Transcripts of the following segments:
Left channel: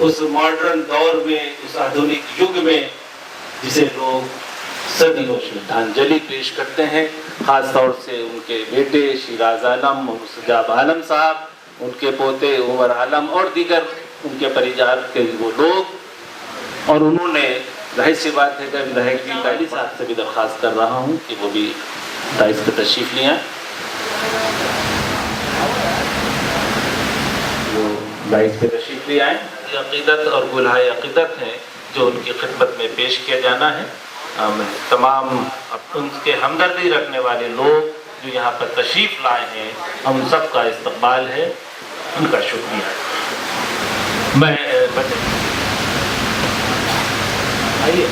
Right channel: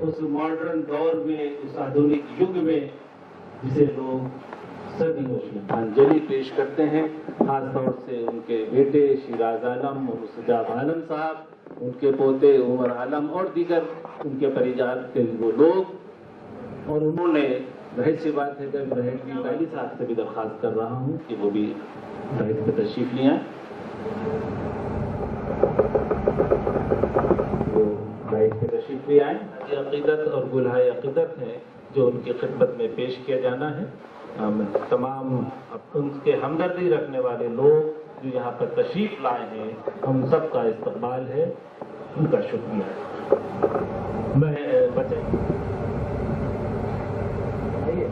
उस मॉडर्न दौर में, उस आधुनिक युग में जिसे लोग सदियों श्रद्धांजलि पेश करते हैं, खास तौर से उनके बेटे शिराज आलम, मुस्तजाब आलम साहब, उनके पोते उमर आलम और दीगर उनके परिवार के वो लोग। और उन्होंने, जाहिर सी बात है कि विधायक जी कायली साहब से भी दरख्वास्त कर रहा हूँ कि वो भी दाइस पर तशरीफ ले आएं, वो दाइस पे तशरीफ ले आएं। ये अक़ीदत और गुलहाए अक़ीदत हैं जो उनकी खिदमत में पेश किया जाना है। तमाम उनके हमदर्दी रखने वाले लोग जो यहाँ पर तशरीफ़ लाए हैं, हम सब का इस्तकबाल है, उनका शुक्रिया है। मैं आइए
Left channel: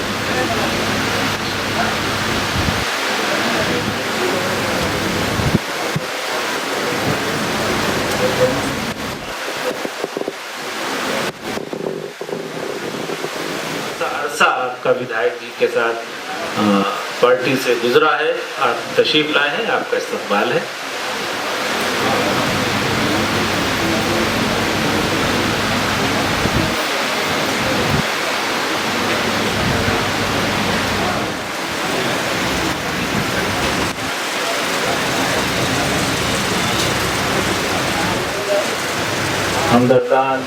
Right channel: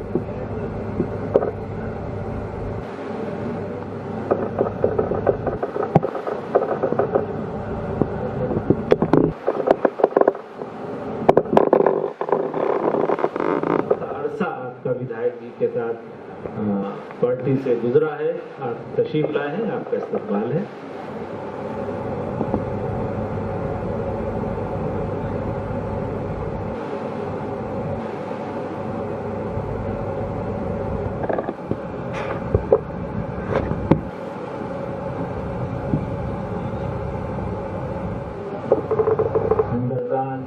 आपका विधायक जी के साथ पार्टी से गुजरा है, आप तशरीफ लाए हैं, आपका इस्तकबाल है। हमदर्दान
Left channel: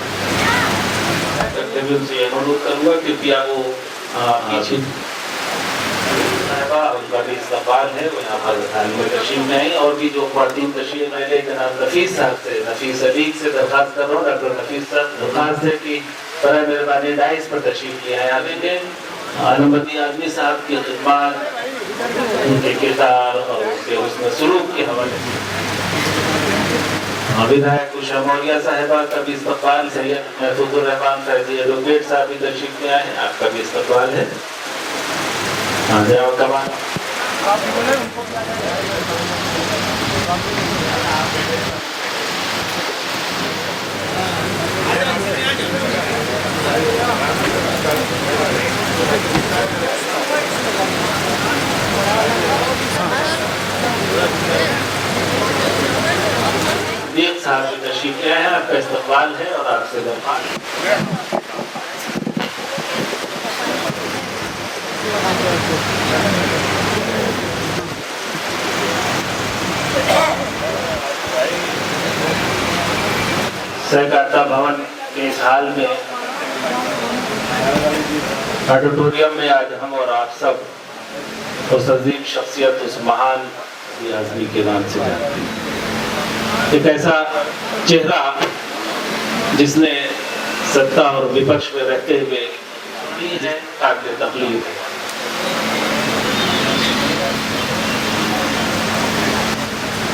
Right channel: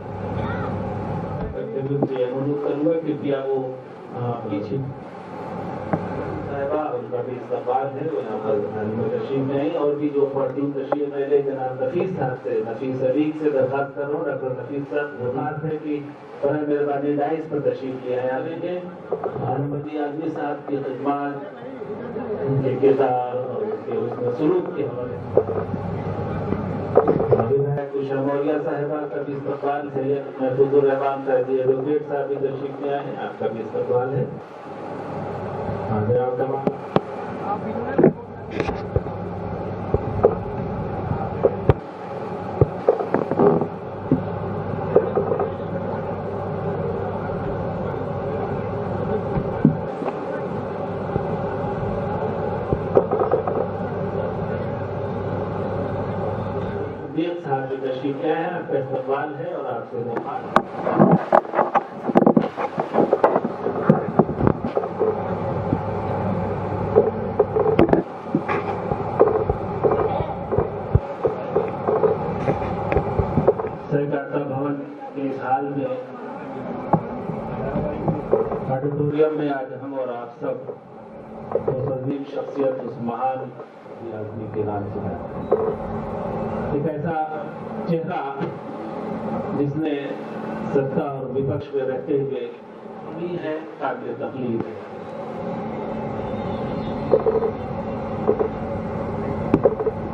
से अनुरोध करूँगा कृपया वो पीछे उनका भी इस्तकबाल है, वो यहाँ पर तशरीफ में आई। और भी जो ख़वातीन तशरीफ ले ले, जनाब नफीस साहब से, नफीस अलीक से दरख्वास्त कर रहा हूँ, डॉक्टर नफीस साहब दरख्वास्त है कि बराए मेहरबानी डाइस पर तशरीफ ले आए। आगे के आलमदी आदमी साहब की खिदमत, उनके किरदार और उनके हुस्न सलूक के हवाले से विधायक उषा मौर्या साहिबा का भी इस्तकबाल, सैयद महफूजुर रहमान फैजी एडवोकेट साहब भी तशरीफ ले आए हैं, आपका भी इस्तकबाल है। आ जाओ कमान। एक साहब भी तशरीफ ले आए हैं, आपका इस्तकबाल है और आपसे दरख्वास्त। सहकारिता भवन के इस हाल में ऑडिटोरियम में आज हम और आप सब उस अजीम शख्सियत, उस महान आदमी के नाम से जानते हैं। एक ऐसा चेहरा जिसने सत्ता और विपक्ष में रहते हुए है काबिल तकलीफ है।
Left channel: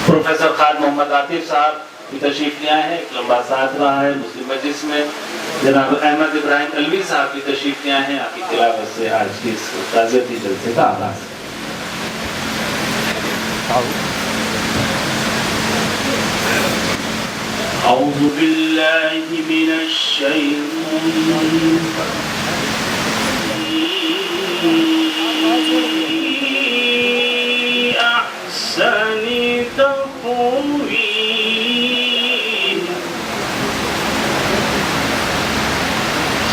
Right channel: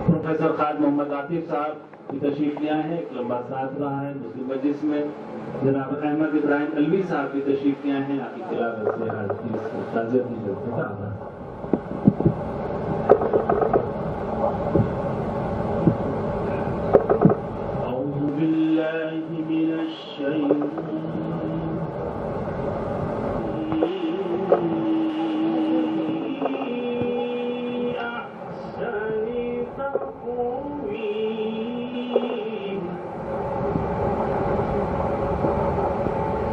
प्रोफेसर खान मोहम्मद आतिफ साहब की तशरीफ ले आए हैं, एक लंबा साथ रहा है मुस्लिम मजलिस में। जनाब अहमद इब्राहिम अलवी साहब की तशरीफ ले आए हैं, आपकी तिलावत से आज के इस ताज़ियती जलसे का आगाज़। अऊज़ु बिल्लाहि मिनश शैतानिर अहसनी तक़वीम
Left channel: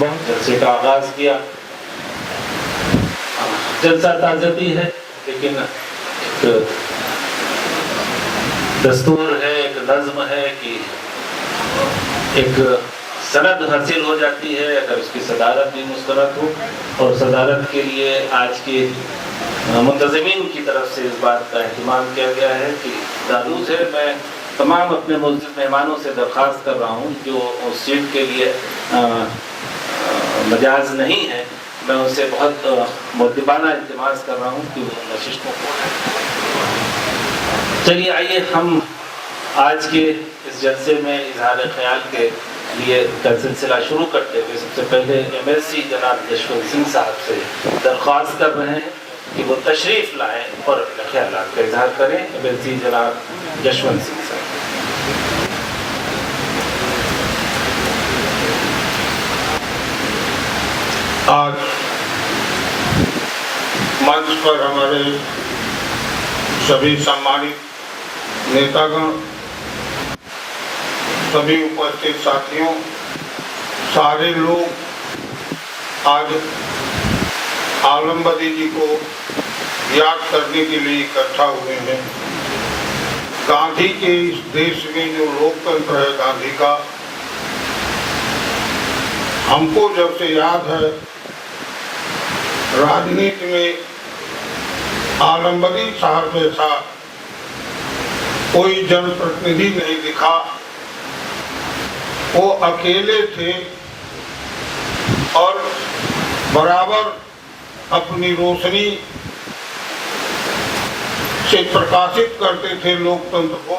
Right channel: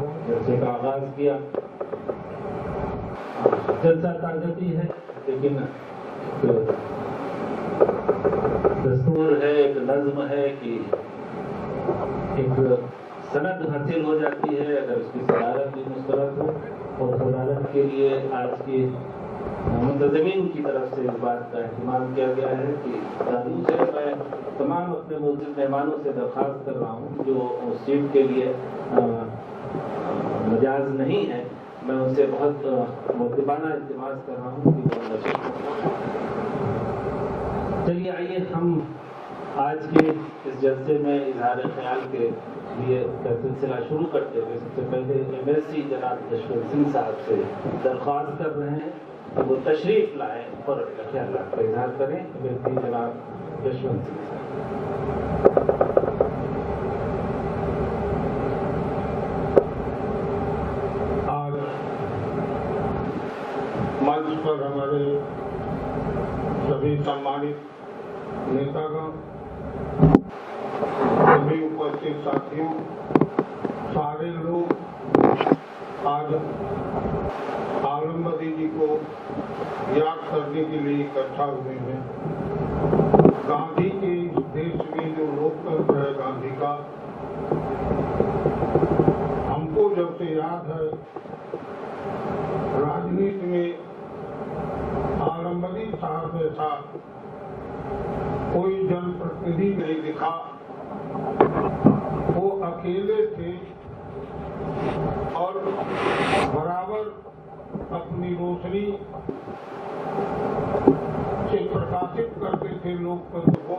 बहुत जलसे का आगाज किया। जलसा ताज़ती है, लेकिन एक दस्तूर है, एक नज़्म है कि एक सनद हासिल हो जाती है अगर उसकी सदारत भी मुस्तरद हो। और सदारत के लिए आज के मुंतज़िमीन की तरफ से इस बात का अहतमाम किया गया है कि दादू से मैं तमाम अपने मौजूद मेहमानों से दरख्वास्त कर रहा हूँ जो उस सीट के लिए मजाज नहीं है, मैं उनसे बहुत मुद्दबाना इल्तिमास कर रहा हूँ कि वो नशिस्तों को। चलिए आइए हम आज के इस जलसे में इजहार ख्याल के लिए का सिलसिला शुरू करते हुए सबसे पहले MSc जनाब जशवंत सिंह साहब से दरख्वास्त कर रहे हैं कि वो तशरीफ़ लाएँ और अपने ख्यालात का इजहार करें। MSc जनाब जशवंत सिंह साहब। आज मंच पर हमारे सभी सम्मानित नेतागण, सभी उपस्थित साथियों, सारे लोग आज आलम बदी जी को याद करने के लिए इकट्ठा हुए हैं। गांधी के इस देश में जो लोकतंत्र है गांधी का, हमको जब से याद है राजनीति में आलम बदी साहब जैसा कोई जनप्रतिनिधि नहीं दिखा। वो अकेले थे और बराबर अपनी रोशनी से प्रकाशित करते थे लोकतंत्र को।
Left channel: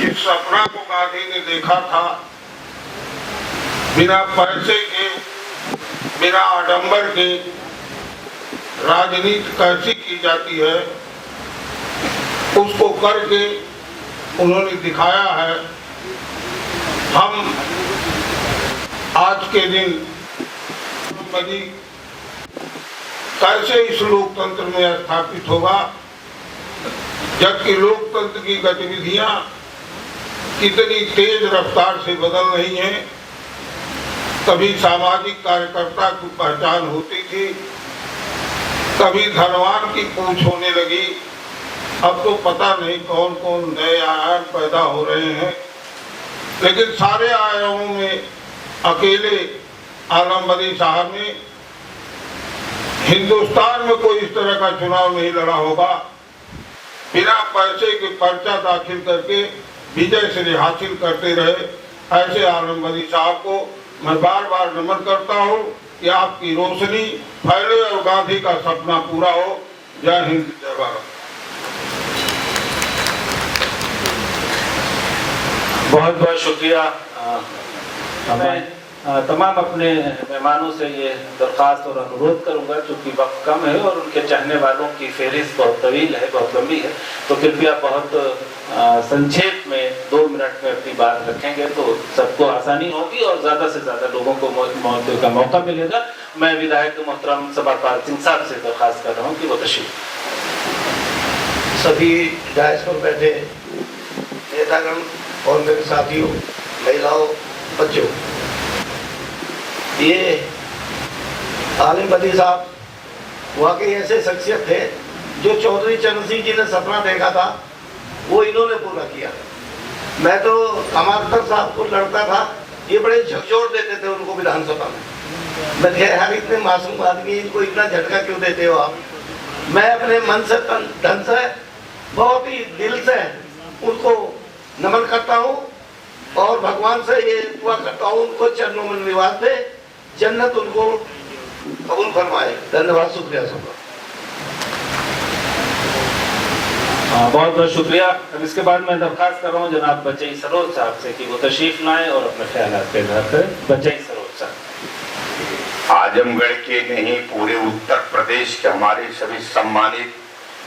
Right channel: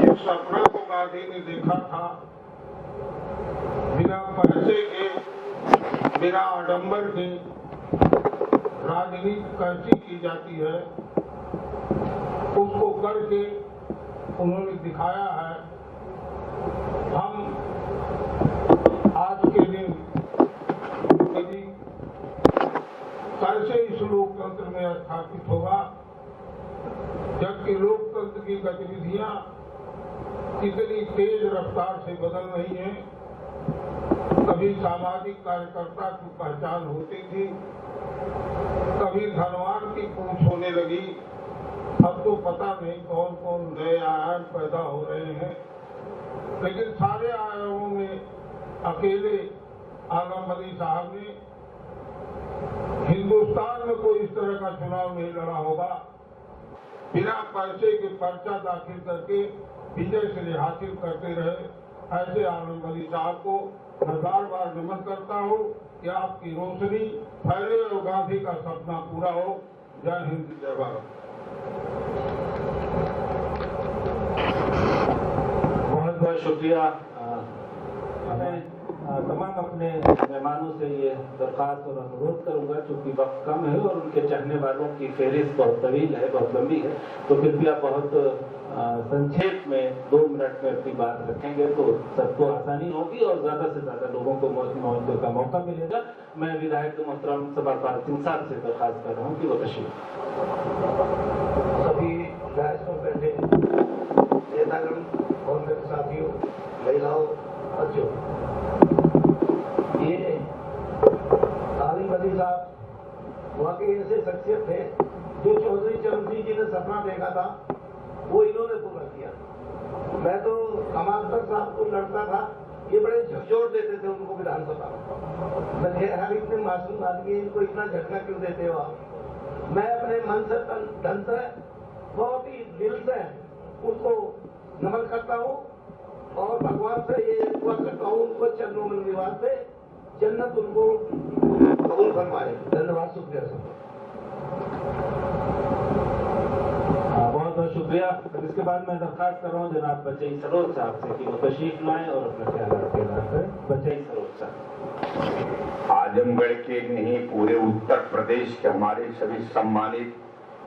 इस सपना को गांधी ने देखा था, बिना पैसे के, बिना आडंबर के राजनीति कैसी की जाती है उसको करके उन्होंने दिखाया है। हम आज के दिन बदी कैसे इस लोकतंत्र में स्थापित होगा, जबकि लोकतंत्र की गतिविधियां कितनी तेज रफ्तार से बदल रही हैं। कभी सामाजिक कार्यकर्ता की पहचान होती थी, कभी धनवान की पूछ होने लगी, अब तो पता नहीं कौन कौन नए आयाम पैदा हो रहे हैं। लेकिन सारे आयामों में अकेले आलम बदी साहब ने हिंदुस्तान में कोई इस तरह का चुनाव नहीं लड़ा होगा। बिना पैसे के पर्चा दाखिल करके विजय श्री हासिल करते रहे। ऐसे आलम बदी साहब को मैं बार बार नमन करता हूँ कि आपकी रोशनी फैले और गांधी का सपना पूरा हो। जय हिंद, जय भारत। बहुत बहुत शुक्रिया। मैं तमाम अपने मेहमानों से ये दरख्वास्त और अनुरोध करूंगा, चूँकि वक्त कम है और उनके चाहने वालों की फहरिस्त बहुत तवील है, बहुत लंबी है, तो कृपया बहुत संक्षेप में 2 मिनट में अपनी बात रखेंगे तो सबको आसानी होगी और ज़्यादा से ज़्यादा लोगों को मौके का मौका मिलेगा। मैं विधायक मोहतरम सभापाल सिंह साहब से दरख्वास्त कर रहा हूँ कि वो तशरीफ। सभी डायस पर बैठे नेतागण और मेरे साथियों, महिलाओं, बच्चों, ये आलिम बदी साहब वाकई ऐसे शख्सियत थे जो चौधरी चरण सिंह जी ने सपना देखा था वो इन्होंने पूरा किया। मैं तो अमानतर साहब को लड़ता था, ये बड़े झकझोर देते थे उनको विधानसभा में। मैं कह यार इतने मासूम आदमी, इनको इतना झटका क्यों देते हो आप। मैं अपने मन से धन से बहुत ही दिल से उनको नमन करता हूँ और भगवान से ये दुआ करता हूँ उनको चरणों में निवास दे, जन्नत उनको कबूल फरमाए। धन्यवाद, शुक्रिया सबका। बहुत बहुत शुक्रिया। अब इसके बाद मैं दरख्वास्त कर रहा हूँ जनाब बचई सरोज साहब से कि वो तशरीफ लाएं और अपने ख्यालात का इज़हार करें। बचई सरोज साहब। आजमगढ़ के नहीं, पूरे उत्तर प्रदेश के हमारे सभी सम्मानित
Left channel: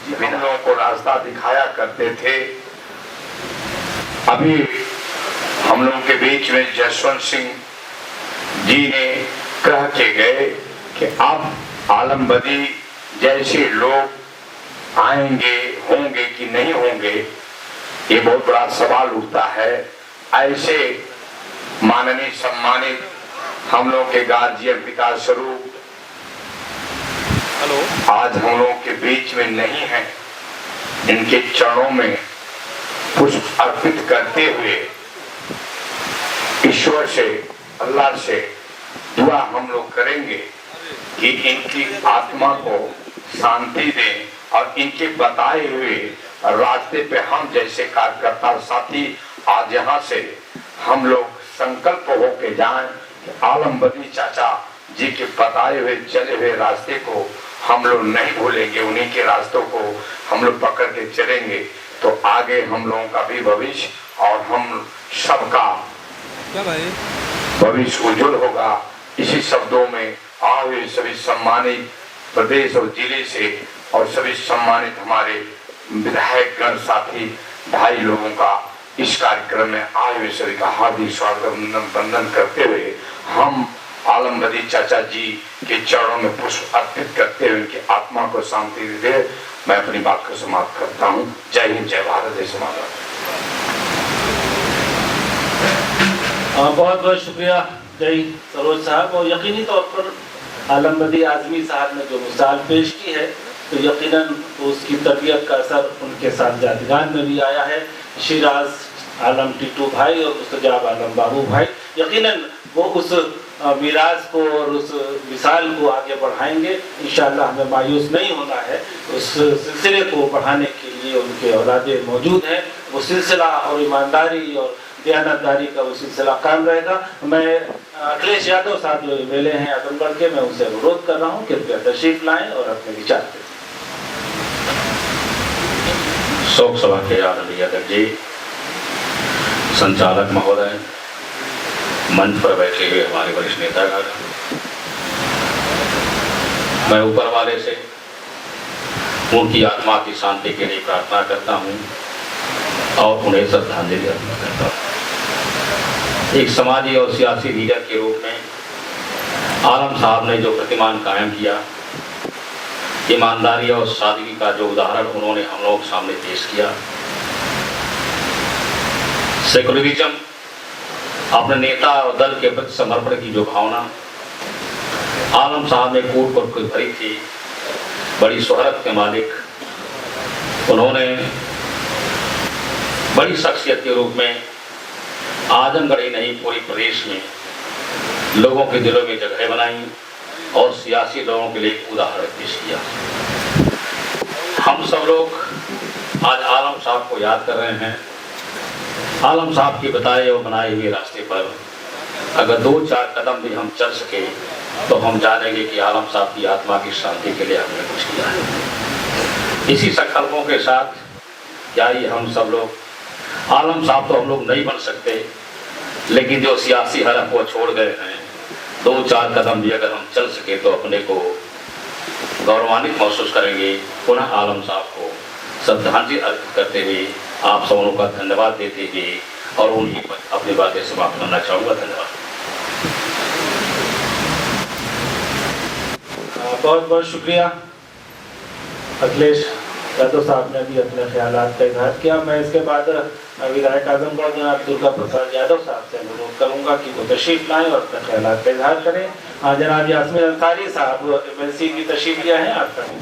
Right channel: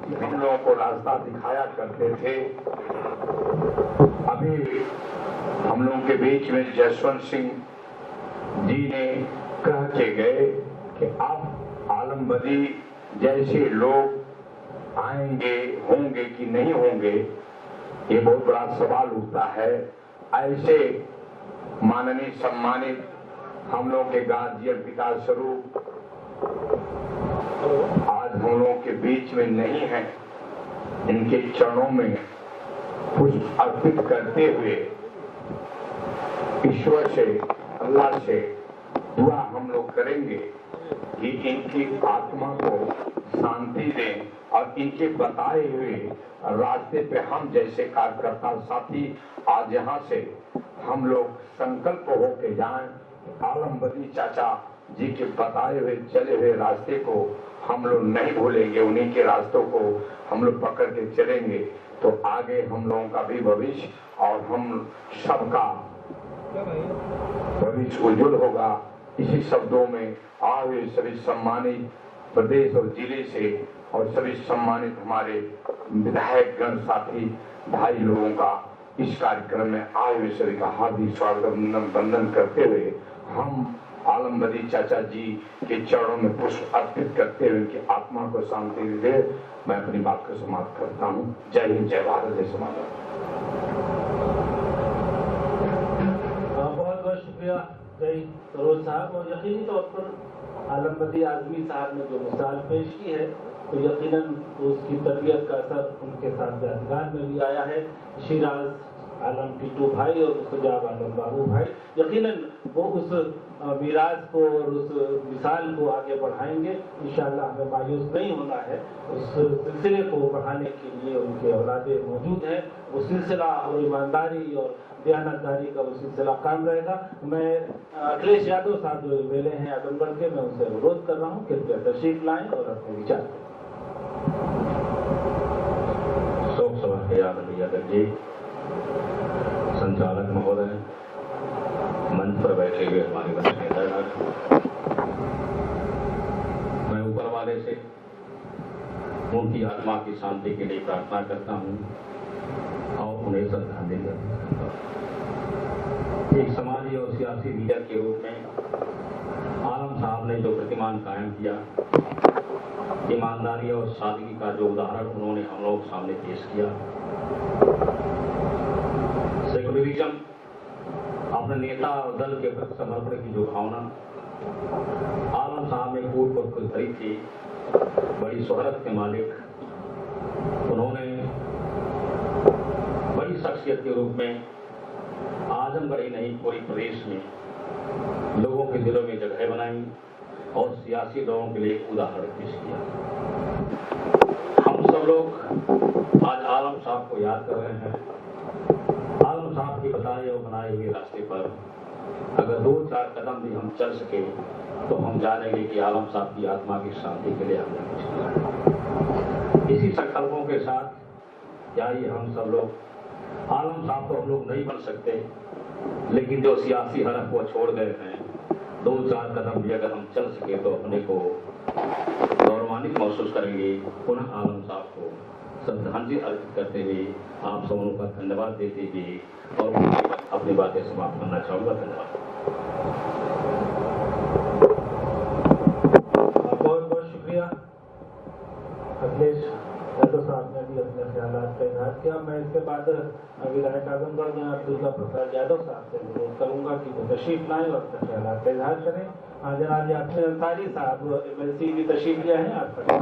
विभिन्न लोगों को रास्ता दिखाया करते थे। अभी हम लोगों के बीच में जसवंत सिंह जी ने कह के गए कि अब आलम बदी जैसे लोग आएंगे, होंगे कि नहीं होंगे, ये बहुत बड़ा सवाल उठता है। ऐसे माननीय सम्मानित हम लोग के गार्जियन पिता स्वरूप आज हम लोगों के बीच में नहीं है। इनके चरणों में पुष्प अर्पित करते हुए ईश्वर से, अल्लाह से दुआ हम लोग करेंगे कि इनकी आत्मा को शांति दें और इनके बताए हुए रास्ते पे हम जैसे कार्यकर्ता साथी आज यहाँ से हम लोग संकल्प होके जाएं कि आलम बदी चाचा जी के बताए हुए चले हुए रास्ते को हम लोग नहीं भूलेंगे, उन्हीं के रास्तों को हम लोग पकड़ के चलेंगे तो आगे हम लोगों का भी भविष्य और हम सबका भविष्य उज्जवल होगा। इसी शब्दों में आए सभी सम्मानित प्रदेश और जिले से और सभी सम्मानित हमारे विधायक गण साथी भाई लोगों का इस कार्यक्रम में आए हुए सभी का हार्दिक स्वागत वंदन करते हुए हम आलम बदी चाचा जी के चरणों में पुष्प अर्पित करते हुए उनकी आत्मा को शांति दे मैं अपनी बात को समाप्त करता हूँ। जय हिंद, जय भारत, जय समाज। बहुत बहुत शुक्रिया जय सरोज साहब। और यकीनी तौर पर आलम बदी आजमी साहब ने जो मिसाल पेश की है तो यकीनन उसकी तबीयत का असर उनके साथ यादगार में भी आया है। शिराज आलम टीटू भाई और मुस्तजाब आलम बाबू भाई यकीनन वो उस मिराज को और उस मिसाल को आगे बढ़ाएंगे। इंशाअल्लाह हमें मायूस नहीं होना है, उस सिलसिले को बढ़ाने के लिए उनके औलादे मौजूद हैं। वो सिलसिला और ईमानदारी और दयानतदारी का वो सिलसिला कायम रहेगा। मैं अखिलेश यादव साहब जो वेले हैं आजमगढ़ के, मैं उनसे अनुरोध कर रहा हूँ कृपया तशरीफ लाएं और अपने विचार दें। शोक सभा के आदरणीय अध्यक्ष जी, संचालक महोदय, मंच पर बैठे हुए हमारे वरिष्ठ नेतागण, मैं ऊपर वाले से उनकी आत्मा की शांति के लिए प्रार्थना करता हूं और उन्हें श्रद्धांजलि अर्पित करता हूं। एक समाजी और सियासी लीडर के रूप में आलम साहब ने जो प्रतिमान कायम किया, ईमानदारी और सादगी का जो उदाहरण उन्होंने हम लोगों के सामने पेश किया, सेकुलरिज्म, अपने नेता और दल के प्रति समर्पण की जो भावना आलम साहब ने कूट पर भरी थी, बड़ी शोहरत के मालिक उन्होंने बड़ी शख्सियत के रूप में आजमगढ़ ही नहीं पूरे प्रदेश में लोगों के दिलों में जगह बनाई और सियासी लोगों के लिए उदाहरण पेश किया। हम सब लोग आज आलम साहब को याद कर रहे हैं। आलम साहब के बताए और बनाए हुए रास्ते पर अगर 2-4 कदम भी हम चल सके तो हम जानेंगे कि आलम साहब की आत्मा की शांति के लिए हमने कुछ किया है। इसी संकल्पों के साथ यानी हम सब लोग, आलम साहब तो हम लोग नहीं बन सकते, लेकिन जो सियासी हरफ वो छोड़ गए हैं, 2-4 कदम भी अगर हम चल सके तो अपने को गौरवान्वित महसूस करेंगे। पुनः आलम साहब को श्रद्धांजलि अर्पित करते हुए आप सबों का धन्यवाद देते हुए और उनकी अपनी बातें समाप्त करना चाहूँगा। धन्यवाद। बहुत बहुत शुक्रिया। अखिलेश यादव साहब ने भी अपने ख्यालात का इजहार किया। मैं इसके बाद विधायक आजमगढ़ जनाब दुर्गा प्रसाद यादव साहब से अनुरोध करूंगा कि वो तशरीफ लाएं और अपने ख्यालात का इजहार करें। जनाब यास्मीन अंसारी साहब एमएलसी की तशरीफ लिया है, आप करें।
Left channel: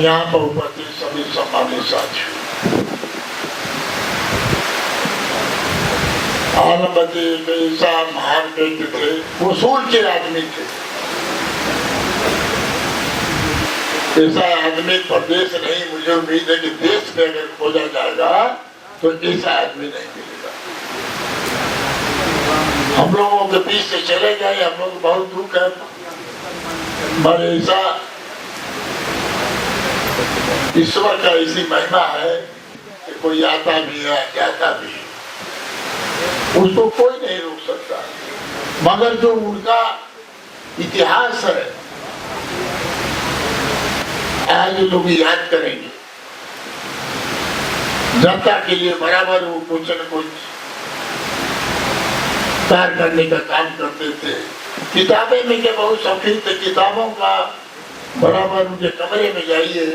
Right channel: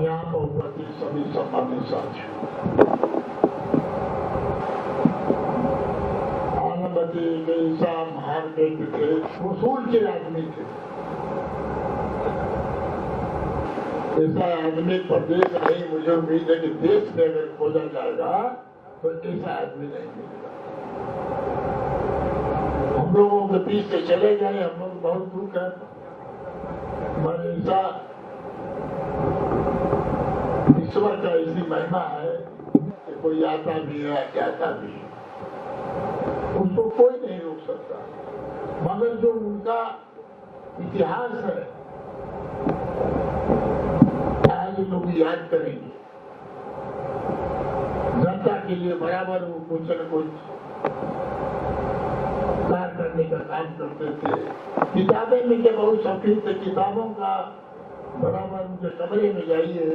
यहाँ पर उपस्थित सभी सम्मानित साथियों, आलम बदी ऐसा महान व्यक्ति थे, उसूल के आदमी थे। ऐसा आदमी प्रदेश नहीं, मुझे उम्मीद है कि देश में अगर खोजा जाएगा तो ऐसा आदमी नहीं मिलेगा। हम लोगों के बीच से चले गए, हम लोग बहुत दुख है, मगर ऐसा ईश्वर का ऐसी महिमा है कि कोई आता भी है, जाता भी है, उसको कोई नहीं रोक सकता। मगर जो उनका इतिहास है आज लोग याद करेंगे। जनता के लिए बराबर वो कुछ न कुछ कार्य करने का काम करते थे। किताबें में के बहुत शौकीन थे, किताबों का बराबर उनके कमरे में जाइए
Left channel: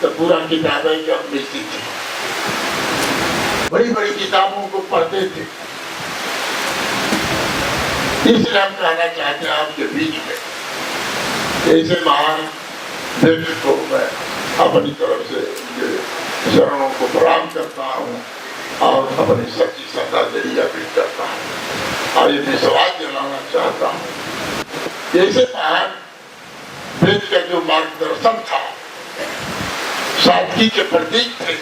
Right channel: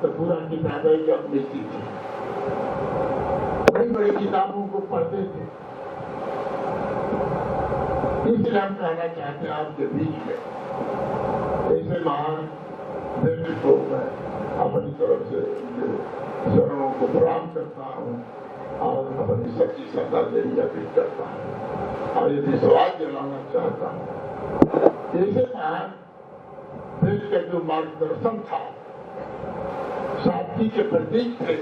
तो पूरा किताबें जब मिलती थी, बड़ी बड़ी किताबों को पढ़ते थे। इसलिए हम कहना चाहते हैं आपके बीच में ऐसे महान व्यक्ति को मैं अपनी तरफ से चरणों को प्रणाम करता हूँ और अपनी सच्ची श्रद्धांजलि अर्पित करता हूँ और ये विश्वास दिलाना चाहता हूँ जैसे महान वेद का जो मार्गदर्शन था, सादगी के प्रतीक थे,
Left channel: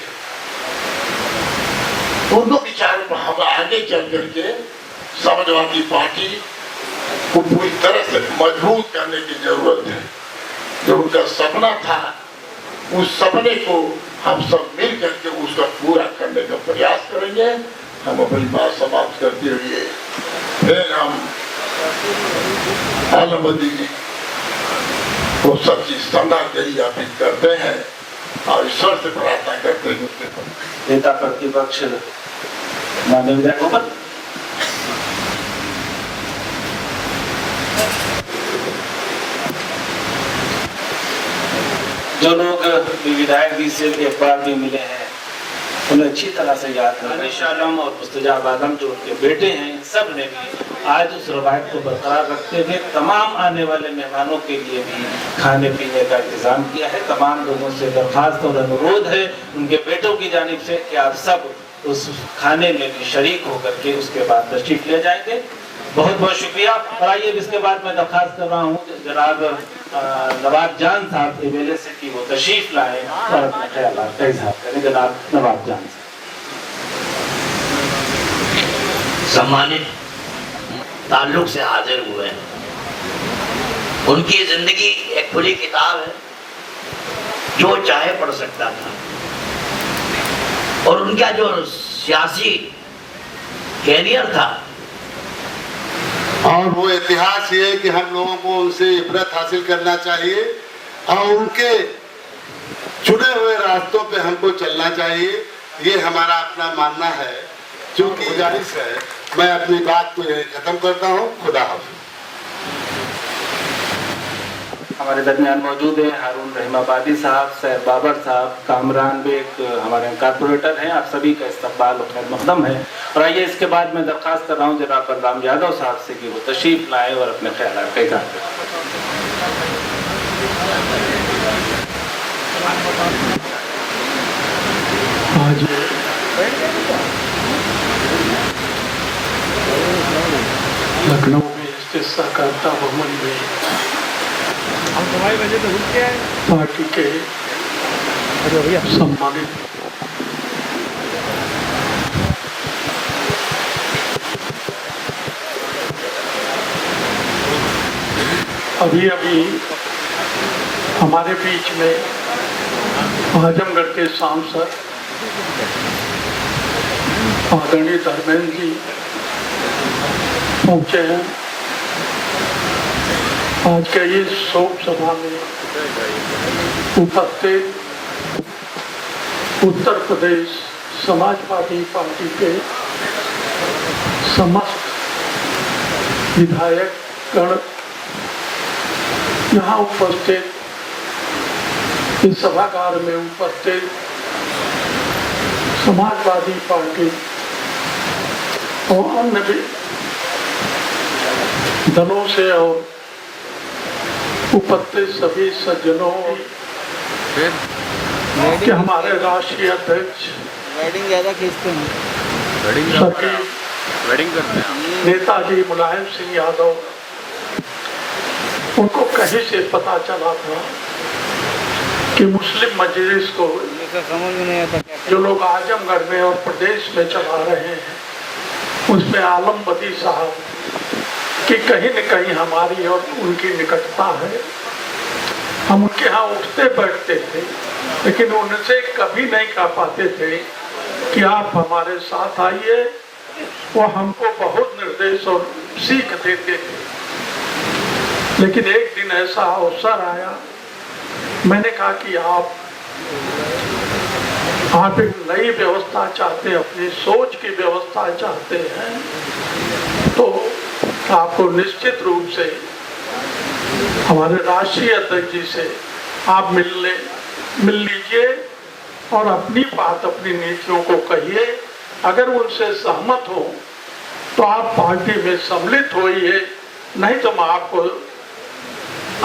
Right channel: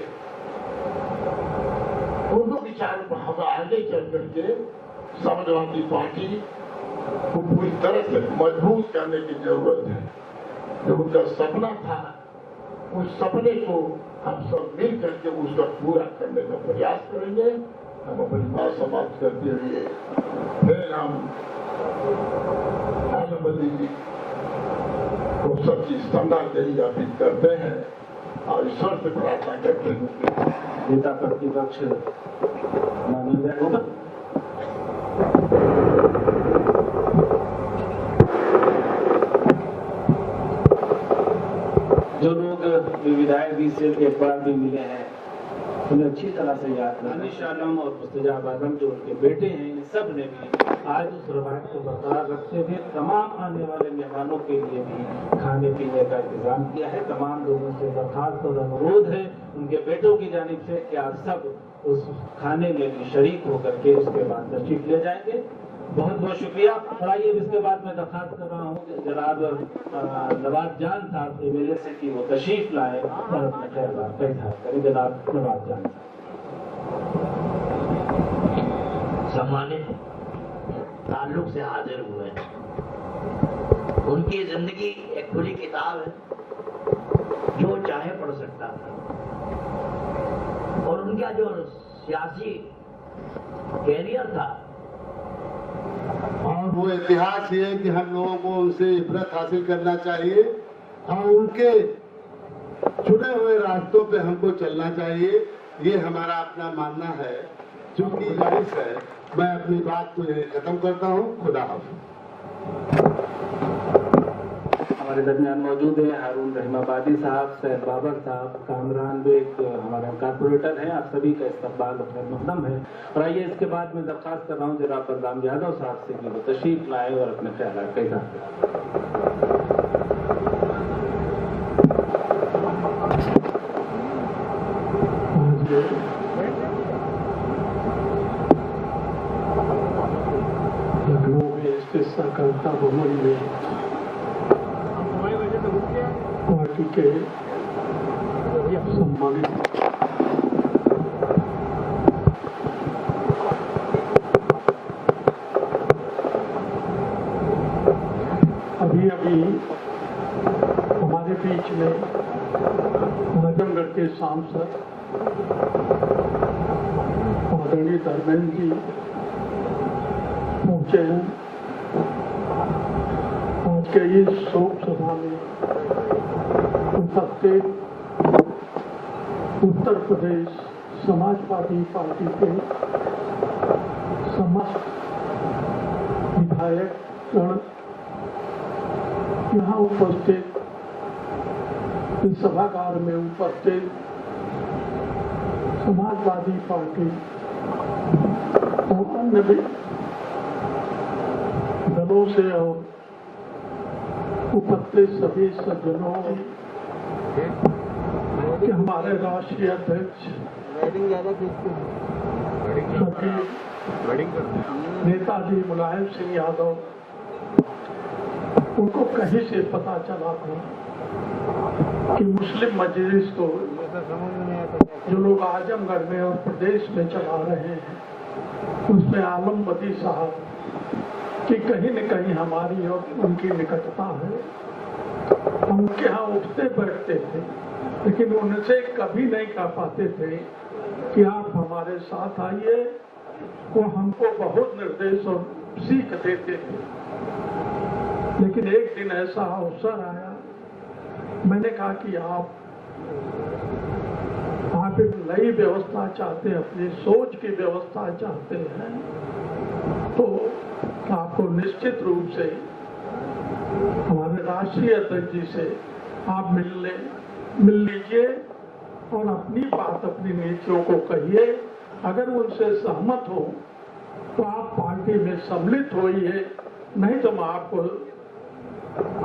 उनको विचारों पर हम आगे चल करके समाजवादी पार्टी को पूरी तरह से मजबूत करने की जरूरत है। जो उनका सपना था, उस सपने को हम सब मिल करके उसका पूरा करने का प्रयास करेंगे। हम अपनी बात समाप्त करते हुए फिर हम आलमबदी जी को सच्ची श्रद्धांजलि अर्पित करते हैं और ईश्वर से प्रार्थना करते हैं। नेता प्रतिपक्ष माननीय विधायक गोपाल, जो लोग विधायक जी से एक बार भी मिले हैं उन्हें अच्छी तरह से याद है। अनिश आलम और मुस्तजाब आलम जो उनके बेटे हैं, इन सब ने भी आज उस रवायत को बरकरार रखते हुए तमाम आने वाले मेहमानों के लिए भी खाने पीने का इंतजाम किया है। तमाम लोगों से दरख्वास्त और अनुरोध है उनके बेटों की जानिब से कि आप सब उस खाने में भी शरीक होकर के उसके बाद तशरीफ ले जाएंगे। बहुत बहुत शुक्रिया। और आइए इसके बाद मैं दरख्वास्त कर रहा हूँ जनाब नवाब जान साहब MLA से कि वो तशरीफ लाए और अपने ख्यालात का इजहार करें। जनाब नवाब जान साहब। सम्मानित ताल्लुक से हाजिर हुए हैं, उनकी जिंदगी एक खुली किताब है, जो चाहे पढ़ सकता था। और उनका जो सियासी कैरियर था, और वो इतिहास ये है कि हम लोगों को उनसे इबरत हासिल करना चाहिए और उनके चुने हुए रास्तों पे हमको चलना चाहिए। ये हमारा अपना मानना है, जो कि गुजारिश है। मैं अपनी बात को यहीं खत्म करता हूँ। खुदा हाफिज़। हमारे दरमियान मौजूद हैं हारून रहमाबादी साहब, सैर बाबर साहब, कामरान बेग हमारे कारपोरेटर हैं। आप सभी का इस्तकबाल और खैर मकदम है। और आइए इसके बाद मैं दरख्वास्त कर रहा हूँ जनाब बलराम यादव साहब से कि वो तशरीफ लाए और अपने ख्यालात का इज़हार करें। लखनऊ में स्थित सहकारिता भवन में पार्टी के सम्मानित अभी हमारे बीच में आजमगढ़ के सांसद आदरणीय धर्मेंद्र जी पहुंचे हैं। आज के ये शोक सभा में उपस्थित उत्तर प्रदेश समाजवादी पार्टी के समस्त विधायक गण यहाँ उपस्थित इस सभागार में उपस्थित समाजवादी पार्टी और अन्य भी दलों से और उपस्थित सभी सज्जनों के हमारे राष्ट्रीय अध्यक्ष नेताजी मुलायम सिंह यादव, उनको कहीं से पता चला था कि मुस्लिम मजलिस को जो लोग आजमगढ़ में और प्रदेश में चला रहे हैं, उसमें आलमबदी साहब कि कहीं न कहीं हमारी और उनकी निकटता है। हम उनके यहाँ उठते बैठते थे, लेकिन उनसे कभी नहीं कह पाते थे कि आप हमारे साथ आइए। वो हमको बहुत निर्देश और सीख देते थे। लेकिन एक दिन ऐसा अवसर आया, मैंने कहा कि आप एक नई व्यवस्था चाहते हैं, अपनी सोच की व्यवस्था चाहते हैं, तो आपको निश्चित रूप से हमारे राष्ट्रीय अध्यक्ष जी से आप मिल लीजिए और अपनी बात, अपनी नीतियों को कहिए। अगर उनसे सहमत हो तो आप पार्टी में सम्मिलित होइए, नहीं तो मैं आपको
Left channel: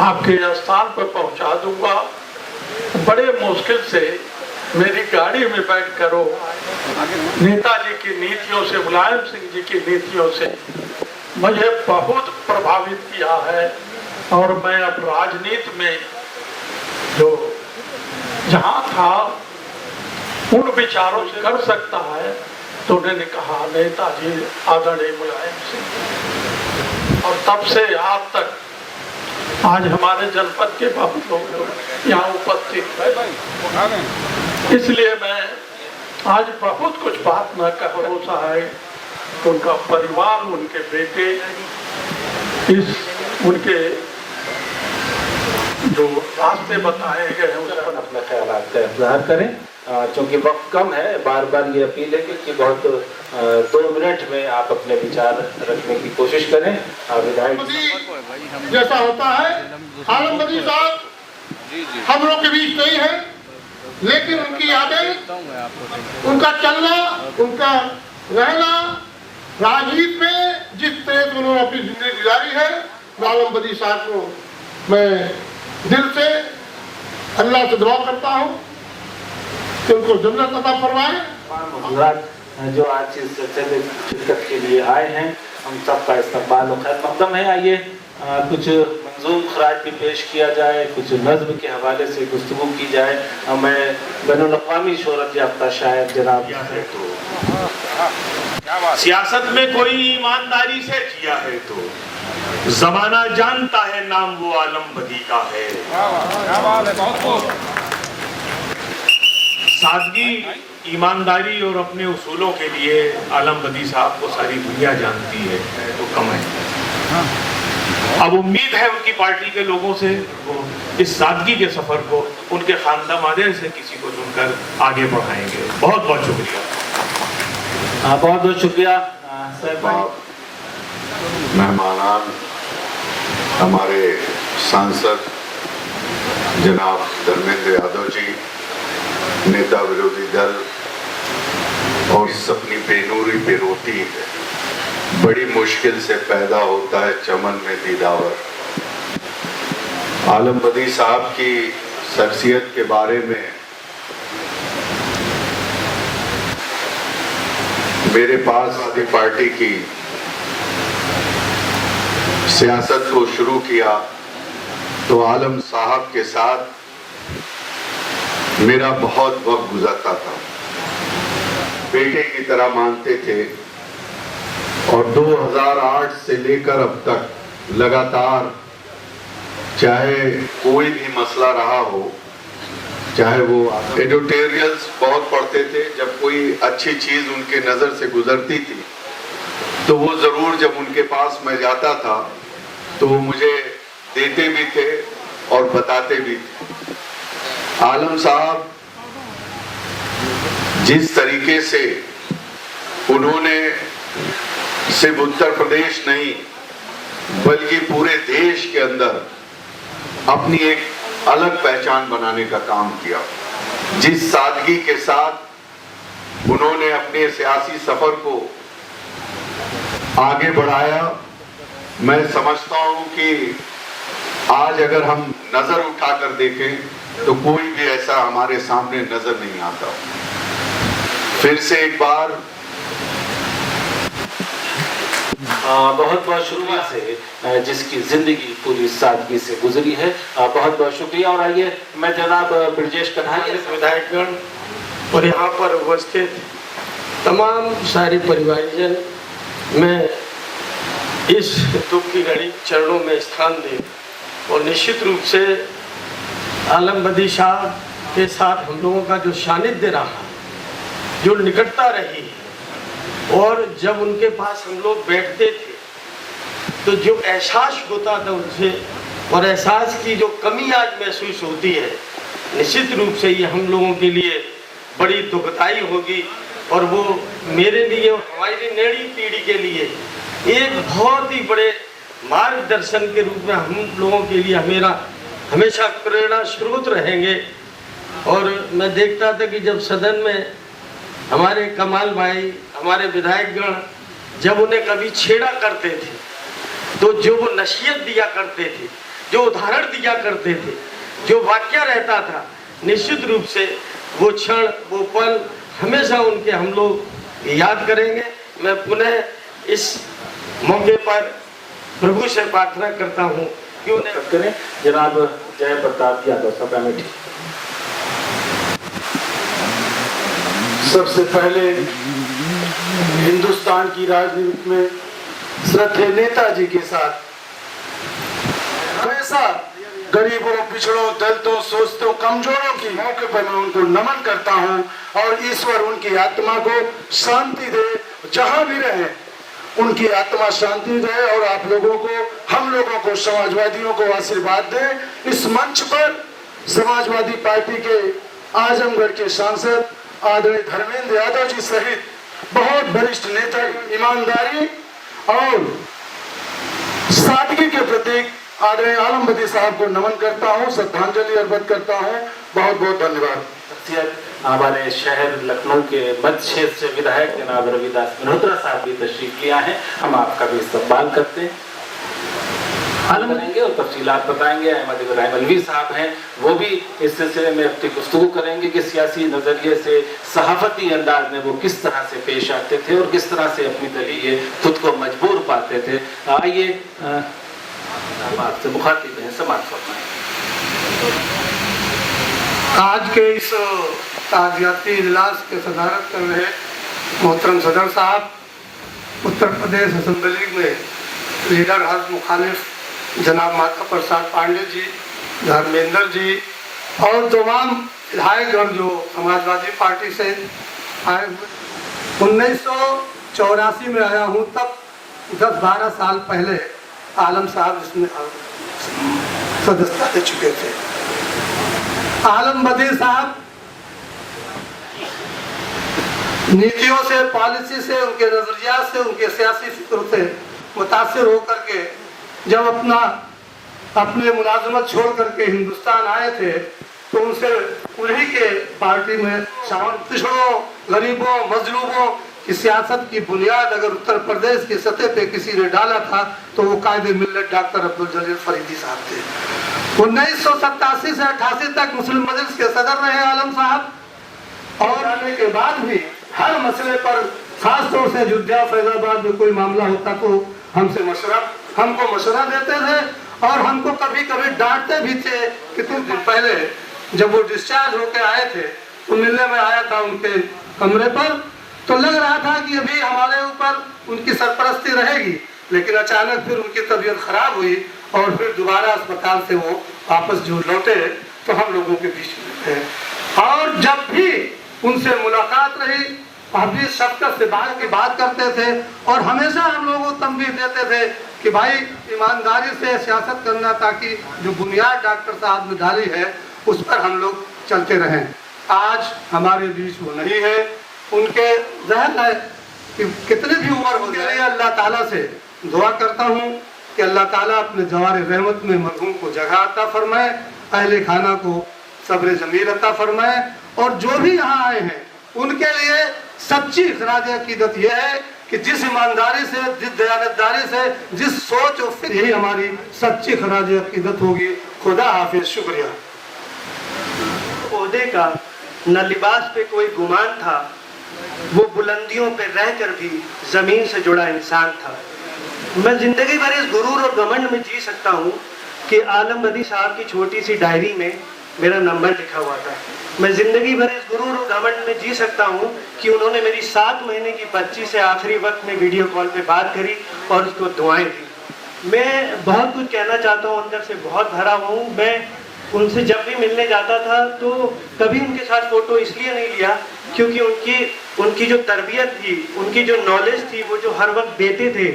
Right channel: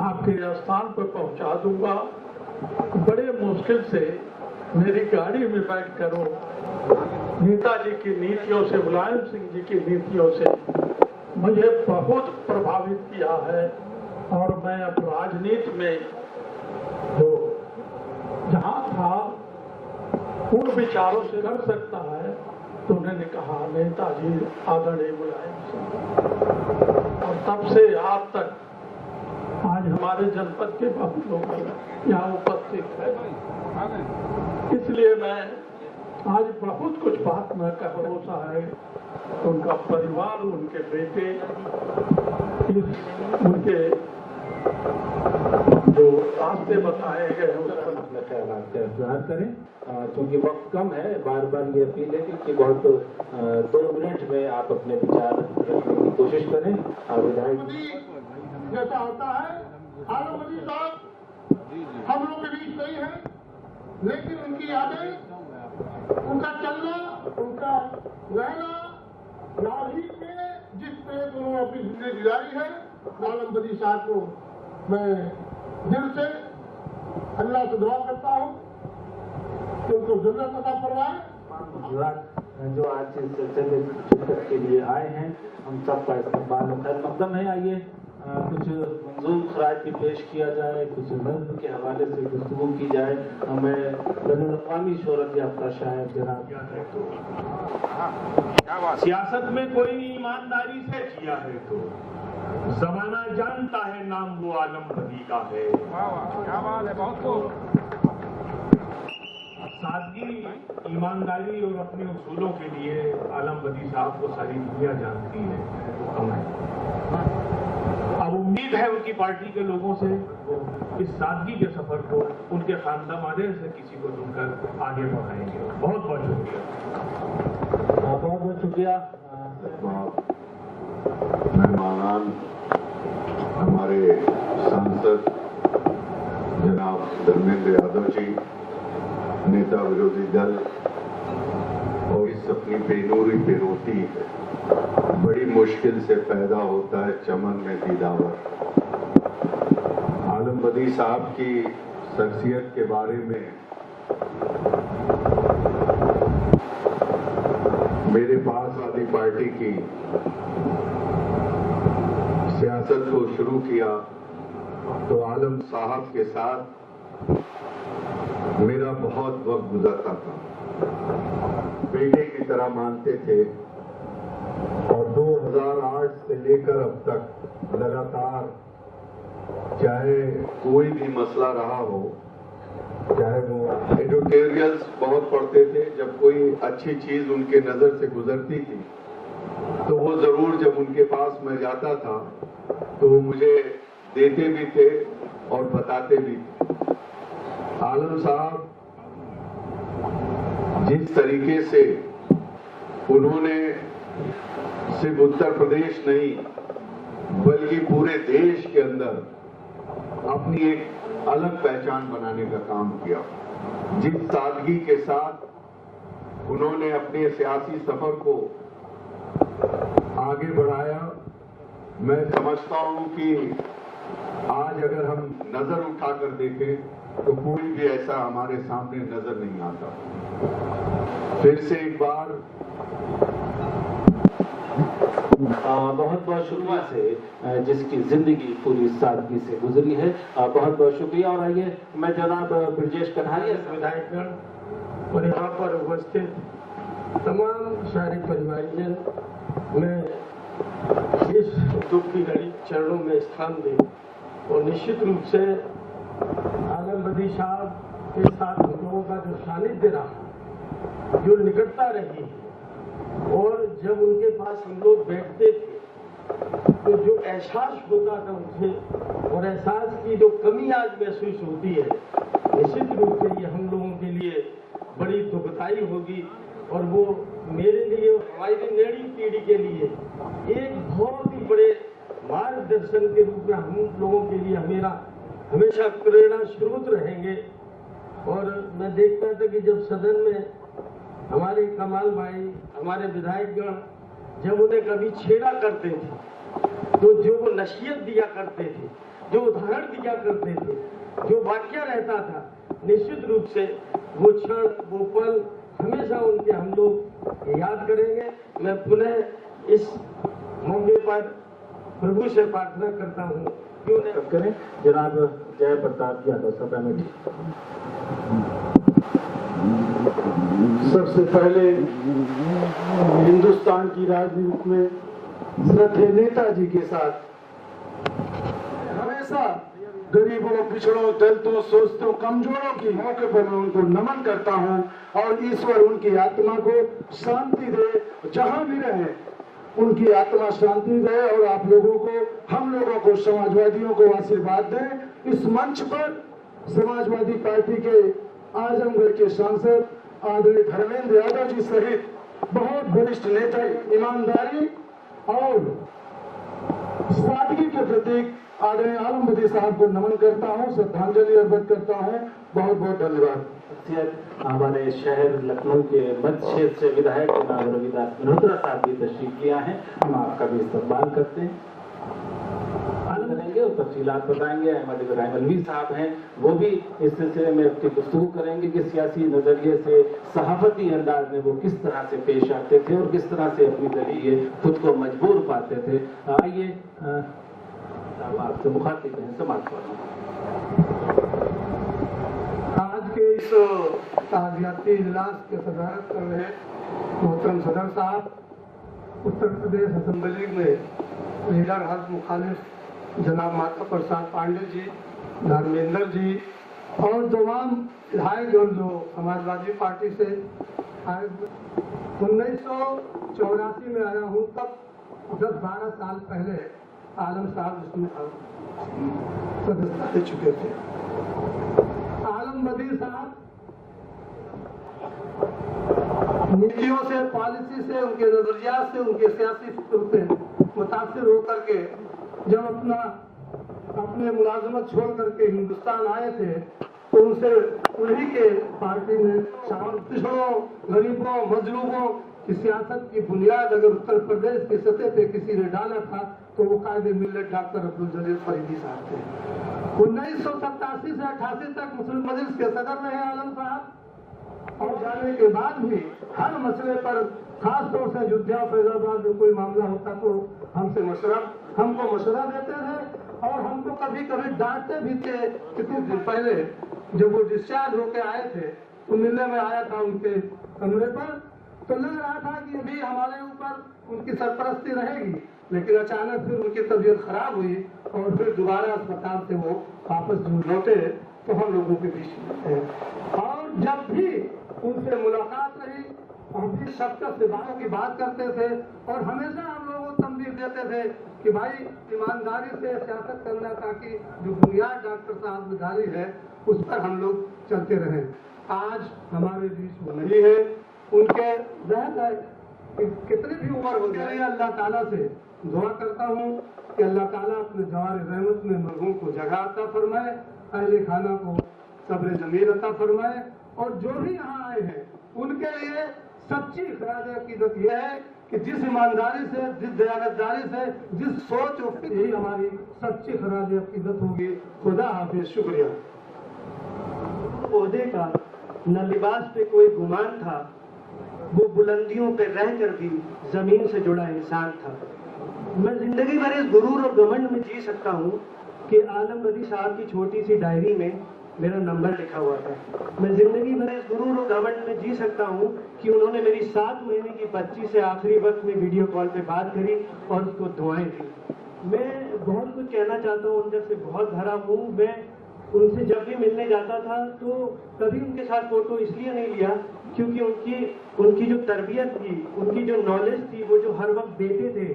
आपके स्थान पर पहुंचा दूंगा। बड़े मुश्किल से मेरी गाड़ी में बैठ कर नेताजी की नीतियों से, मुलायम सिंह जी की नीतियों से मुझे बहुत प्रभावित किया है। और मैं अब राजनीति में जो जहाँ था उन विचारों से कर सकता है, तो उन्होंने कहा नेताजी आदरणीय मुलायम सिंह। और तब से आज तक आज हमारे जनपद के बहुत लोग यहाँ उपस्थित हैं, इसलिए मैं आज बहुत कुछ बात न कर भरोसा है। उनका परिवार, उनके बेटे, इस उनके जो रास्ते बताए गए हैं उस पर अपना ख्याल का इजहार करें। चूँकि वक्त कम है, बार बार ये अपील है कि बहुत 2 मिनट में आप अपने विचार रखने की कोशिश करें। विधायक जैसा होता है, आलम बदी साहब हम लोग के बीच नहीं है, लेकिन उनकी यादें, उनका चलना, उनका रहना, राजनीति में जिस तरह से उन्होंने अपनी जिंदगी गुजारी है, आलम बदी साहब को मैं दिल से अल्लाह से दुआ करता हूँ कि उनको जन्नत अता फरमाए। जो आज इस सिलसिले में शिरकत के लिए आए हैं, हम सबका इस्तकबाल और खैर मकदम है। आइए कुछ मंजूम खराज भी पेश किया जाए, कुछ नज़्म के हवाले से गुफ्तगू की जाए। मैं बैनुल-अक़वामी शोहरत याफ्ता शायर जनाब सियासत में कोई ईमानदारी से जिया है तो जमाना जानता है नाम वो आलम बदी का है। सादगी, ईमानदारी और अपने उसूलों के लिए आलम बदी साहब को सारी दुनिया जानती है तो कम है। अब उम्मीद है उनकी पार्टी के लोगों से वो इस सादगी के सफर को उनके खानदामादे से किसी को चुनकर आगे बढ़ाएंगे। बहुत बहुत शुक्रिया। बहुत बहुत शुक्रिया। मेहमानान, हमारे सांसद जनाब धर्मेंद्र यादव जी, नेता विरोधी दल, और इस अपनी बेनूरी पे रोती है, बड़ी मुश्किल से पैदा होता है चमन में दीदावर। आलम बदी साहब की शख्सियत के बारे में मेरे पास आदि पार्टी की सियासत को शुरू किया तो आलम साहब के साथ मेरा बहुत वक्त गुजरता था। बेटे की तरह मानते थे और 2008 से लेकर अब तक लगातार, चाहे कोई भी मसला रहा हो, चाहे वो एडिटोरियल्स बहुत पढ़ते थे, जब कोई अच्छी चीज उनके नजर से गुजरती थी तो वो जरूर जब उनके पास मैं जाता था तो वो मुझे देते भी थे और बताते भी थे। आलम साहब जिस तरीके से उन्होंने सिर्फ उत्तर प्रदेश नहीं बल्कि पूरे देश के अंदर अपनी एक अलग पहचान बनाने का काम किया, जिस सादगी के साथ उन्होंने अपने सियासी सफर को आगे बढ़ाया, मैं समझता हूं कि आज अगर हम नजर उठाकर देखें तो कोई भी ऐसा हमारे सामने नजर नहीं आता। फिर से एक बार बहुत बहुत शुक्रिया से जिसकी जिंदगी पूरी सादगी से गुजरी है, बहुत बहुत शुक्रिया। और आइए मैं जनाब ब्रजेश कन्हैया विधायकगण और यहाँ पर उपस्थित तमाम सारे परिवारजन, मैं इस दुख की घड़ी चरणों में स्थान दे और निश्चित रूप से आलम बदी साहब के साथ हम लोगों का जो सानिध्य रहा, जो निकटता रही, और जब उनके पास हम लोग बैठते थे तो जो एहसास होता था उनसे, और एहसास की जो कमी आज महसूस होती है, निश्चित रूप से ये हम लोगों के लिए बड़ी दुखदाई होगी। और वो मेरे लिए और हमारी नई पीढ़ी के लिए एक बहुत ही बड़े मार्गदर्शन के रूप में हम लोगों के लिए हमेशा प्रेरणा स्रोत रहेंगे। और मैं देखता था कि जब सदन में हमारे कमाल भाई, हमारे विधायकगण जब उन्हें कभी छेड़ा करते थे तो जो वो नसीहत दिया करते थे, जो उदाहरण दिया करते थे, जो वाक्य रहता था, निश्चित रूप से वो क्षण, वो पल हमेशा उनके हम लोग याद करेंगे। मैं पुनः इस मौके पर प्रभु से प्रार्थना करता हूँ क्यों करें जनाब जय प्रताप यादव सभा में। सबसे पहले हिंदुस्तान की राजनीति में श्रद्धेय नेताजी के साथ हमेशा गरीबों, पिछड़ों, दलितों, शोषितों, कमजोरों की मौके पर मैं उनको नमन करता हूं और ईश्वर उनकी आत्मा को शांति दे, जहां भी रहे उनकी आत्मा शांति रहे और आप लोगों को, हम लोगों को, समाजवादियों को आशीर्वाद दें। इस मंच पर समाजवादी पार्टी के आजमगढ़ के सांसद आदरणीय धर्मेंद्र यादव जी सहित बहुत वरिष्ठ नेता ईमानदारी और सादगी के प्रतीक आदरणीय आलम बदी साहब को नमन करता हूं, श्रद्धांजलि अर्पित करता हूं। बहुत बहुत धन्यवाद। हमारे शहर लखनऊ के मध्य क्षेत्र से विधायक जनाब रविदास मल्होत्रा साहब भी तशरीफ लिया है, हम आपका भी इस्तकबाल करते हैं। आलम करेंगे और तफसीलात बताएंगे। अहमद इब्राहिम अलवी साहब हैं, वो भी इस सिलसिले में अपनी गुफ्तगू करेंगे कि सियासी नज़रिए से, सहाफती अंदाज में वो किस तरह से पेश आते थे और किस तरह से अपनी दलील खुद को मजबूर पाते थे। आइए आपसे मुखातिब हैं, समाज फरमाएं। आज के इस ताज़ियाती इजलास के सदारत कर रहे मोहतरम सदर साहब, उत्तर प्रदेश असेंबली में लीडर हज मुखालिफ जनाब माता प्रसाद पांडे जी, धर्मेंद्र जी और तमाम विधायकगण जो समाजवादी पार्टी से आए हुए। 1984 में आया हूँ, तब 10-12 साल पहले आलम साहब इसमें सदस्यता दे चुके थे। आलम बदी साहब नीतियों से, पॉलिसी से, उनके नजरिया से, उनके सियासी फिक्र से मुतासिर होकर के जब अपने मुलाजमत छोड़ करके हिंदुस्तान आए थे तो उनसे उन्हीं के पार्टी में शामिल पिछड़ों, गरीबों, मजलूमों की सियासत की बुनियाद अगर उत्तर प्रदेश की सतह पे किसी ने डाला था तो वो कायदे मिल्लत डॉक्टर अब्दुल जलील फरीदी साहब थे। 1987 से 88 तक मुस्लिम मजलिस के सदर रहे आलम साहब और आने के बाद भी हर मसले पर, खासतौर से अयोध्या, फैजाबाद में कोई मामला होता तो हमको मशवरा देते थे और हमको कभी कभी डांटते भी थे कि कुछ दिन पहले जब वो डिस्चार्ज होके आए थे तो मिलने में आया था उनके कमरे पर, तो लग रहा था कि अभी हमारे ऊपर उनकी सरपरस्ती रहेगी, लेकिन अचानक फिर उनकी तबीयत खराब हुई और फिर दोबारा अस्पताल से वो वापस जो लौटे तो हम लोगों के बीच में थे। और जब भी उनसे मुलाकात रही, आप भी शफकत से बात करते थे और हमेशा हम लोगों को तंबीह देते थे कि भाई ईमानदारी से सियासत करना, ताकि जो बुनियाद डॉक्टर साहब ने डाली है उस पर हम लोग चलते रहें। आज हमारे बीच वो नहीं है, उनके ज़हन है कि कितनी भी उम्र हो जाए, अल्लाह ताला से दुआ करता हूँ कि अल्लाह ताला अपने जवार रहमत में मरहूम को जगह अता फरमाए, अहले खाना को सब्र जमील अता फरमाए और जो भी यहाँ आए हैं उनके लिए सच्ची खराज अकीदत यह है कि जिस ईमानदारी से, जिस दयानतदारी से, जिस सोच और फिर यही हमारी सच्ची खराज अकीदत होगी। खुदा हाफिज, शुक्रिया। ओहदे का न लिबास पे कोई गुमान था, वो बुलंदियों पे रहकर भी जमीन से जुड़ा इंसान था। मैं जिंदगी भर इस गुरूर और घमंड में जी सकता हूँ कि आलम बदी साहब की छोटी सी डायरी में मेरा नंबर लिखा हुआ था। मैं जिंदगी भर इस गुरूर और घमंड में जी सकता हूँ कि उन्होंने मेरी 7 महीने की बच्ची से आखिरी वक्त में वीडियो कॉल पे बात करी और उसको दुआएं दी। मैं बहुत कुछ कहना चाहता हूँ, अंदर से बहुत भरा हुआ हूँ। मैं उनसे जब भी मिलने जाता था तो कभी उनके साथ फोटो इसलिए नहीं लिया क्योंकि उनकी जो तरबियत थी, उनकी जो नॉलेज थी, वो जो हर वक्त देते थे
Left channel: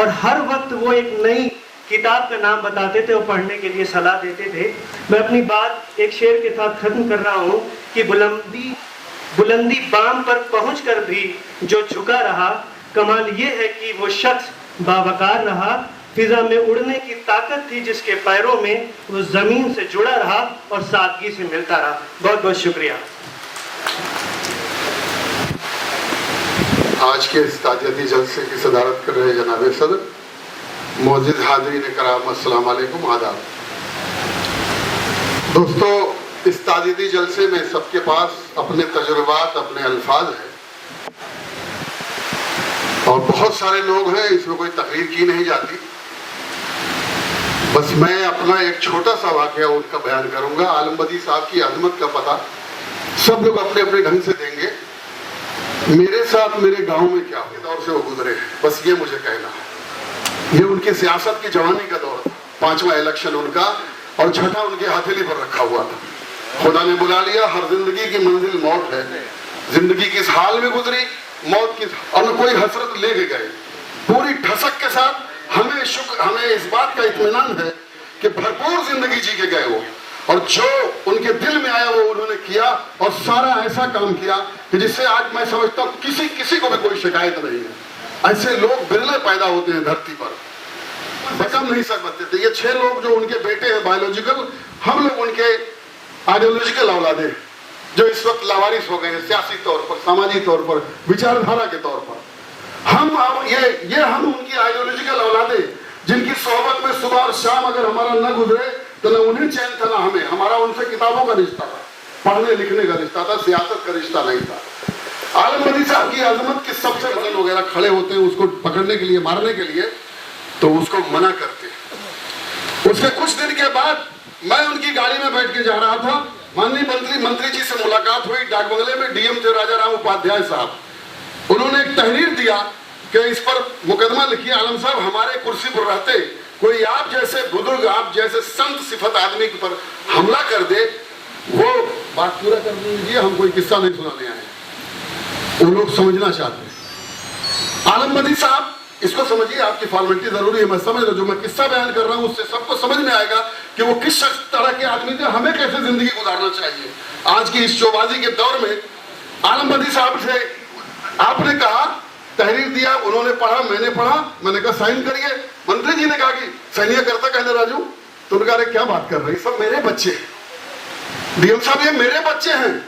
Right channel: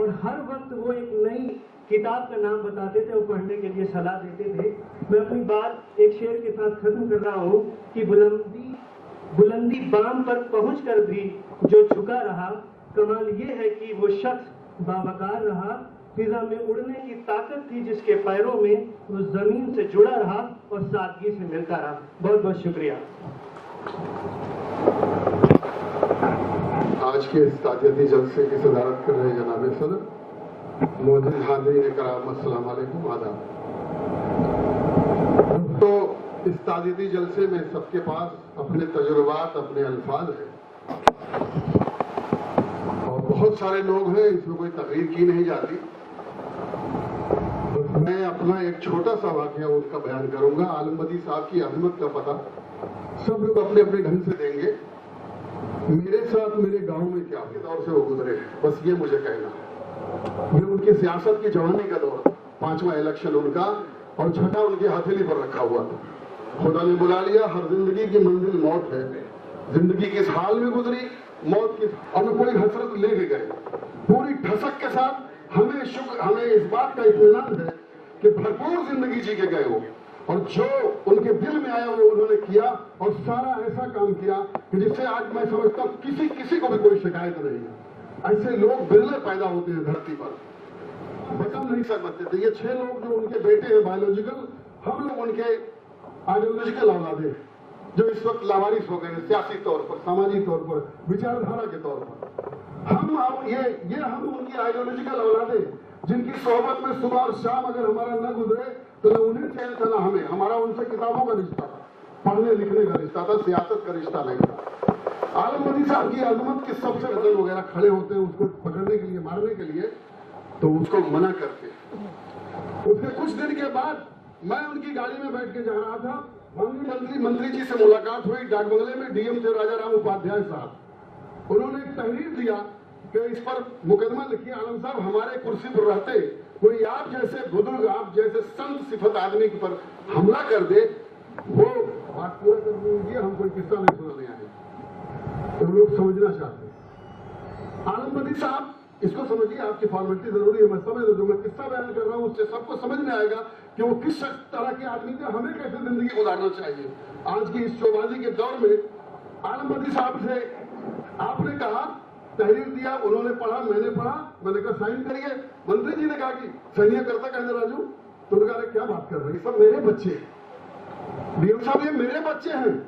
और हर वक्त वो एक नई किताब का नाम बताते थे और पढ़ने के लिए सलाह देते थे। मैं अपनी बात एक शेर के साथ खत्म कर रहा हूँ कि बुलंदी बाम पर पहुंचकर भी जो झुका रहा, कमाल ये है कि वो शख्स बावकार रहा। फिजा में उड़ने की ताकत थी जिसके पैरों में, वो जमीन से जुड़ा रहा और सादगी से मिलता रहा। बहुत बहुत शुक्रिया। आज के इस ताज़ियती जलसे की सदारत कर रहे जनाब सदर, मौजूद हाज़रीन कराम, अस्सलाम वालेकुम, आदाब। दोस्तों, इस ताज़ियती जलसे में सबके पास अपने तजुर्बात, अपने अल्फाज हैं और बहुत सारे लोग हैं, इसमें कोई तकरीर की नहीं जाती। बस मैं अपना एक छोटा सा वाकया उनका बयान करूंगा। आलम बदी साहब की अजमत का पता सब लोग अपने अपने ढंग से देंगे। मेरे साथ मेरे गांव में क्या के दौर से वो गुजरे, बस ये मुझे कहना है। ये उनकी सियासत की जवानी का दौर था, 5वां इलेक्शन उनका और 6ठा उनके हथेली पर रखा हुआ था। खुदा ने बुला लिया, हर जिंदगी की मंजिल मौत है। जिंदगी किस हाल में गुजरी, मौत किस, और कोई हसरत लेके गए। पूरी ठसक के साथ हमें इस बात का इत्मीनान है कि भरपूर जिंदगी जी के गए वो, और जो उनके दिल में आया वो उन्होंने किया, और सारा ऐसा काम किया कि जिससे आज मैं समझता हूँ किसी को भी कोई शिकायत नहीं है। ऐसे लोग बिरले पैदा होते हैं धरती पर, बकम नहीं सकते थे। ये 6 लोग जो उनके बेटे हैं बायोलॉजिकल, हम लोग उनके आइडियोलॉजिकल औलादे हैं, जो इस वक्त लावारिस हो गए हैं सियासी तौर पर, सामाजिक तौर पर, विचारधारा के तौर पर। हम उनकी आइडियोलॉजिकल औलादे, जिनकी सोहबत में सुबह और शाम अगर हमारा न गुजरे तो न उन्हें चैन था न हमें। हमारा उनसे किताबों का रिश्ता था, पढ़ने लिखने का रिश्ता था, सियासत का रिश्ता नहीं था। आलम बदी साहब की अजमत के सबसे गजल वगैरह खड़े होते हैं उसको पकड़ने के लिए, मारने के लिए, तो उसको मना करते हैं। उसके कुछ दिन के बाद मैं उनकी गाड़ी में बैठ के जा रहा था, माननीय मंत्री जी से मुलाकात हुई डाक बंगले में। डीएम थे राजा राम उपाध्याय साहब। उन्होंने एक तहरीर दिया कि इस पर मुकदमा लिखिए। आलम साहब हमारे कुर्सी पर रहते कोई आप जैसे बुजुर्ग, आप जैसे संत सिफत आदमी पर हमला कर दे, वो बात पूरा कर दीजिए, हम कोई किस्सा नहीं सुनाने आए। वो लोग समझना चाहते हैं। आलम बदी साहब इसको समझिए, आपकी फॉर्मेलिटी जरूरी है, मैं समझ रहा हूं। जो मैं किस्सा बयान कर रहा हूं उससे सबको समझ में आएगा कि वो किस तरह के आदमी थे, हमें कैसे जिंदगी गुजारना चाहिए। आज की इस शोबाजी के दौर में आलम बदी साहब से आपने कहा, तहरीर दिया, उन्होंने पढ़ा, मैंने पढ़ा, मैंने कहा साइन करिए। मंत्री जी ने कहा कि सैनिया करता कहने राजू, तो उन्होंने कहा क्या बात कर रहे हैं, सब मेरे बच्चे हैं। डीएम साहब ये मेरे बच्चे हैं,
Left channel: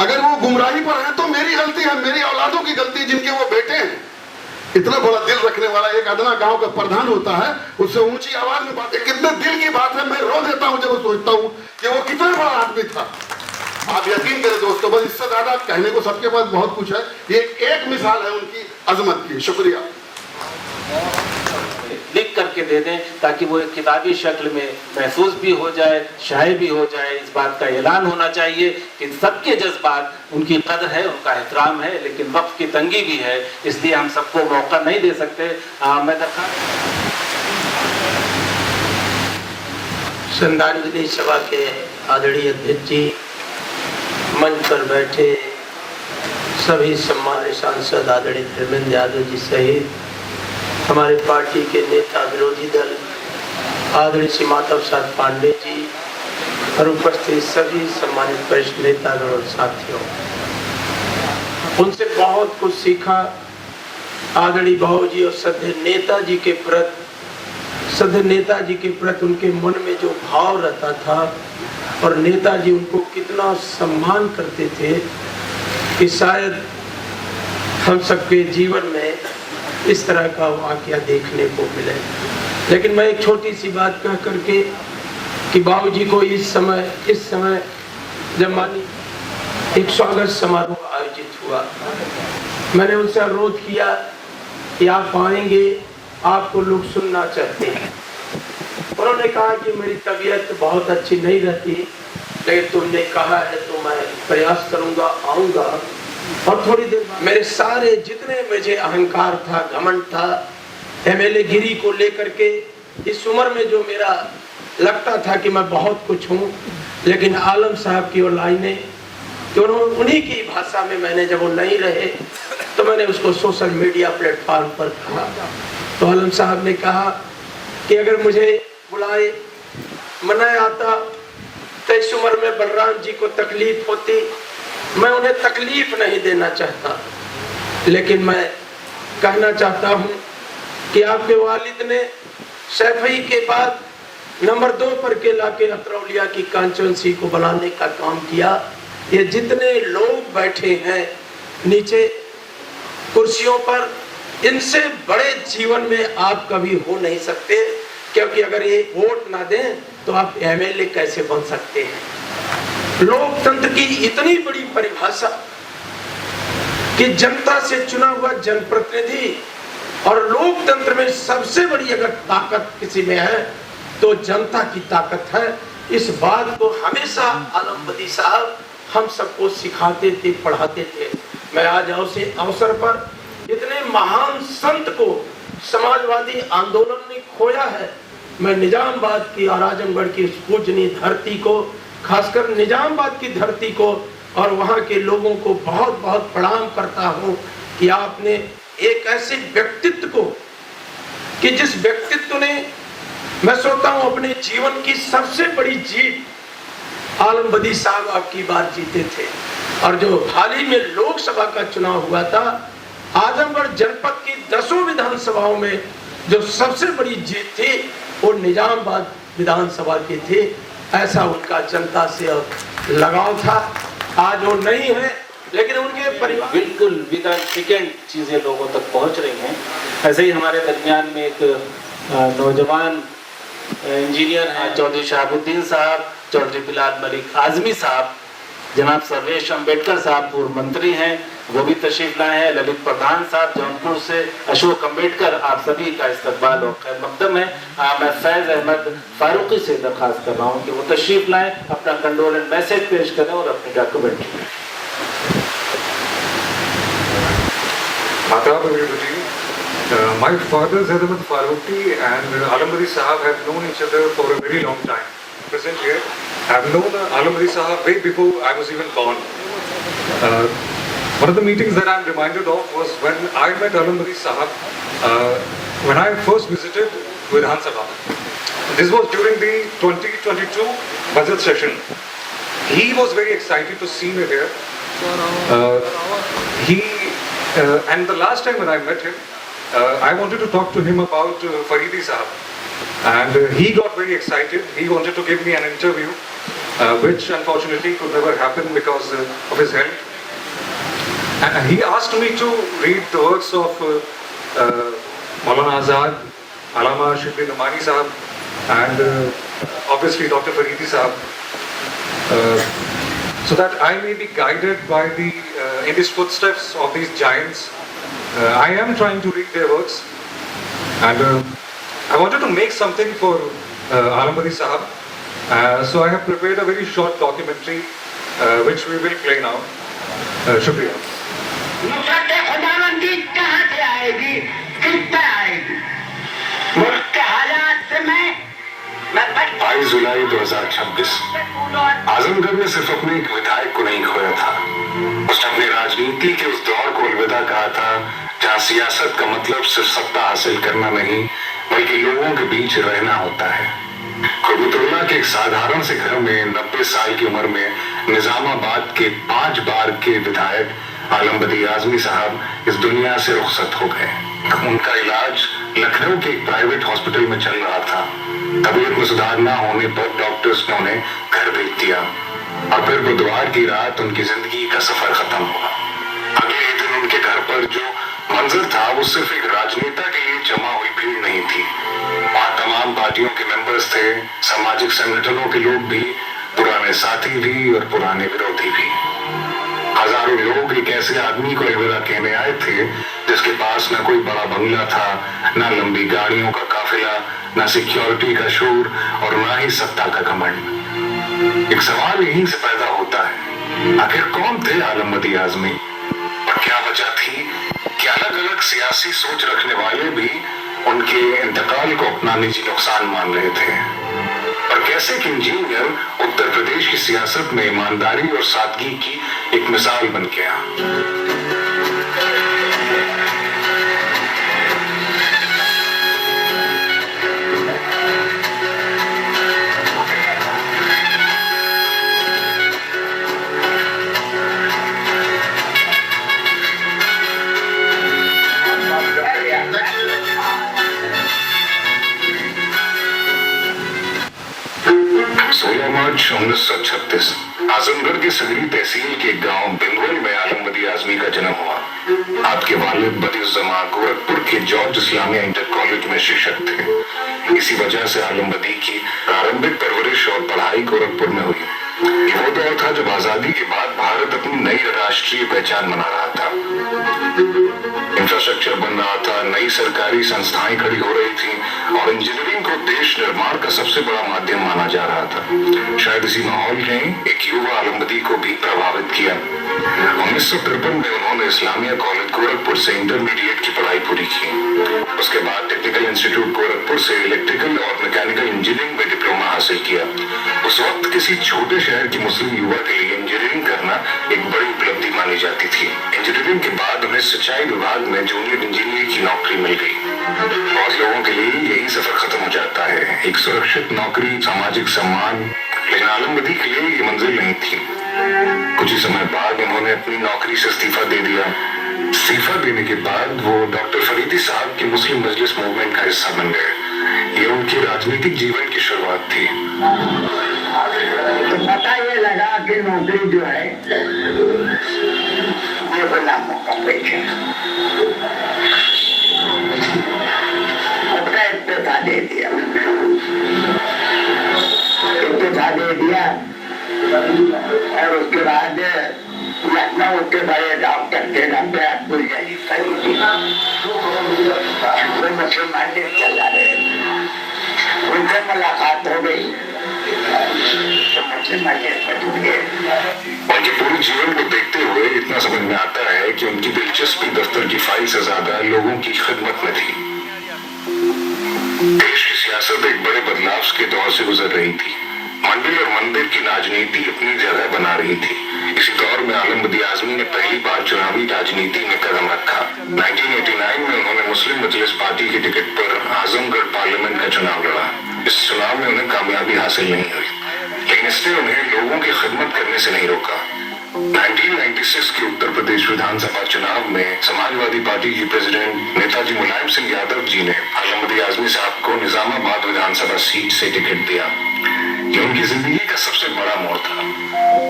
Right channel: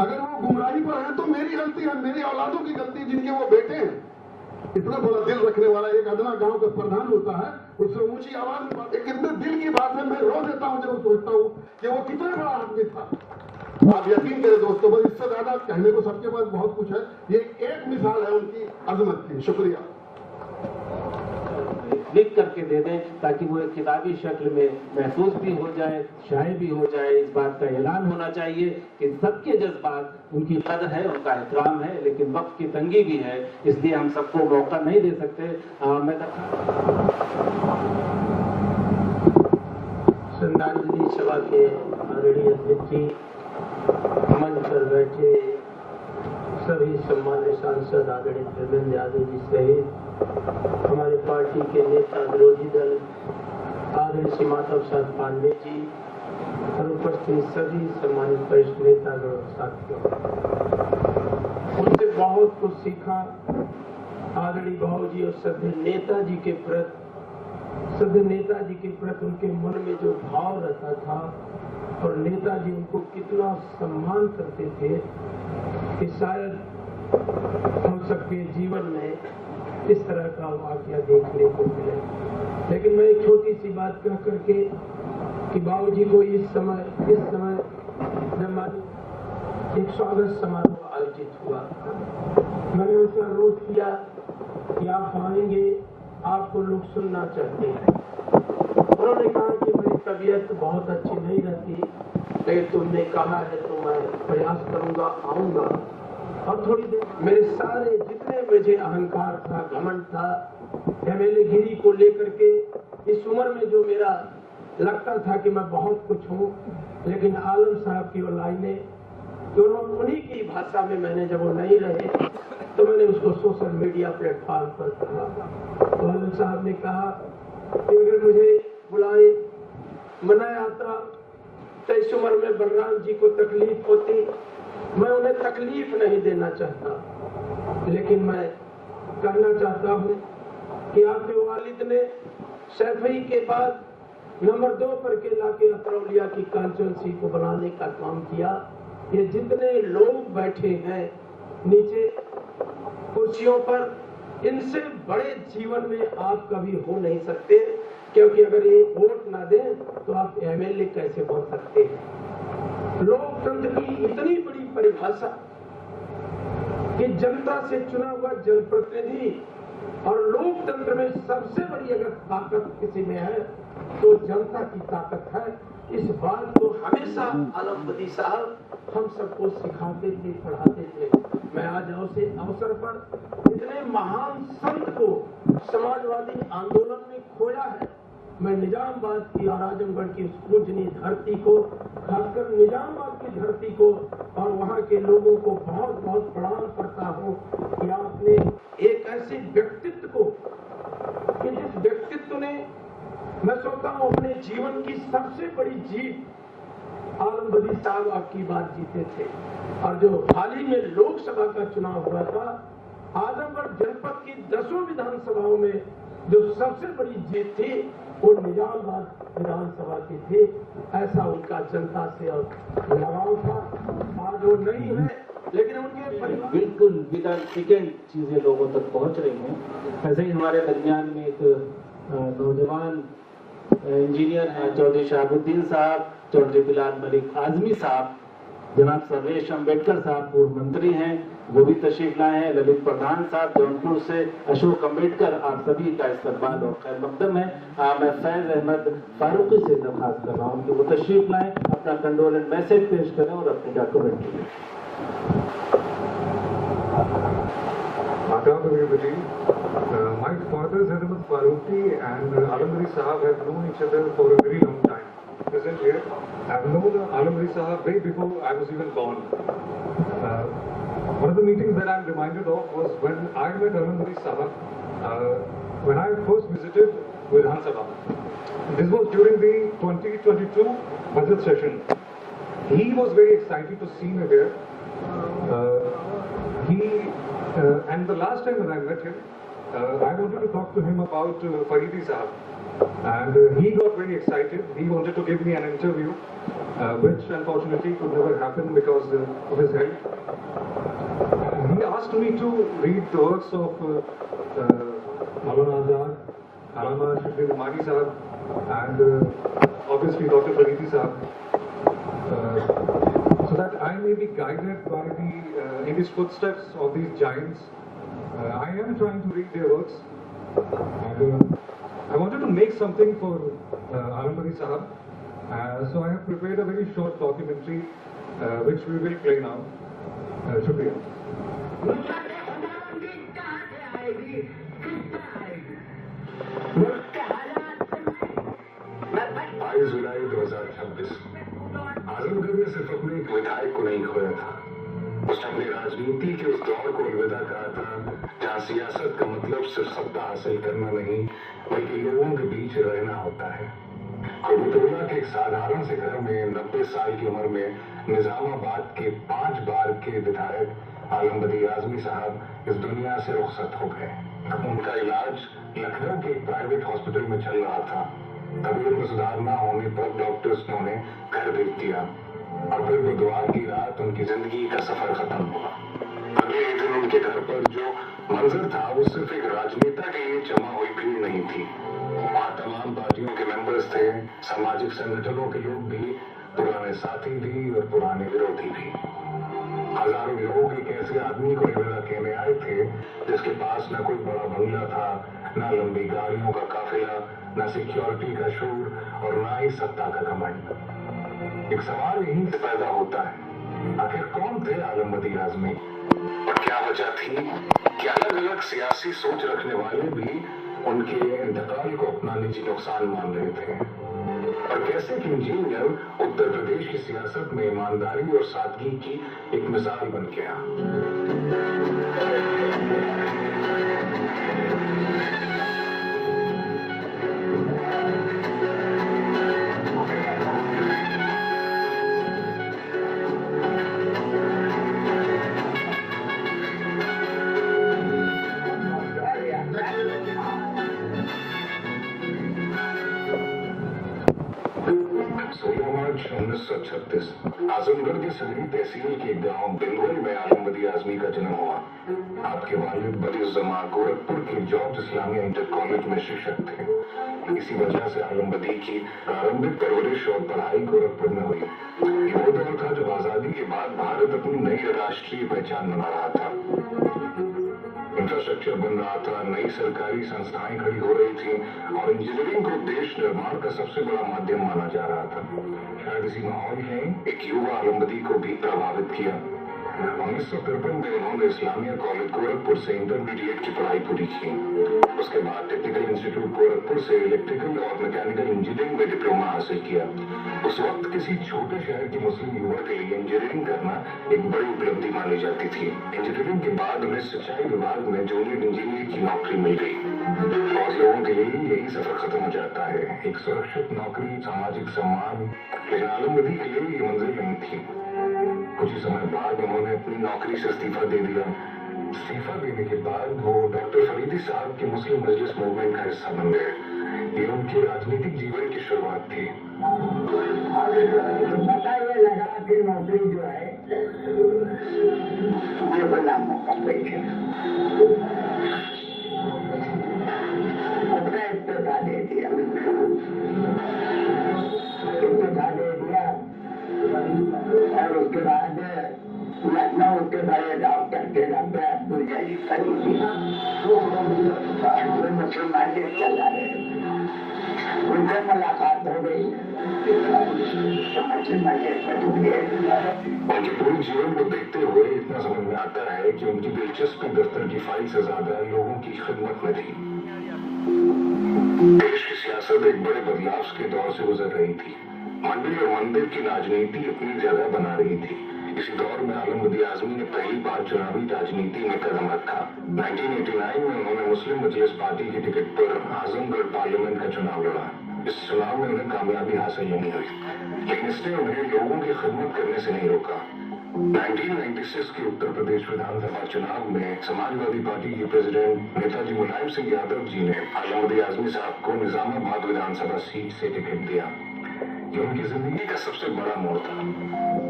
अगर वो गुमराही पर हैं तो मेरी गलती है, मेरी औलादों की गलती, जिनके वो बेटे हैं। इतना बड़ा दिल रखने वाला एक अदना गांव का प्रधान होता है, उससे ऊंची आवाज में बात, कितने दिल की बात है। मैं रो देता हूं जब सोचता हूं कि वो कितना बड़ा आदमी था। आप यकीन करें दोस्तों, बस इससे ज्यादा कहने को सबके पास बहुत कुछ है। ये एक मिसाल है उनकी अजमत की। शुक्रिया। लिख करके दे दें ताकि वो एक किताबी शक्ल में महसूस भी हो जाए, शाये भी हो जाए। इस बात का ऐलान होना चाहिए कि सबके जज्बात, उनकी कदर है, उनका एहतराम है, लेकिन वक्त की तंगी भी है, इसलिए हम सबको मौका नहीं दे सकते। मैं श्रद्धांजलि सभा के आदरणीय अध्यक्ष जी, मंच पर बैठे सभी सम्मानित सांसद आदरणीय धर्मेंद्र यादव जी सहित हमारे पार्टी के नेता, विरोधी दल आदरणीय श्री माधव प्रसाद पांडे जी और उपस्थित सभी सम्मानित वरिष्ठ नेतागण और साथियों, उनसे बहुत कुछ सीखा। आदरणीय भाऊ जी और सद्य नेताजी के प्रति उनके मन में जो भाव रहता था और नेताजी उनको कितना सम्मान करते थे कि शायद हम सबके जीवन में इस तरह का वाकया देखने को मिले। लेकिन मैं एक छोटी सी बात कह करके कि बाबूजी को इस समय जब मानी एक स्वागत समारोह आयोजित हुआ, मैंने उनसे अनुरोध किया कि आप आएंगे, आपको लोग सुनना चाहते हैं। उन्होंने कहा कि मेरी तबीयत बहुत अच्छी नहीं रहती, लेकिन तुमने कहा है तो मैं प्रयास करूंगा, आऊंगा। और थोड़ी देर मेरे सारे जितने मुझे अहंकार था, घमंड था, एमएलए गिरी को लेकर के, इस उम्र में जो मेरा लगता था कि मैं बहुत कुछ हूँ, लेकिन आलम साहब की वो लाइनें कि उन्हीं की भाषा में मैंने जब वो नहीं रहे तो मैंने उसको सोशल मीडिया प्लेटफॉर्म पर कहा। तो आलम साहब ने कहा कि अगर मुझे बुलाए मना आता तो इस उम्र में बलराम जी को तकलीफ होती, मैं उन्हें तकलीफ नहीं देना चाहता, लेकिन मैं कहना चाहता हूं कि आपके वालिद ने सैफई के बाद नंबर 2 पर के लाके अतरौलिया की कांचनसी को बनाने का काम किया। ये जितने लोग बैठे हैं नीचे कुर्सियों पर, इनसे बड़े जीवन में आप कभी हो नहीं सकते, क्योंकि अगर ये वोट ना दें तो आप एमएलए कैसे बन सकते हैं। लोकतंत्र की इतनी बड़ी परिभाषा कि जनता से चुना हुआ जनप्रतिनिधि, और लोकतंत्र में सबसे बड़ी अगर ताकत किसी में है तो जनता की ताकत है। इस बात को हमेशा आलम बदी साहब हम सबको सिखाते थे, पढ़ाते थे। मैं आज उसी अवसर पर इतने महान संत को समाजवादी आंदोलन ने खोया है, मैं निजामाबाद की और आजमगढ़ की इस पूजनीय धरती को, खासकर निजामाबाद की धरती को और वहाँ के लोगों को बहुत बहुत प्रणाम करता हूँ कि आपने एक ऐसे व्यक्तित्व को, कि जिस व्यक्तित्व ने, मैं सोचता हूँ अपने जीवन की सबसे बड़ी जीत आलम बदी साहब आपकी बार जीते थे। और जो हाल ही में लोकसभा का चुनाव हुआ था, आजमगढ़ जनपद की 10 विधानसभाओं में जो सबसे बड़ी जीत थी वो निजामाबाद विधानसभा की थी। ऐसा उनका जनता से लगाव था। आज वो नहीं है, लेकिन उनके परिवार बिल्कुल विदाउट सेकेंड चीजें लोगों तक पहुंच रही हैं। ऐसे ही हमारे दरमियान में एक नौजवान इंजीनियर हैं चौधरी शहाबुद्दीन साहब, चौधरी बिलाल मलिक आजमी साहब, जनाब सर्वेश अम्बेडकर साहब पूर्व मंत्री हैं, वो भी तशरीफ लाए हैं। ललित प्रधान साहब जौनपुर से, अशोक अम्बेडकर, आप सभी का इस्तकबाल और खैर मकदम है। मैं फैज अहमद फारूकी से दरखास्त कर रहा हूँ कि वो तशरीफ लाएं, अपना कंडोलेंस मैसेज पेश करें और अपनी डॉक्यूमेंट्री में। Adab everybody. My father Zaid Ahmed Farooqi and Alam Badi Sahab have known each other for a very long time. Present here, I have known Alam Badi Sahab way before I was even born. One of the meetings that I am reminded of was when I met Alam Badi Sahab when I first visited Vidhan Sabha. This was during the 2022 budget session. He was very excited to see me here. And the last time when I met him, I wanted to talk to him about Faridi Sahab. And he got very excited. He wanted to give me an interview, which unfortunately could never happen because of his health. And he asked me to read the works of Maulana Azad, Allama Shibli Namani Sahab, and obviously Dr. Faridi Sahab. So that I may be guided by in these footsteps of these giants. I am trying to read their works, and I wanted to make something for Alam Badi Sahab. So I have prepared a very short documentary, which we will play now. Shukriya. Nusrat खुदावंदी कहाँ से आएगी, किस तरह आएगी? मुल्क के हालात से मैं 22 जुलाई 2026 आजमगढ़ ने सिर्फ अपने एक विधायक को नहीं खोया था, उसने अपनी राजनीति के उस दौर को अलविदा कहा था जहां सियासत का मतलब सिर्फ सत्ता हासिल करना नहीं बल्कि लोगों के बीच रहना होता है। कुर्बतुल्लाह के एक साधारण से घर में 90 साल की उम्र में निजामाबाद के 5 बार के विधायक आलम बदी आजमी साहब इस दुनिया से रुखसत हो गए। उनका इलाज लखनऊ के एक प्राइवेट हॉस्पिटल में चल रहा था। तबीयत में सुधार न होने पर डॉक्टर्स ने उन्हें घर भेज दिया और फिर बुधवार की रात उनकी जिंदगी का सफर खत्म हुआ। अगले ही दिन उनके घर पर जो मंजर था वो सिर्फ एक राजनेता के लिए जमा हुई भीड़ नहीं थी। वहाँ तमाम पार्टियों के मेंबर्स थे, सामाजिक संगठनों के लोग भी, पुराने साथी भी और पुराने विरोधी भी। हजारों लोग एक ऐसे आदमी को अलविदा कहने आए थे जिसके पास न कोई बड़ा बंगला था, न लंबी गाड़ियों का काफिला, न सिक्योरिटी का शोर और न ही सत्ता का घमंड। एक सवाल यहीं से पैदा होता है, आखिर कौन थे आलम बदी आजमी और क्या वजह थी कि अलग अलग सियासी सोच रखने वाले भी उनके इंतकाल को अपना निजी नुकसान मान रहे थे और कैसे एक इंजीनियर उत्तर प्रदेश की सियासत में ईमानदारी और सादगी की एक मिसाल बन गया। मार्च 1936 आजमगढ़ के सगरी तहसील के गांव बिंदवल में आलम बदी आजमी का जन्म हुआ। आपके वालिद बदिउज़्ज़मा गोरखपुर के जॉर्ज इस्लामिया इंटर कॉलेज में शिक्षक थे। इसी वजह से आलम बदी की प्रारंभिक परवरिश और पढ़ाई गोरखपुर में हुई। ये वो दौर था जब आजादी के बाद भारत अपनी नई राष्ट्रीय पहचान बना रहा था। इंफ्रास्ट्रक्चर इंफ्रास्ट्रक्चर बन रहा था, नई सरकारी संस्थाएं खड़ी हो रही थी और इंजीनियरिंग को देश निर्माण का सबसे बड़ा माध्यम माना जा रहा था। शायद इसी माहौल ने एक युवा आलमबदी को भी प्रभावित किया। 1953 में उन्होंने इस्लामिया कॉलेज गोरखपुर से इंटरमीडिएट की पढ़ाई पूरी की। उसके बाद टेक्निकल इंस्टीट्यूट गोरखपुर से इलेक्ट्रिकल और मैकेनिकल इंजीनियरिंग में डिप्लोमा हासिल किया। उस वक्त किसी छोटे शहर के मुस्लिम युवा के लिए इंजीनियरिंग करना एक बड़ी उपलब्धि मानी जाती थी। इंजीनियरिंग के बाद उन्हें सिंचाई विभाग में जूनियर इंजीनियर की नौकरी मिल गई। बहुत लोगों के लिए यही सफर खत्म हो जाता है, एक सुरक्षित नौकरी, सामाजिक सम्मान। लेकिन आलमबदी के लिए ये मंजिल नहीं थी। कुछ ही समय बाद उन्होंने अपनी नौकरी से इस्तीफा दे दिया। इस्तीफा देने के बाद वो डॉक्टर फरीदी साहब की मुस्लिम मजलिस मूवमेंट का हिस्सा बन गए। ये उनके राजनीतिक जीवन की शुरुआत थी। तो पता ये लगा कि नौकरी जो है ये गुलामों का पेशा। अपना इस्तीफा दे दिया, और उसके बाद लखनऊ के बड़े डॉक्टर थे डॉक्टर अब्दुल जलील फरीदी, वो मुसलमान चला रहे, उनसे मुलाकात हो गई तो मुसलमान उनके पूरे जीवन को देखते हुए इतना समझ में आता है कि उनकी दिलचस्पी दफ्तर की फाइल से ज्यादा लोगों की खिदमत में थी। देश की सियासत एक बड़े बदलाव के दौर से गुजर रही थी। मंदिर और मंदिर की राजनीति अपनी जगह बना रही थी। इसी दौर में आलमबदी आजमी ने पहली बार चुनावी राजनीति में कदम रखा। 1989 में उन्होंने मुस्लिम मजलिस पार्टी की टिकट पर आजमगढ़ पार्लियामेंट का चुनाव लड़ा। इस चुनाव में उन्हें कामयाबी हासिल नहीं हुई, लेकिन इसने उन्हें लोगों की खिदमत करने से नहीं रोका। 1996 के उत्तर प्रदेश विधानसभा चुनाव में समाजवादी पार्टी के प्रेसिडेंट नेताजी मुलायम सिंह यादव जी ने आलमबदी आजमी साहब को निजामाबाद विधानसभा सीट से टिकट दिया। ये उनकी जिंदगी का सबसे बड़ा मोड़ था।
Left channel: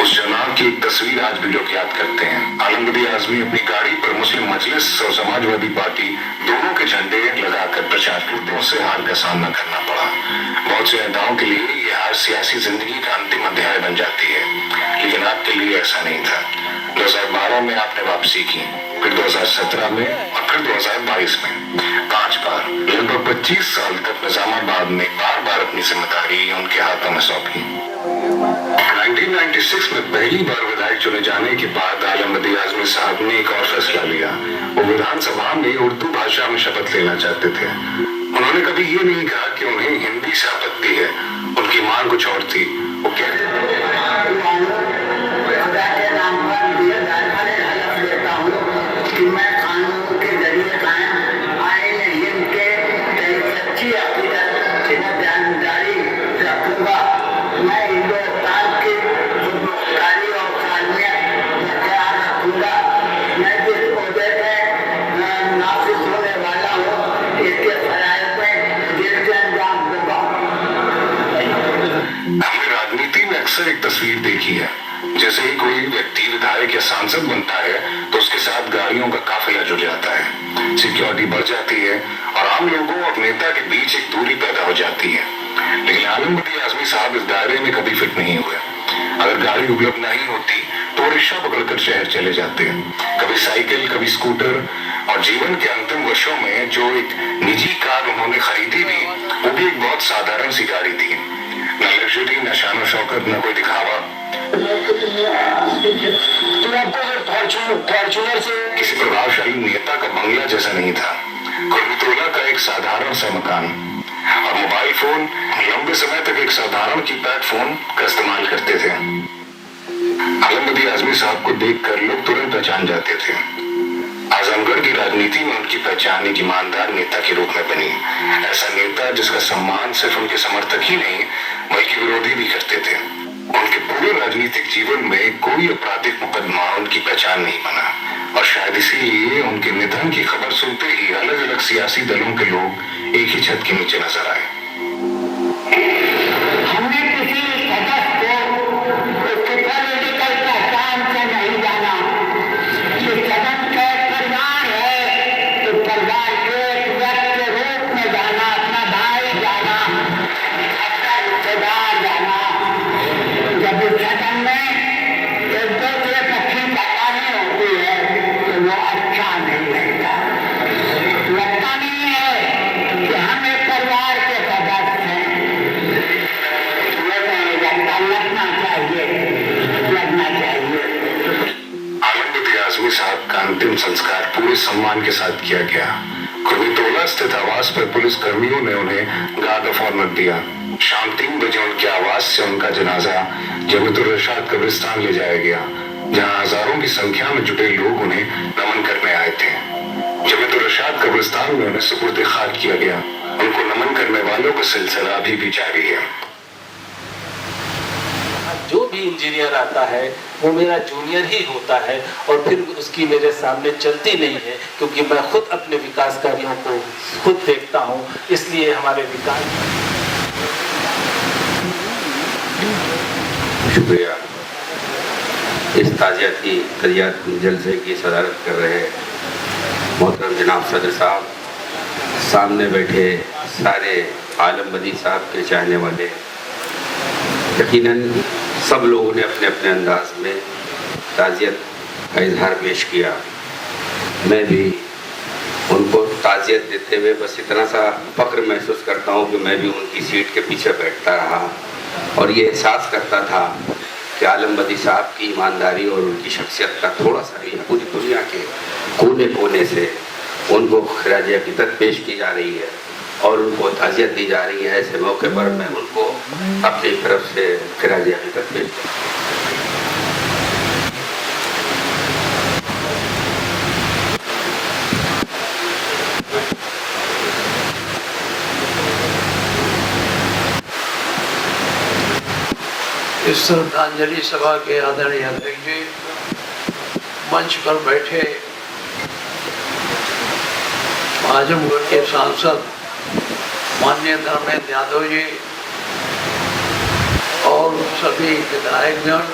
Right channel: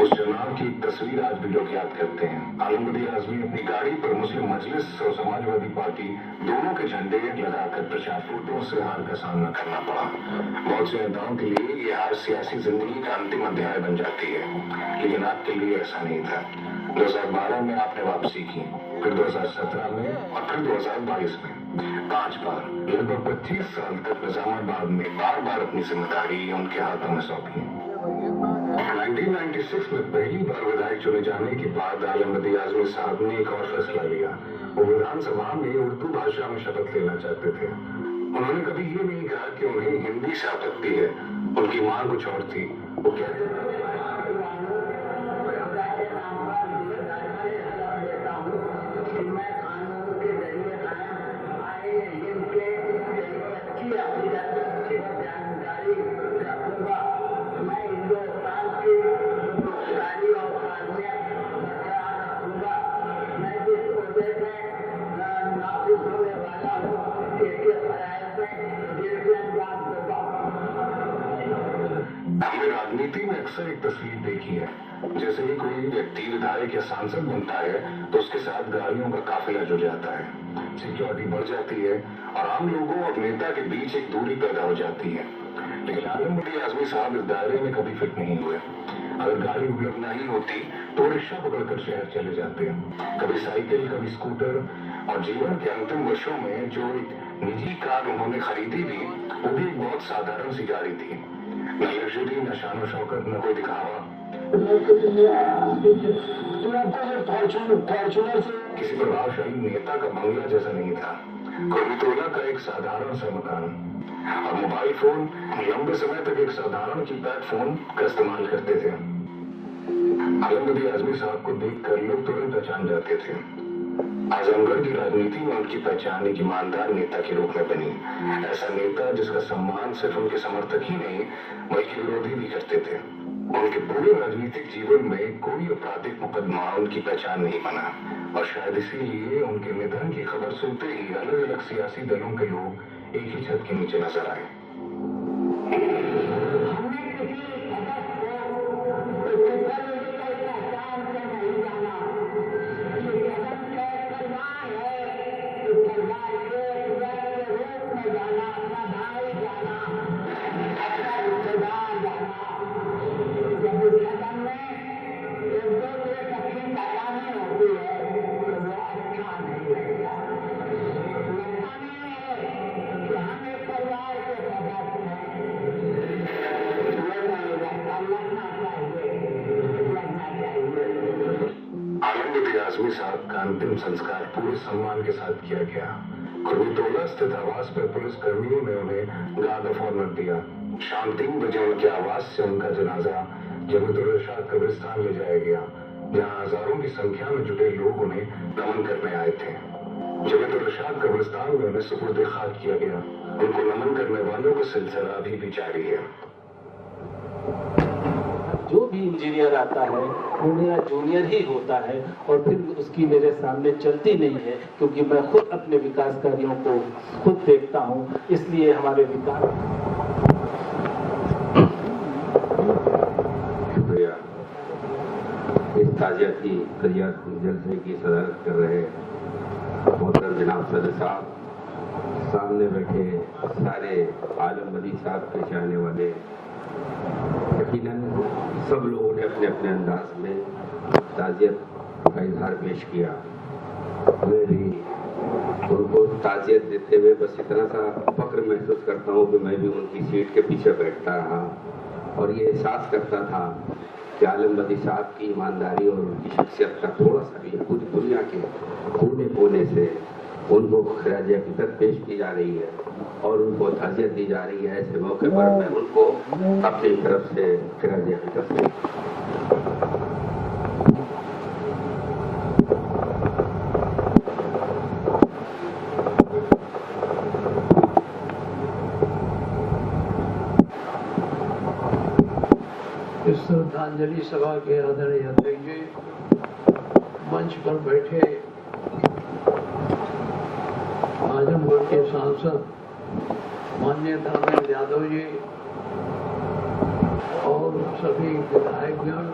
उस चुनाव की एक तस्वीर आज भी लोग याद करते हैं। आलमबदी आजमी अपनी गाड़ी पर मुस्लिम मजलिस और समाजवादी पार्टी दोनों के झंडे लगाकर प्रचार करते हैं। उससे हार का सामना करना पड़ा। बहुत से नेताओं के लिए ये हार सियासी जिंदगी का अंतिम अध्याय बन जाती है, लेकिन आपके लिए ऐसा नहीं था। 2012 में आपने वापसी की, फिर 2017 में और फिर 2022 में 5 बार, लगभग 25 साल तक निजामाबाद में बार बार अपनी जिम्मेदारी उनके हाथों में सौंपी। 1996 में पहली बार विधायक चुने जाने के बाद आलमबदी आजमी साहब ने एक और फैसला लिया। वो विधानसभा में उर्दू भाषा में शपथ लेना चाहते थे। उन्होंने कभी ये नहीं कहा कि उन्हें हिंदी से आपत्ति है, उनकी मांग कुछ और थी। वो मैं कानून के जरिए कायम आईन हिंद के सच्ची अकीदत जारी रखूंगा। मैं हिंदुस्तान की खुदमुख्तारी और सालमियत बरकरार रखूंगा। मैं जिस ओहदे पे नाफिज होने वाला हूँ इसके फराइज़ में दिल से अंजाम दूंगा। हमने राजनीति में अक्सर एक तस्वीर देखी है, जैसे ही कोई व्यक्ति विधायक या सांसद बनता है तो उसके साथ गाड़ियों का काफिला जुड़ जाता है, सिक्योरिटी बढ़ जाती है और आम लोगों और नेता के बीच एक दूरी पैदा हो जाती है। लेकिन आलमबदी आजमी साहब इस दायरे में कभी फिट नहीं हुए। अगर गाड़ी उपलब्ध नहीं होती तो रिक्शा पकड़कर शहर चले जाते हैं, कभी साइकिल, कभी स्कूटर। और जीवन के अंतिम वर्षों में जो एक निजी कार उन्होंने खरीदी थी, वो भी एक बहुत साधारण सी गाड़ी थी। न लग्जरी, न शान शौकत, न कोई दिखावा। फॉर्चूनर से किसी प्रभावशाली नेता का बंगला जैसा नहीं था, कुर्बतुल्ला का एक साधारण सा मकान और मोबाइल फोन। लंबे समय तक एक साधारण कीपैड फोन का इस्तेमाल करते थे। आलमबदी आजमी साहब को देखकर लोग तुरंत पहचान जाते थे। आजमगढ़ की राजनीति में उनकी पहचान एक ईमानदार नेता के रूप में बनी। ऐसा नेता जिसका सम्मान सिर्फ उनके समर्थक ही नहीं बल्कि विरोधी भी करते थे। उनके पूरे राजनीतिक जीवन में कोई आपराधिक मुकदमा उनकी पहचान नहीं बना और शायद इसीलिए उनके निधन की खबर सुनते ही अलग अलग सियासी दलों के लोग एक ही छत के नीचे नजर आए। आजमी साहब का अंतिम संस्कार पूरे सम्मान के साथ किया गया। कुर्मीटोला स्थित आवास पर पुलिस कर्मियों ने उन्हें गार्ड ऑफ ऑनर दिया। शाम 3 बजे उनके आवास से उनका जनाजा जमीतुर रशाद कब्रिस्तान ले जाया गया, जहां हजारों की संख्या में जुटे लोग उन्हें नमन करने आए थे। जमीतुर रशाद कब्रिस्तान में उन्हें सुपुर्द खाक किया गया। उनको नमन करने वालों का सिलसिला अभी भी जारी है। जो भी इंजीनियर आता है वो मेरा जूनियर ही होता है और फिर उसकी मेरे सामने चलती नहीं है, क्योंकि मैं खुद अपने विकास कार्यों को खुद देखता हूँ। इसलिए हमारे विकास। शुक्रिया। इस ताज़ियाती जलसे की सदारत कर रहे मोहतरम जनाब सदर साहब, सामने बैठे सारे आलम बदी साहब के चाहने वाले, यकीनन सब लोगों ने अपने अपने अंदाज में ताज़ियत का इजहार पेश किया। मैं भी उनको ताज़ियत देते हुए बस इतना सा फ़ख्र महसूस करता हूँ कि मैं भी उनकी सीट के पीछे बैठता रहा और ये एहसास करता था कि आलम बदी साहब की ईमानदारी और उनकी शख्सियत का थोड़ा सा भी पूरी दुनिया के कोने कोने से उनको खिराज अक़ीदत पेश की जा रही है और उनको ताज़ियत दी जा रही है। ऐसे मौके पर मैं उनको अपनी तरफ से खिराज अक़ीदत पेश इस श्रद्धांजलि सभा के आदरणीय अध्यक्ष जी, मंच पर बैठे आजमगढ़ के सांसद माननीय धर्मेंद्र यादव जी और सभी विधायकगण,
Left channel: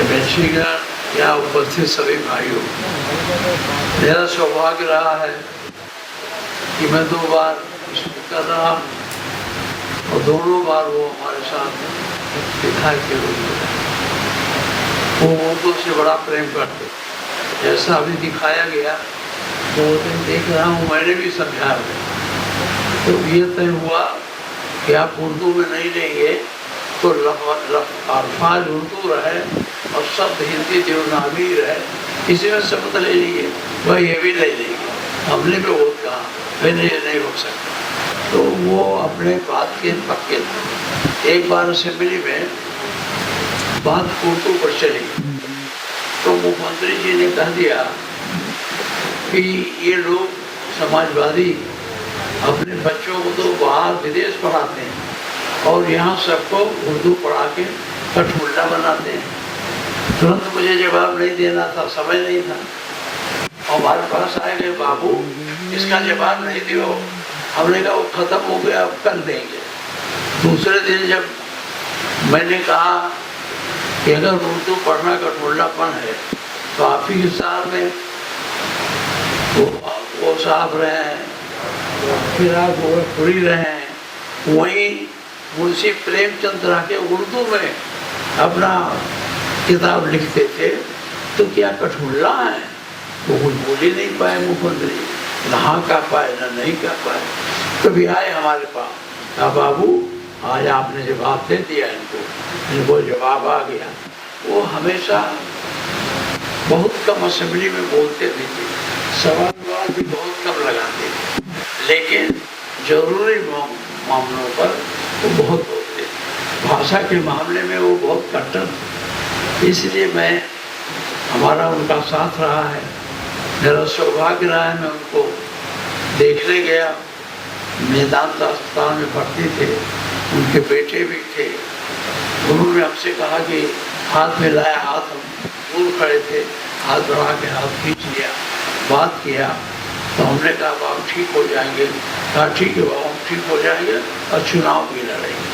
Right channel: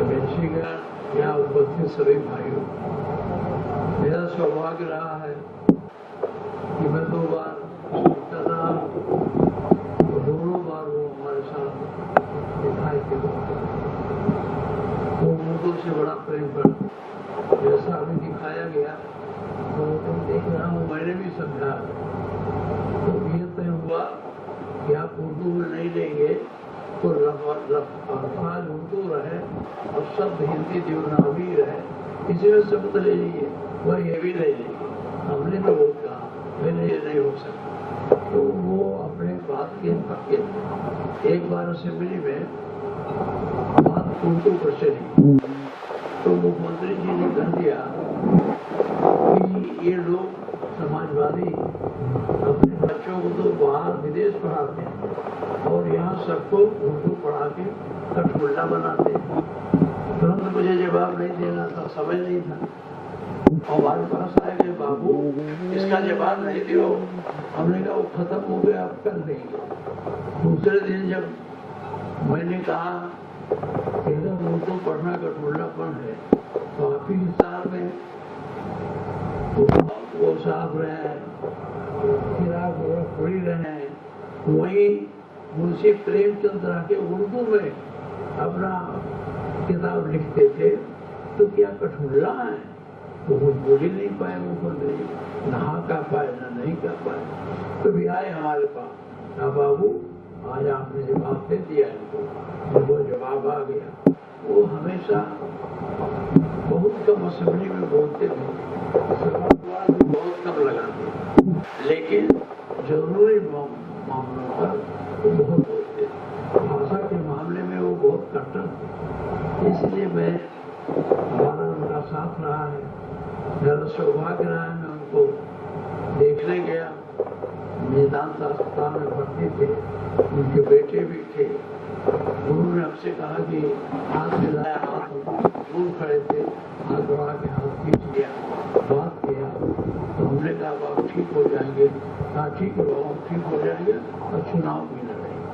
एमएलसीगण, यहाँ उपस्थित सभी भाइयों, मेरा सौभाग्य रहा है कि मैं 2 बार स्पीकर रहा और दोनों बार वो हमारे साथ विधायक के रूप में वो उर्दू से बड़ा प्रेम करते। जैसा अभी दिखाया गया तो देख रहा हूँ, मैंने भी समझा तो ये तय हुआ कि आप उर्दू में नहीं लेंगे तो अल्फाज उर्दू रहे और शब्द हिंदी देवनागरी रहे, इसी में शब्द ले लीजिए, वह ये भी ले लेंगे। हमने भी बहुत कहा मैंने ये नहीं हो सकता, तो वो अपने बात के पक्के थे। एक बार असेंबली में बात उर्दू पर चली तो मुख्यमंत्री जी ने कह दिया कि ये लोग समाजवादी अपने बच्चों को तो बाहर विदेश पढ़ाते हैं और यहाँ सबको उर्दू पढ़ा के कठमुल्ला बनाते हैं। तुरंत मुझे जवाब नहीं देना था, समय नहीं था। हमारे पास आए गए, बाबू इसका जवाब नहीं दियो। हमने कहा वो खत्म हो गया, अब कर देंगे। दूसरे दिन जब मैंने कहा कि अगर उर्दू पढ़ना कठमुल्लापन है तो आप ही साहब में वो साहब रहे, फिर आप गोरखपुरी रहे, वहीं मुंशी प्रेमचंद रह के उर्दू में अपना किताब लिखते थे, तो क्या कठमुल्ला है? वो कुछ बोल ही नहीं पाए मुख्यमंत्री, ना कह पाए ना नहीं कह पाए। कभी आए हमारे पास, कहा बाबू आज आपने जवाब दे दिया इनको, वो जवाब आ गया। वो हमेशा बहुत कम असेंबली में बोलते भी थे, सवाल भी बहुत कम लगाते थे, लेकिन जरूरी मामलों पर वो बहुत बोलते थे। भाषा के मामले में वो बहुत कट्टर थे, इसलिए मैं हमारा उनका साथ रहा है। मेरा सौभाग्य रहा है, मैं उनको देखने गया, मेदांता अस्पताल में भर्ती थे, उनके बेटे भी थे। उन्होंने हमसे कहा कि हाथ में लाया, हाथ हम दूर खड़े थे, हाथ बढ़ा के हाथ खींच लिया, बात किया। तो हमने कहा बाबू ठीक हो जाएंगे। कहा ठीक है बाबू ठीक हो जाएंगे और चुनाव भी लड़ेंगे।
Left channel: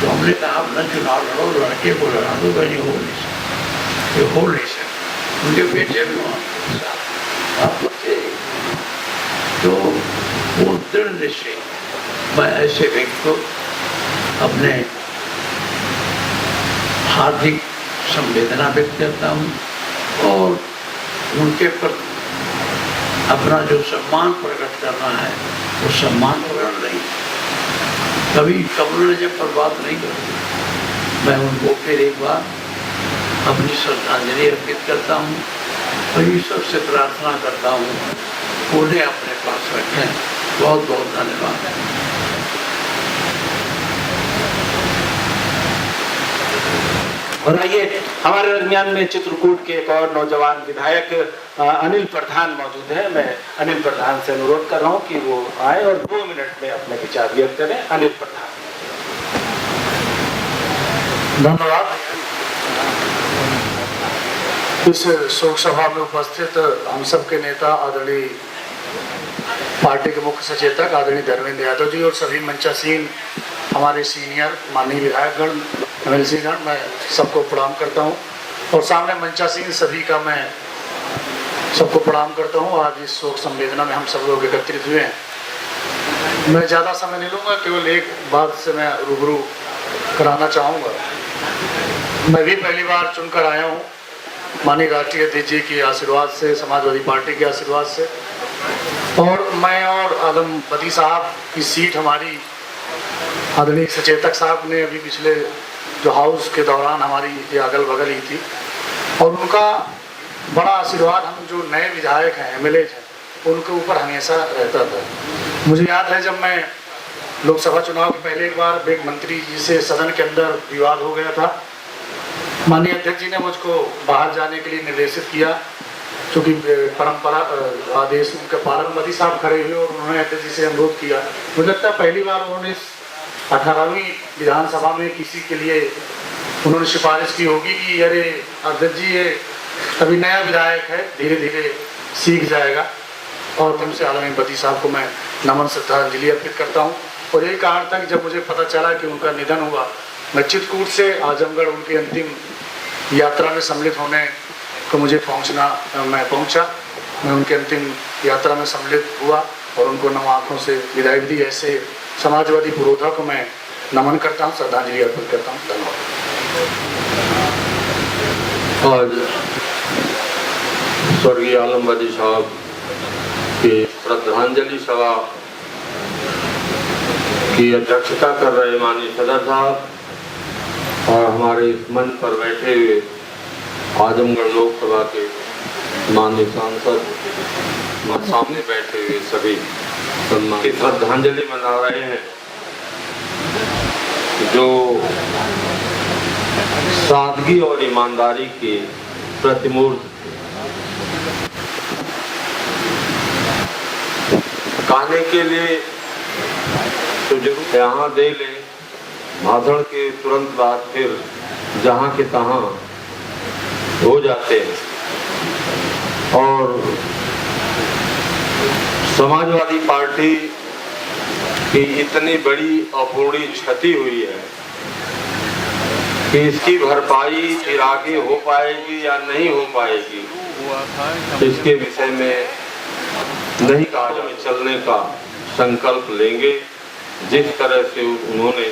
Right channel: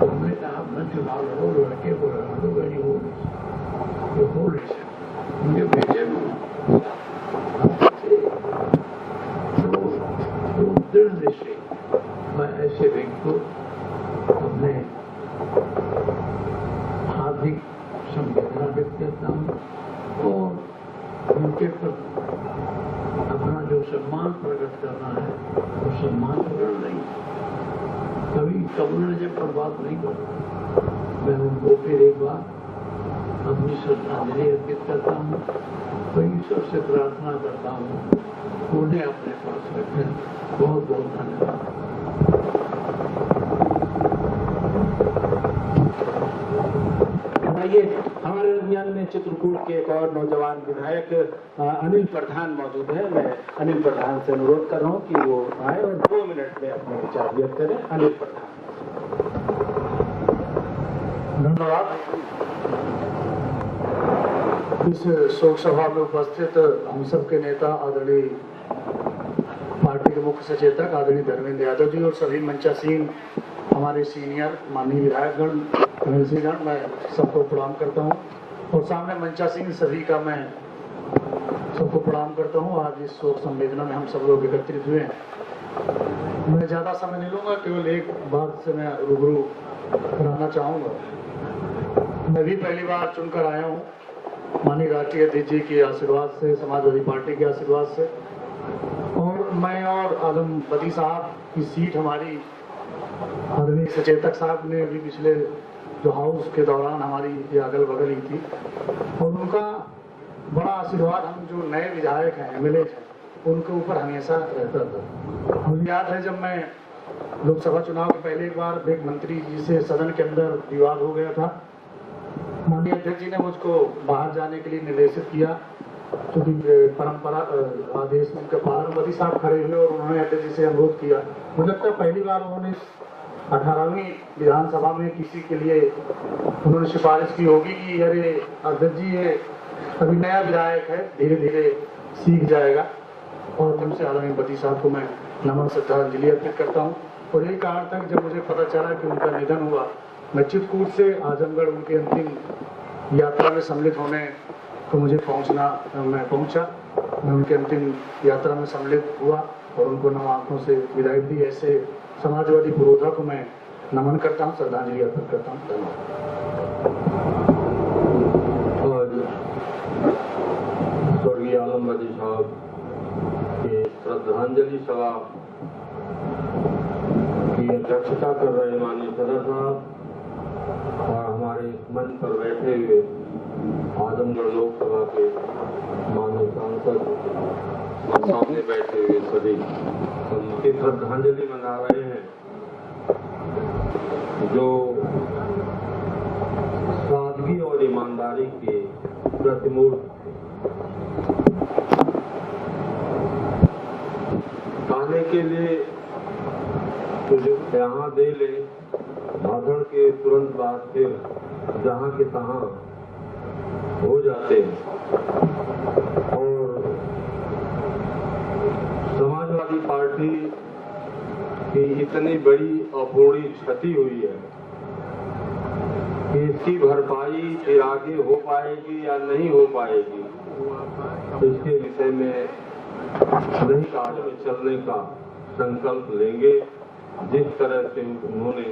तो हमने कहा अपना चुनाव लड़ो, लड़के को लड़ा दो, कहीं हो नहीं सकता, ये हो नहीं सकता। उनके बेटे भी वहाँ तो वो दृढ़ निश्चय, मैं ऐसे व्यक्ति को अपने हार्दिक संवेदना व्यक्त करता हूँ और उनके प्रति अपना जो सम्मान प्रकट करना है वो सम्मान प्रकट नहीं, कभी कब्र जब पर बात नहीं करती। मैं उनको फिर एक बार अपनी श्रद्धांजलि अर्पित करता हूँ और ईश्वर से प्रार्थना करता हूँ उन्हें अपने पास रखें। बहुत बहुत धन्यवाद। और आइए हमारे दरमियान में चित्रकूट के एक और नौजवान विधायक अनिल प्रधान मौजूद है। मैं अनिल प्रधान से अनुरोध कर रहा हूं कि वो आए और 2 मिनट में अपने विचार व्यक्त करें। अनिल प्रधान। धन्यवाद। इस शोक सभा में उपस्थित हम सबके नेता आदरणीय पार्टी के मुख्य सचेतक आदरणीय धर्मेंद्र यादव जी और सभी मंचासीन हमारे सीनियर माननीय विधायकगण एमएलसी गण, मैं सबको प्रणाम करता हूं और सामने मंचासीन सभी का मैं सबको प्रणाम करता हूं। आज इस शोक संवेदना में हम सब लोग एकत्रित हुए हैं। मैं ज़्यादा समय नहीं लूँगा, केवल एक बात से मैं रूबरू कराना चाहूँगा। मैं भी पहली बार चुनकर आया हूँ माननीय राष्ट्रीय अध्यक्ष जी के आशीर्वाद से, समाजवादी पार्टी के आशीर्वाद से, और मैं और आलम बदी साहब की सीट हमारी आदरणीय सचेतक साहब ने अभी पिछले जो हाउस के दौरान हमारी ये अगल बगल ही थी और उनका बड़ा आशीर्वाद हम जो नए विधायक हैं, एमएलए हैं, उनके ऊपर हमेशा रहता था। मुझे याद है जब मैं लोकसभा चुनाव के पहले एक बार एक मंत्री जी से सदन के अंदर विवाद हो गया था, माननीय अध्यक्ष जी ने मुझको बाहर जाने के लिए निर्देशित किया, क्योंकि परंपरा आदेश उनके पारंपरिक साहब खड़े हुए और उन्होंने अध्यक्ष जी से अनुरोध किया। मुझे लगता है पहली बार उन्होंने 18वीं विधानसभा में किसी के लिए उन्होंने सिफारिश की होगी कि अरे अध्यक्ष जी ये अभी नया विधायक है, धीरे धीरे सीख जाएगा। और तुमसे आदरणीय बदी साहब को मैं नमन श्रद्धांजलि अर्पित करता हूँ। और यही कारण था कि जब मुझे पता चला कि उनका निधन हुआ, मैं चित्रकूट से आजमगढ़ उनकी अंतिम यात्रा में सम्मिलित होने को मुझे मैं पहुँचा। मैं उनकी अंतिम यात्रा में सम्मिलित हुआ और उनको नम आँखों से विदाई दी। ऐसे समाजवादी पुरोधा को मैं नमन करता हूँ, श्रद्धांजलि अर्पित करता हूँ। धन्यवाद। आज स्वर्गीय आलम बदी साहब की श्रद्धांजलि सभा की अध्यक्षता कर रहे माननीय सदर साहब और हमारे इस मंच पर बैठे हुए आजमगढ़ लोकसभा के माननीय सांसद और सामने बैठे हुए सभी की श्रद्धांजलि मना रहे हैं। जो सादगी और ईमानदारी की प्रतिमूर्ति कहने के लिए तो जरूर यहाँ दे ले, भाषण के तुरंत बाद फिर जहाँ के तहाँ हो जाते हैं। और समाजवादी पार्टी की इतनी बड़ी अपूर्णी क्षति हुई है कि इसकी भरपाई फिर आगे हो पाएगी या नहीं हो पाएगी, इसके विषय में नहीं कहा जा चलने का संकल्प लेंगे। जिस तरह से उन्होंने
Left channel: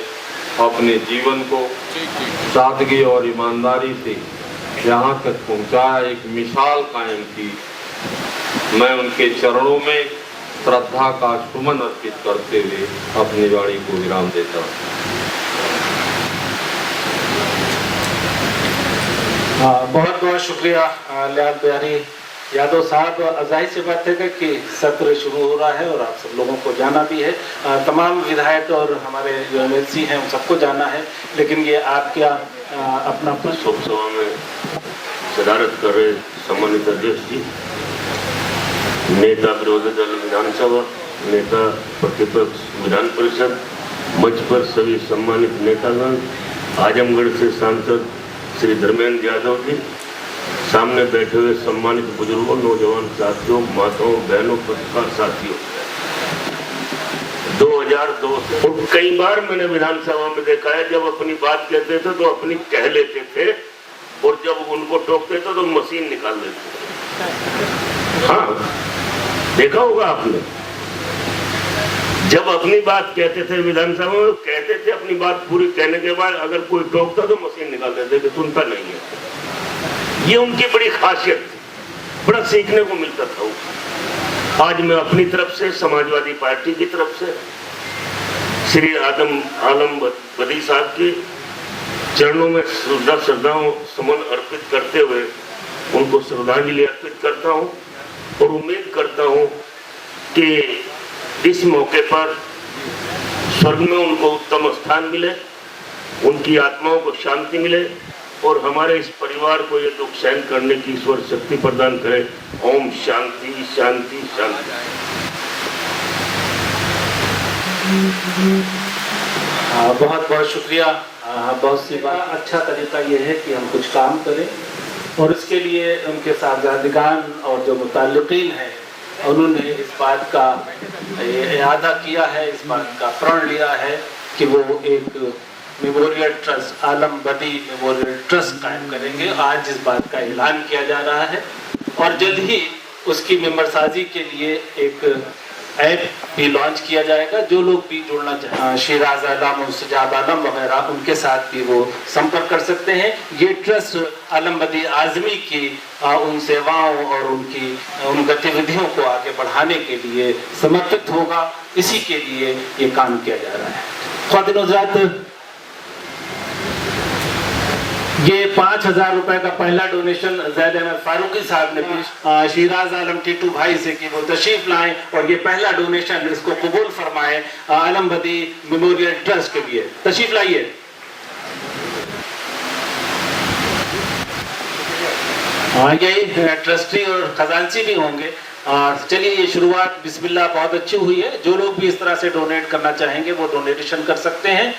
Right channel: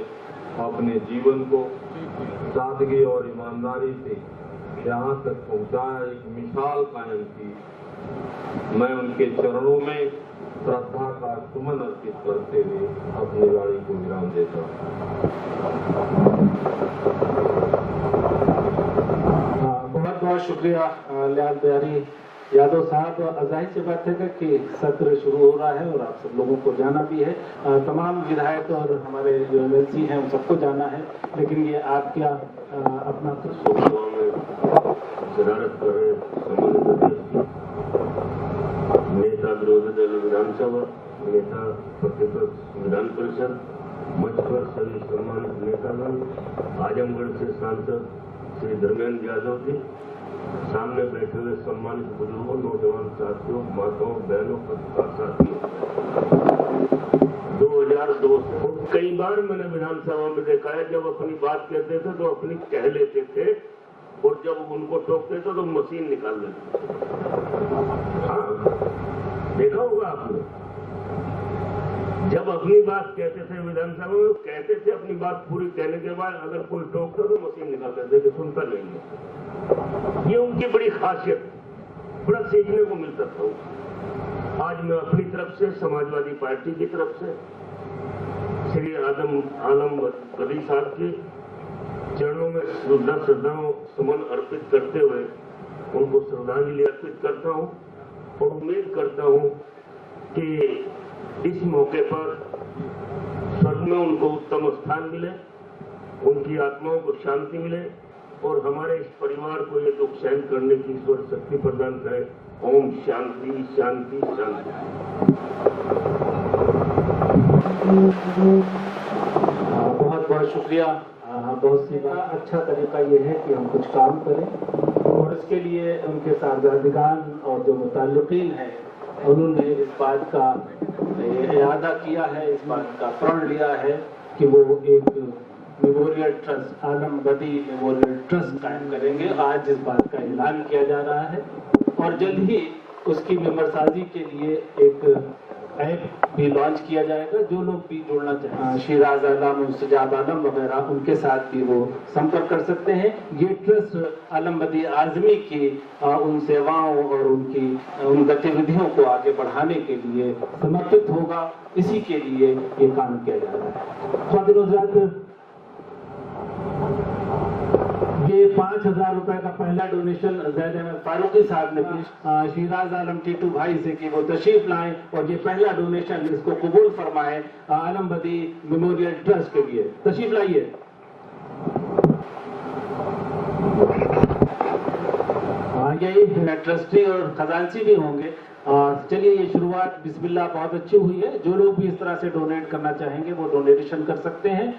अपने जीवन को सादगी और ईमानदारी से यहाँ तक पहुँचाया, एक मिसाल कायम की, मैं उनके चरणों में श्रद्धा का सुमन अर्पित करते हुए अपनी वाणी को विराम देता हूँ। बहुत बहुत शुक्रिया लाल बिहारी यादव साहब। जाहिर सी बात है कि सत्र शुरू हो रहा है और आप सब लोगों को जाना भी है, तमाम विधायक और हमारे जो एमएलसी हैं उन सबको जाना है, लेकिन ये आप क्या अपना शोक सभा में सदारत कर रहे सम्मानित अध्यक्ष जी, नेता विरोधी दल विधानसभा, नेता प्रतिपक्ष विधान परिषद, मंच पर सभी सम्मानित नेतागण, आजमगढ़ से सांसद श्री धर्मेंद्र यादव जी, सामने बैठे हुए सम्मानित बुजुर्गों, नौजवान साथियों, माताओं, बहनों, पत्रकार साथियों, 2002 और कई बार मैंने विधानसभा में देखा है जब अपनी बात कहते थे तो अपनी कह लेते थे और जब उनको टोकते थे तो मशीन निकाल देते। हाँ, देखा होगा आपने, जब अपनी बात कहते थे विधानसभा में, कहते थे अपनी बात पूरी कहने के बाद अगर कोई टोकता तो मशीन निकाल देते कि सुनता नहीं है। ये उनकी बड़ी खासियत थी, बड़ा सीखने को मिलता था। आज मैं अपनी तरफ से, समाजवादी पार्टी की तरफ से श्री आलम बदी साहब की चरणों में श्रद्धाओं सुमन अर्पित करते हुए उनको श्रद्धांजलि अर्पित करता हूं और उम्मीद करता हूं कि इस मौके पर स्वर्ग में उनको उत्तम स्थान मिले, उनकी आत्माओं को शांति मिले और हमारे इस परिवार को ये दुख सहन करने की ईश्वर शक्ति प्रदान करे। ओम शांति शांति शांति। बहुत बहुत शुक्रिया। बहुत सी बात अच्छा तरीका ये है कि हम कुछ काम करें और इसके लिए उनके साथ और जो मुताल्लिकीन हैं उन्होंने इस बात का इरादा किया है, इस बात का प्रण लिया है कि वो एक मेमोरियल ट्रस्ट, आलम बदी मेमोरियल ट्रस्ट कायम करेंगे। आज इस बात का ऐलान किया जा रहा है और जल्द ही उसकी मेंबरसाजी के लिए एक ऐप भी लॉन्च किया जाएगा। जो लोग भी जुड़ना चाहें, शिराज आलम, सजाब आलम वगैरह, उनके साथ भी वो संपर्क कर सकते हैं। ये ट्रस्ट आलम बदी आज़मी की उन सेवाओं और उन गतिविधियों को आगे बढ़ाने के लिए समर्पित होगा। इसी के लिए ये काम किया जा रहा है। ख्वातीन-ओ-हज़रात, ये 5,000 रुपए का पहला डोनेशन ज़ैद अहमद फारूकी साहब ने शिराज आलम टीटू भाई से कि वो तशरीफ लाएं और ये पहला डोनेशन इसको कबूल फरमाएं आलम बदी मेमोरियल ट्रस्ट के लिए। तशरीफ लाइए। यही ट्रस्टी और खजांची भी होंगे। चलिए, ये शुरुआत बिस्मिल्लाह बहुत अच्छी हुई है। जो लोग भी इस तरह से डोनेट करना चाहेंगे वो डोनेशन कर सकते हैं,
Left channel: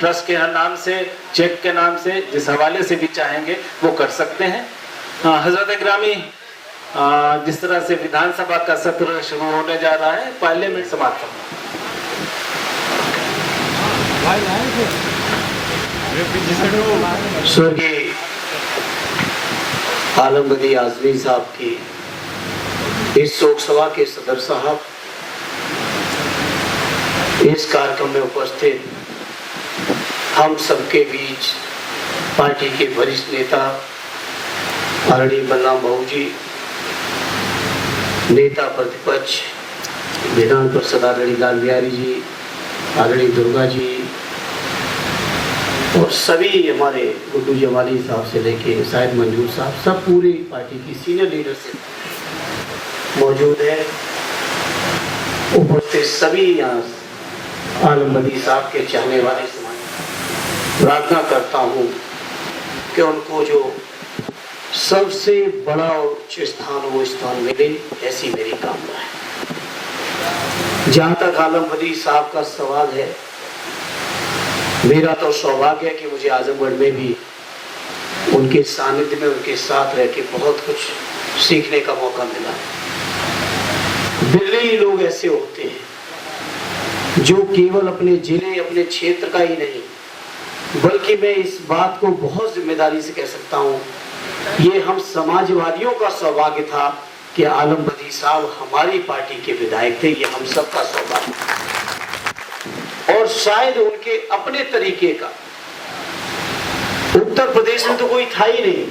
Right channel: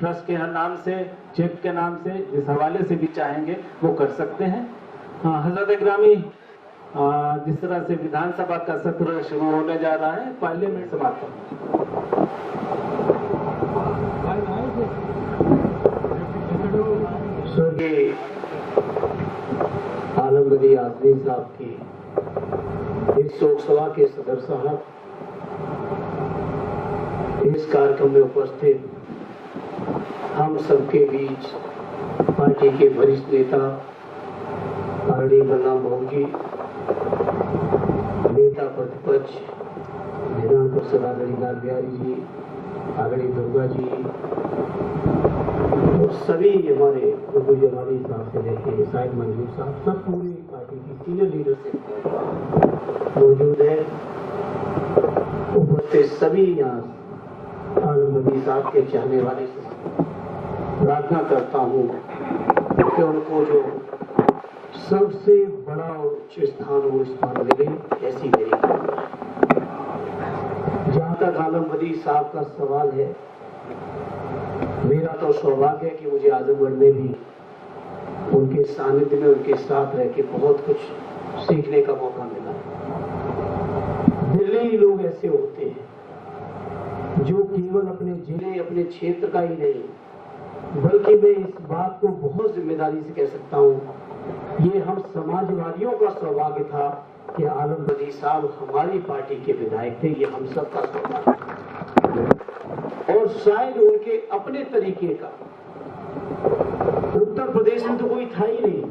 ट्रस्ट के नाम से, चेक के नाम से, जिस हवाले से भी चाहेंगे वो कर सकते हैं। हजरत ग्रामी, जिस तरह से विधानसभा का सत्र शुरू होने जा रहा है, पार्लियामेंट समाप्त होगा। स्वर्गीय आलम बदी आज़मी साहब की इस शोक सभा के सदर साहब, इस कार्यक्रम में उपस्थित हम सबके बीच पार्टी के वरिष्ठ नेता आदरणीय बलराम बाबू जी, नेता प्रतिपक्ष विधान परिषद आदरणीय लाल बिहारी जी, आदरणीय दुर्गा जी और सभी हमारे गुड्डू जमाली साहब से लेके शायद मंजूर साहब, सब पूरी पार्टी की सीनियर लीडरशिप मौजूद है। उपस्थित सभी यहाँ आलम बदी साहब के चाहने वाले समाज, प्रार्थना करता हूँ कि उनको जो सबसे बड़ा और उच्च स्थान वो स्थान मिले, ऐसी मेरी कामना है। जहाँ तक आलम बदी साहब का सवाल है, मेरा तो सौभाग्य है कि मुझे आजमगढ़ में भी उनके सानिध्य में, उनके साथ रह के बहुत कुछ सीखने का मौका मिला। बिरले ही लोग ऐसे होते हैं जो केवल अपने जिले, अपने क्षेत्र का ही नहीं, बल्कि मैं इस बात को बहुत जिम्मेदारी से कह सकता हूँ, ये हम समाजवादियों का सौभाग्य था कि आलम बदी साहब हमारी पार्टी के विधायक थे। ये हम सबका सौभाग्य और शायद उनके अपने तरीके का उत्तर प्रदेश में तो कोई था ही नहीं,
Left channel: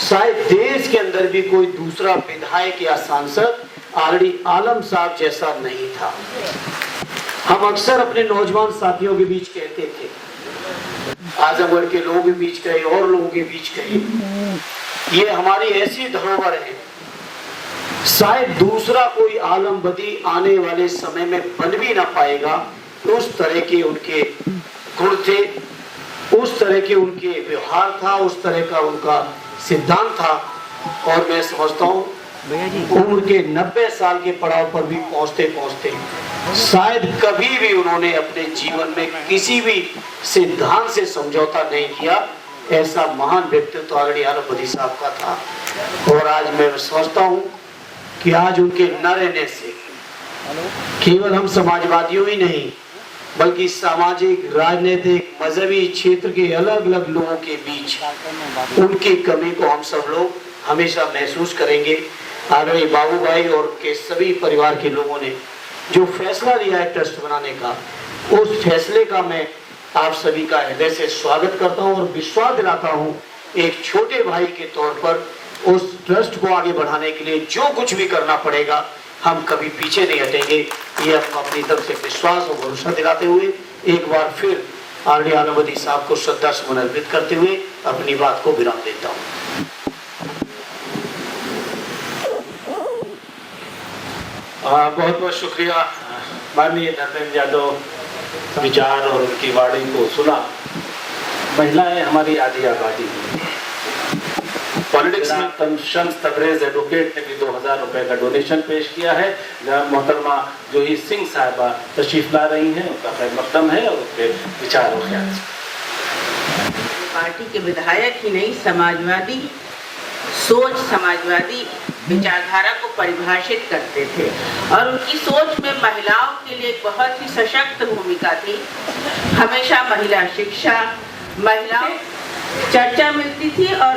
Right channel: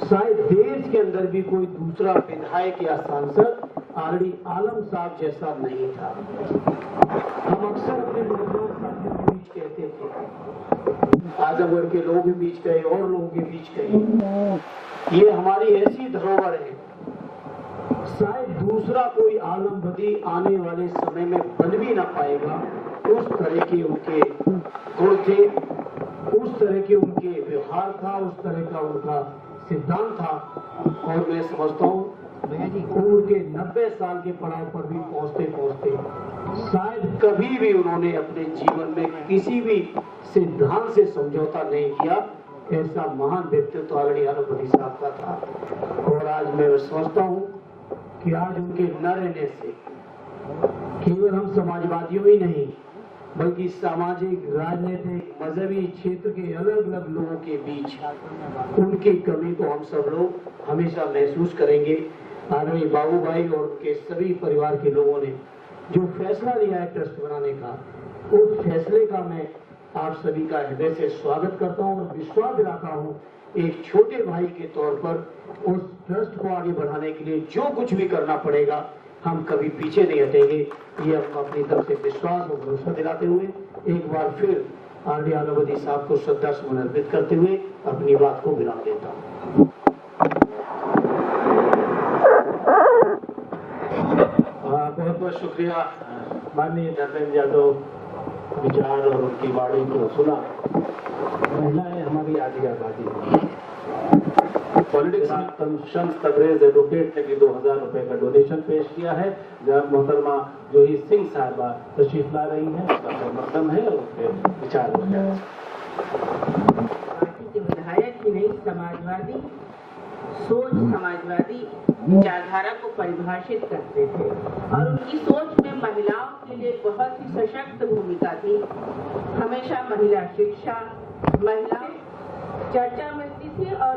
शायद देश के अंदर भी कोई दूसरा विधायक या सांसद आदरणीय आलम साहब जैसा नहीं था। हम अक्सर अपने नौजवान साथियों के बीच कहते थे, आजमगढ़ के लोगों के बीच कहे और लोगों के बीच कहे, ये हमारी ऐसी धरोहर है, शायद दूसरा कोई आलम बदी आने वाले समय में बन भी ना पाएगा। उस तरह के उनके गुण थे, उस तरह के उनके व्यवहार था, उस तरह का उनका सिद्धांत था। और मैं समझता हूँ उम्र के 90 साल के पड़ाव पर भी पहुंचते पहुंचते शायद कभी भी उन्होंने अपने जीवन में किसी भी सिद्धांत से समझौता नहीं किया। ऐसा महान व्यक्तित्व आदरणीय आलम बदी साहब का था। और आज मैं समझता हूँ कि आज उनके न रहने से केवल हम समाजवादियों ही नहीं, बल्कि सामाजिक, राजनीतिक, मजहबी क्षेत्र के अलग अलग लोगों के बीच उनकी कमी को हम सब लोग हमेशा महसूस करेंगे। आदरणीय बाबू भाई और उनके सभी परिवार के लोगों ने जो फैसला लिया है ट्रस्ट बनाने का, उस फैसले का मैं आप सभी का हृदय से स्वागत करता हूं और विश्वास दिलाता हूं एक छोटे भाई के तौर पर उस ट्रस्ट को आगे बढ़ाने के लिए जो कुछ भी करना पड़ेगा हम कभी पीछे नहीं हटेंगे। ये हम अपनी तरफ से विश्वास और भरोसा दिलाते हुए एक बार फिर आरडी आलम बदी साहब को श्रद्धा सुमन अर्पित करते हुए अपनी बात को विराम देता हूँ। बहुत बहुत शुक्रिया माननीय धर्मेंद्र यादव विचार और उनकी वाणी को सुना। महिलाएं हमारी आधी आबादी हैं। पॉलिटिक्स में शम्स तबरेज एडवोकेट ने भी 2000 रुपए का डोनेशन पेश किया है। मोहतरमा जूही सिंह साहिबा तशरीफ ला रही हैं, उनका खैर मकदम है और उनके विचार और ख्याल। पार्टी के विधायक ही नहीं, समाजवादी सोच, समाजवादी विचारधारा को परिभाषित करते थे और उनकी सोच में महिलाओं के लिए बहुत ही सशक्त भूमिका थी। हमेशा महिला शिक्षा, महिलाओं चर्चा मिलती थी और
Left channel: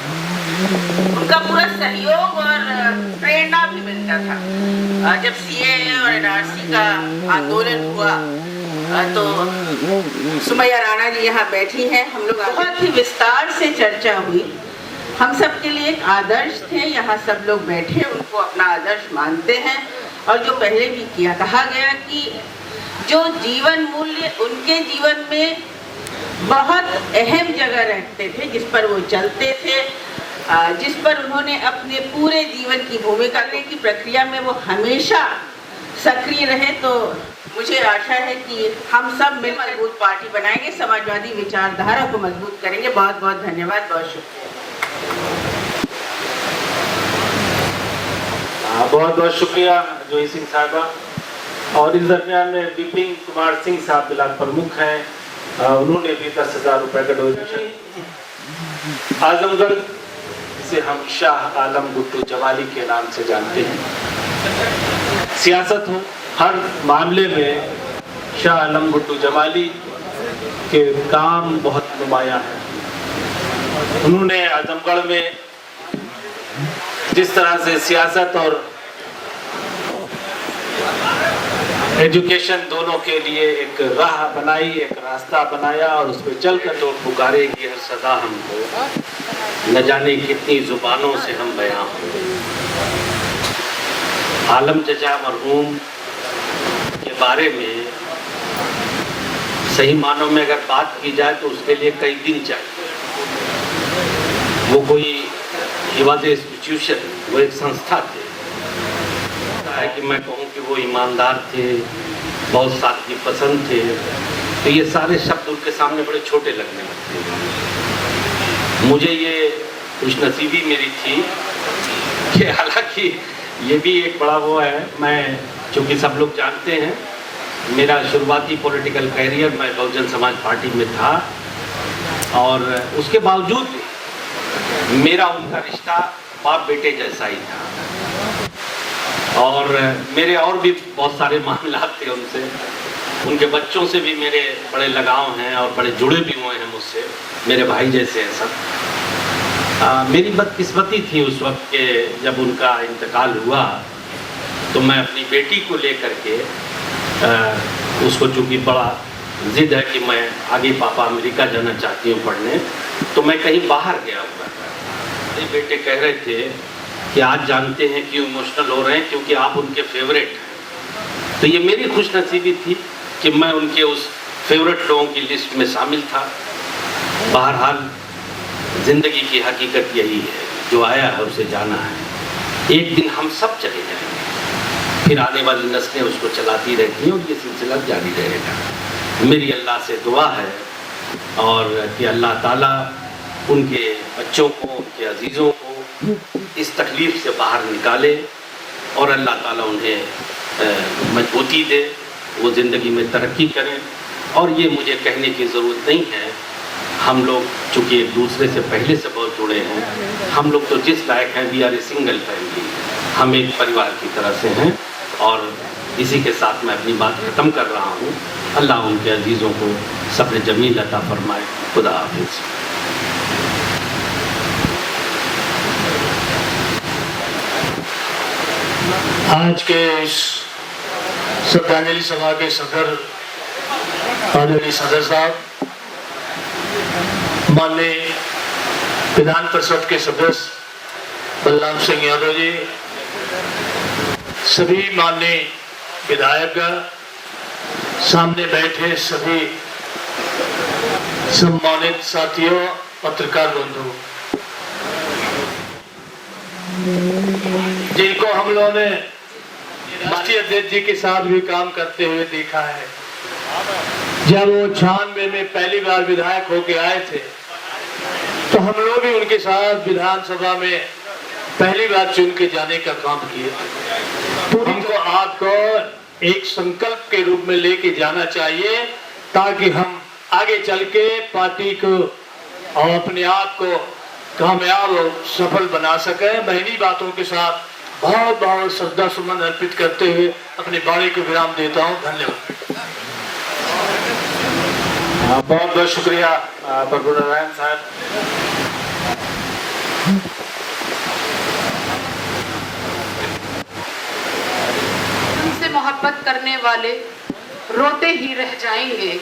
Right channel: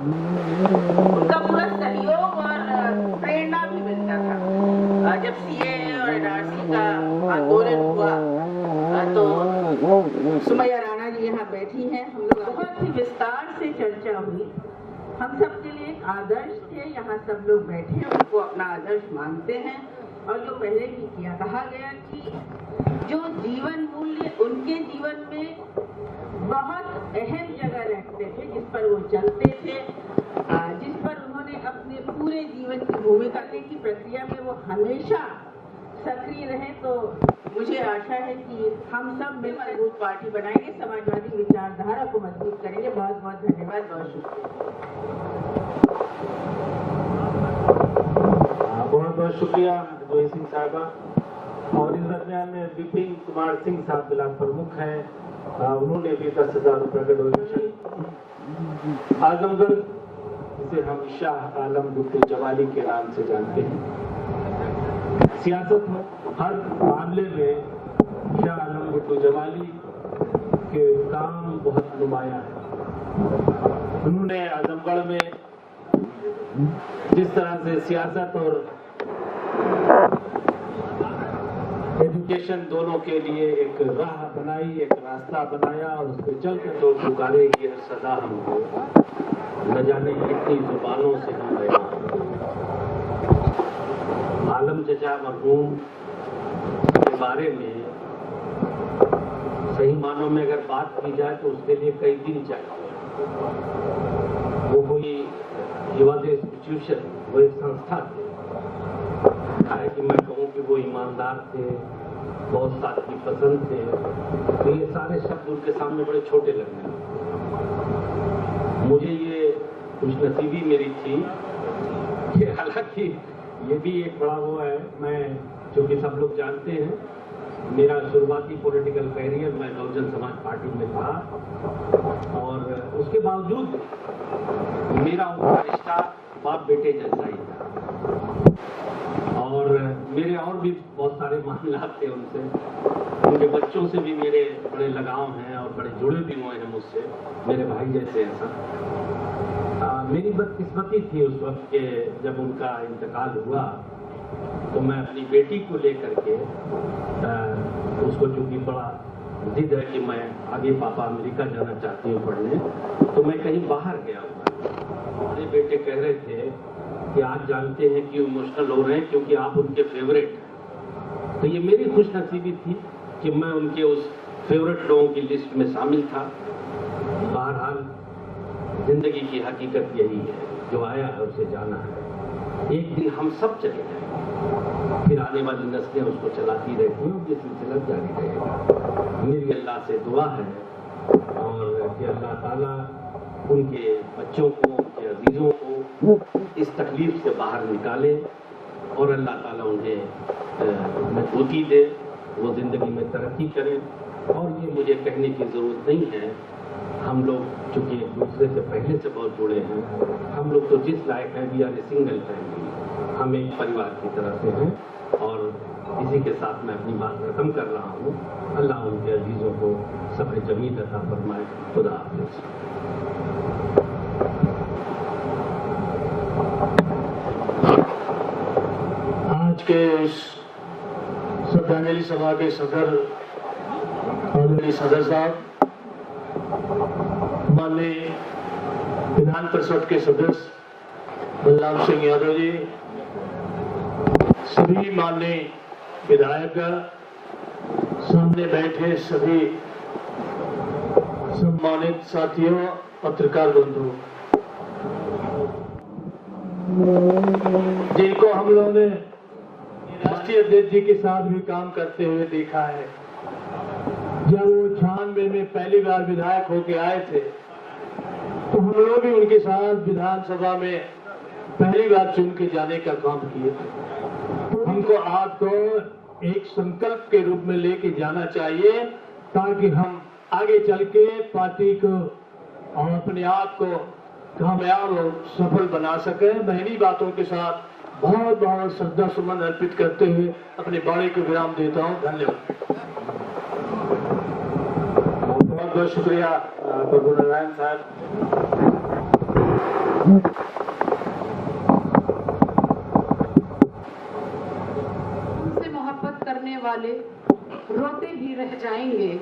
उनका पूरा सहयोग और प्रेरणा भी मिलता था। जब सीएए और एनआरसी का आंदोलन हुआ तो सुमैया राणा जी यहाँ बैठी हैं, हम लोग बहुत ही विस्तार से चर्चा हुई। हम सब के लिए एक आदर्श थे, यहाँ सब लोग बैठे उनको अपना आदर्श मानते हैं और जो पहले भी किया कहा गया कि जो जीवन मूल्य उनके जीवन में बहुत अहम जगह रखते थे, जिस पर वो चलते थे, जिस पर उन्होंने अपने पूरे जीवन की भूमिका करने की प्रक्रिया में वो हमेशा सक्रिय रहे। तो मुझे आशा है कि हम सब मिलकर मजबूत पार्टी बनाएंगे, समाजवादी विचारधारा को मजबूत करेंगे। बहुत बहुत धन्यवाद, बहुत शुक्रिया। बहुत बहुत शुक्रिया जोई सिंह साहबा। और इस दरमियान में विपिन कुमार सिंह साहब जिला प्रमुख हैं, उन्होंने भी 10,000 रुपए का डोनेशन। आजमगढ़ जिसे हम शाह आलम गुट्टू जवाली के नाम से जानते हैं, सियासत हो हर मामले में शाह आलम गुट्टू जवाली के काम बहुत नुमाया है। उन्होंने आजमगढ़ में जिस तरह से सियासत और एजुकेशन दोनों के लिए एक राह बनाई, एक रास्ता बनाया और उस पर चलकर तो पुकारेगी हर सदा हमको, न जाने कितनी जुबानों से हम बयां। आलम चचा मरहूम के बारे में सही मानों में अगर बात की जाए तो उसके लिए कई दिन चाहिए। वो कोई इंस्टीट्यूशन, वो एक संस्था थे। है कि मैं कहूँ कि वो ईमानदार थे, बहुत साथी पसंद थे, तो ये सारे शब्द उनके सामने बड़े छोटे लगने लगते। मुझे ये खुशनसीबी मेरी थी कि हालांकि ये भी एक बड़ा वो है, मैं चूँकि सब लोग जानते हैं मेरा शुरुआती पॉलिटिकल कैरियर मैं बहुजन समाज पार्टी में था और उसके बावजूद भी मेरा उनका रिश्ता बाप बेटे जैसा ही था और मेरे और भी बहुत सारे मामलात थे उनसे। उनके बच्चों से भी मेरे बड़े लगाव हैं और बड़े जुड़े भी हुए हैं मुझसे, मेरे भाई जैसे हैं सब। मेरी बदकिस्मती थी उस वक्त के जब उनका इंतकाल हुआ तो मैं अपनी बेटी को लेकर के उसको चूँकि बड़ा जिद है कि मैं आगे पापा अमेरिका जाना चाहती हूँ पढ़ने, तो मैं कहीं बाहर गया हुआ था। मेरे बेटे कह रहे थे कि आज जानते हैं क्यों इमोशनल हो रहे हैं, क्योंकि आप उनके फेवरेट हैं। तो ये मेरी खुशनसीबी थी कि मैं उनके उस फेवरेट लोगों की लिस्ट में शामिल था। बहरहाल ज़िंदगी की हकीकत यही है, जो आया है उसे जाना है। एक दिन हम सब चले जाएंगे, फिर आने वाली नस्लें उसको चलाती रहती हैं और ये सिलसिला जारी रहेगा। मेरी अल्लाह से दुआ है और कि अल्लाह ताला उनके बच्चों को, उनके अजीज़ों को इस तकलीफ़ से बाहर निकाले और अल्लाह ताला उन्हें मजबूती दे, वो ज़िंदगी में तरक्की करें। और ये मुझे कहने की ज़रूरत नहीं है, हम लोग चूँकि एक दूसरे से पहले से बहुत जुड़े हैं, हम लोग तो जिस लायक हैं, we are a single family, हम एक परिवार की तरह से हैं। और इसी के साथ मैं अपनी बात ख़त्म कर रहा हूँ। अल्लाह उनके अजीज़ों को सब्र जमील अता फरमाए। खुदा हाफिज़। आज के इस श्रद्धांजलि सभा के सदर आदरणीय सदर साहब, माननीय विधान परिषद के सदस्य बलराम सिंह यादव जी, सभी माननीय विधायक, सामने बैठे सभी सम्मानित साथियों, पत्रकार बंधु, जिनको हम लोगों ने राष्ट्रीय अध्यक्ष जी के साथ भी काम करते हुए देखा है। जब वो 96 में पहली बार विधायक होके आए थे तो हम लोग भी उनके साथ विधानसभा में पहली बार चुन के जाने का काम किया। हमको आपको एक संकल्प के रूप में लेके जाना चाहिए ताकि हम आगे चल के पार्टी को और अपने आप को कामयाब और सफल बना सके। मैं इन्हीं बातों के साथ बहुत बहुत श्रद्धा सुमन अर्पित करते हुए अपनी बाणी को विराम देता हूँ। धन्यवाद। बहुत बहुत शुक्रिया प्रभु नारायण साहब। हमसे मोहब्बत करने वाले रोते ही रह जाएंगे,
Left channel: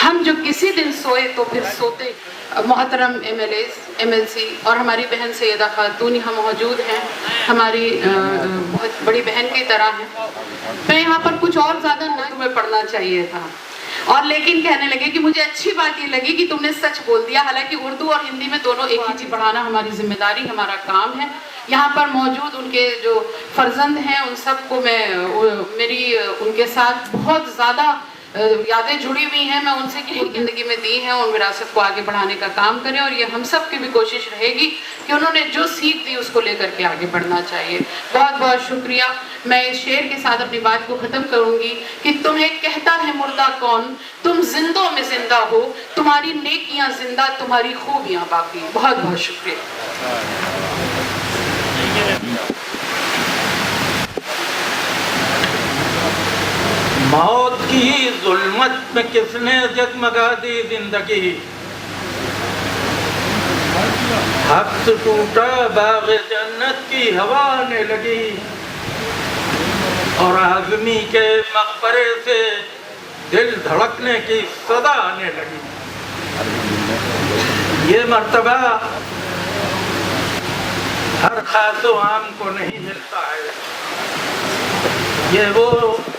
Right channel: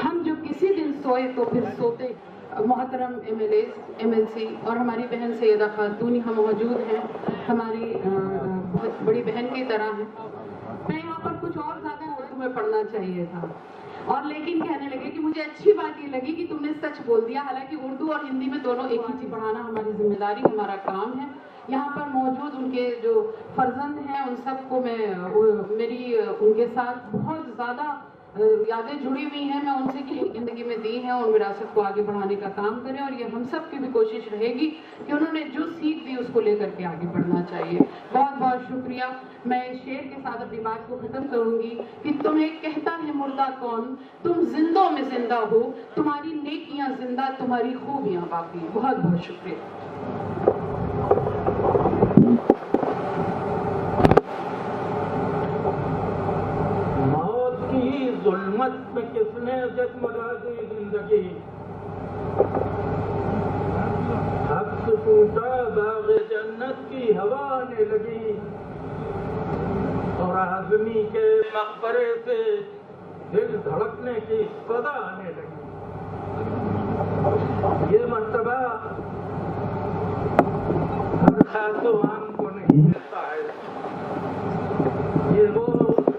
हम जो किसी दिन सोए तो फिर सोते। मोहतरम MLA, MLC और हमारी बहन सैयदा खातून यहाँ मौजूद हैं, हमारी बहुत बड़ी बहन की तरह हैं। मैं यहाँ पर कुछ और ज़्यादा ना तुम्हें पढ़ना चाहिए था, और लेकिन कहने लगे कि मुझे अच्छी बात ये लगी कि तुमने सच बोल दिया। हालांकि उर्दू और हिंदी में दोनों एक ही चीज़ पढ़ाना हमारी जिम्मेदारी, हमारा काम है। यहाँ पर मौजूद उनके जो फर्जंद हैं उन सबको मेरी उनके साथ बहुत ज़्यादा यादें जुड़ी हुई हैं। मैं उनसे की ज़िंदगी में दी हैं, उन विरासत को आगे बढ़ाने का काम करें, और ये हम सब की भी कोशिश रहेगी कि उन्होंने जो सीख दी उसको लेकर के आगे बढ़ना चाहिए। बहुत बहुत शुक्रिया। मैं इस शेर के साथ अपनी बात को ख़त्म करूँगी कि तुम्हें कहता है मुर्दा कौन, तुम जिंदों में जिंदा हो, तुम्हारी नेकियां जिंदा, तुम्हारी खूबियाँ बाकी। बहुत बहुत शुक्रिया। मौत की जुल्मत में किसने जगमगा दी जिंदगी, हक से टूटा बाग जन्नत की हवा आने लगी, और आदमी के मकबरे से दिल धड़कने की सदा आने लगी। ये मर्तबा हर खासो आम को नहीं मिलता है। ये वो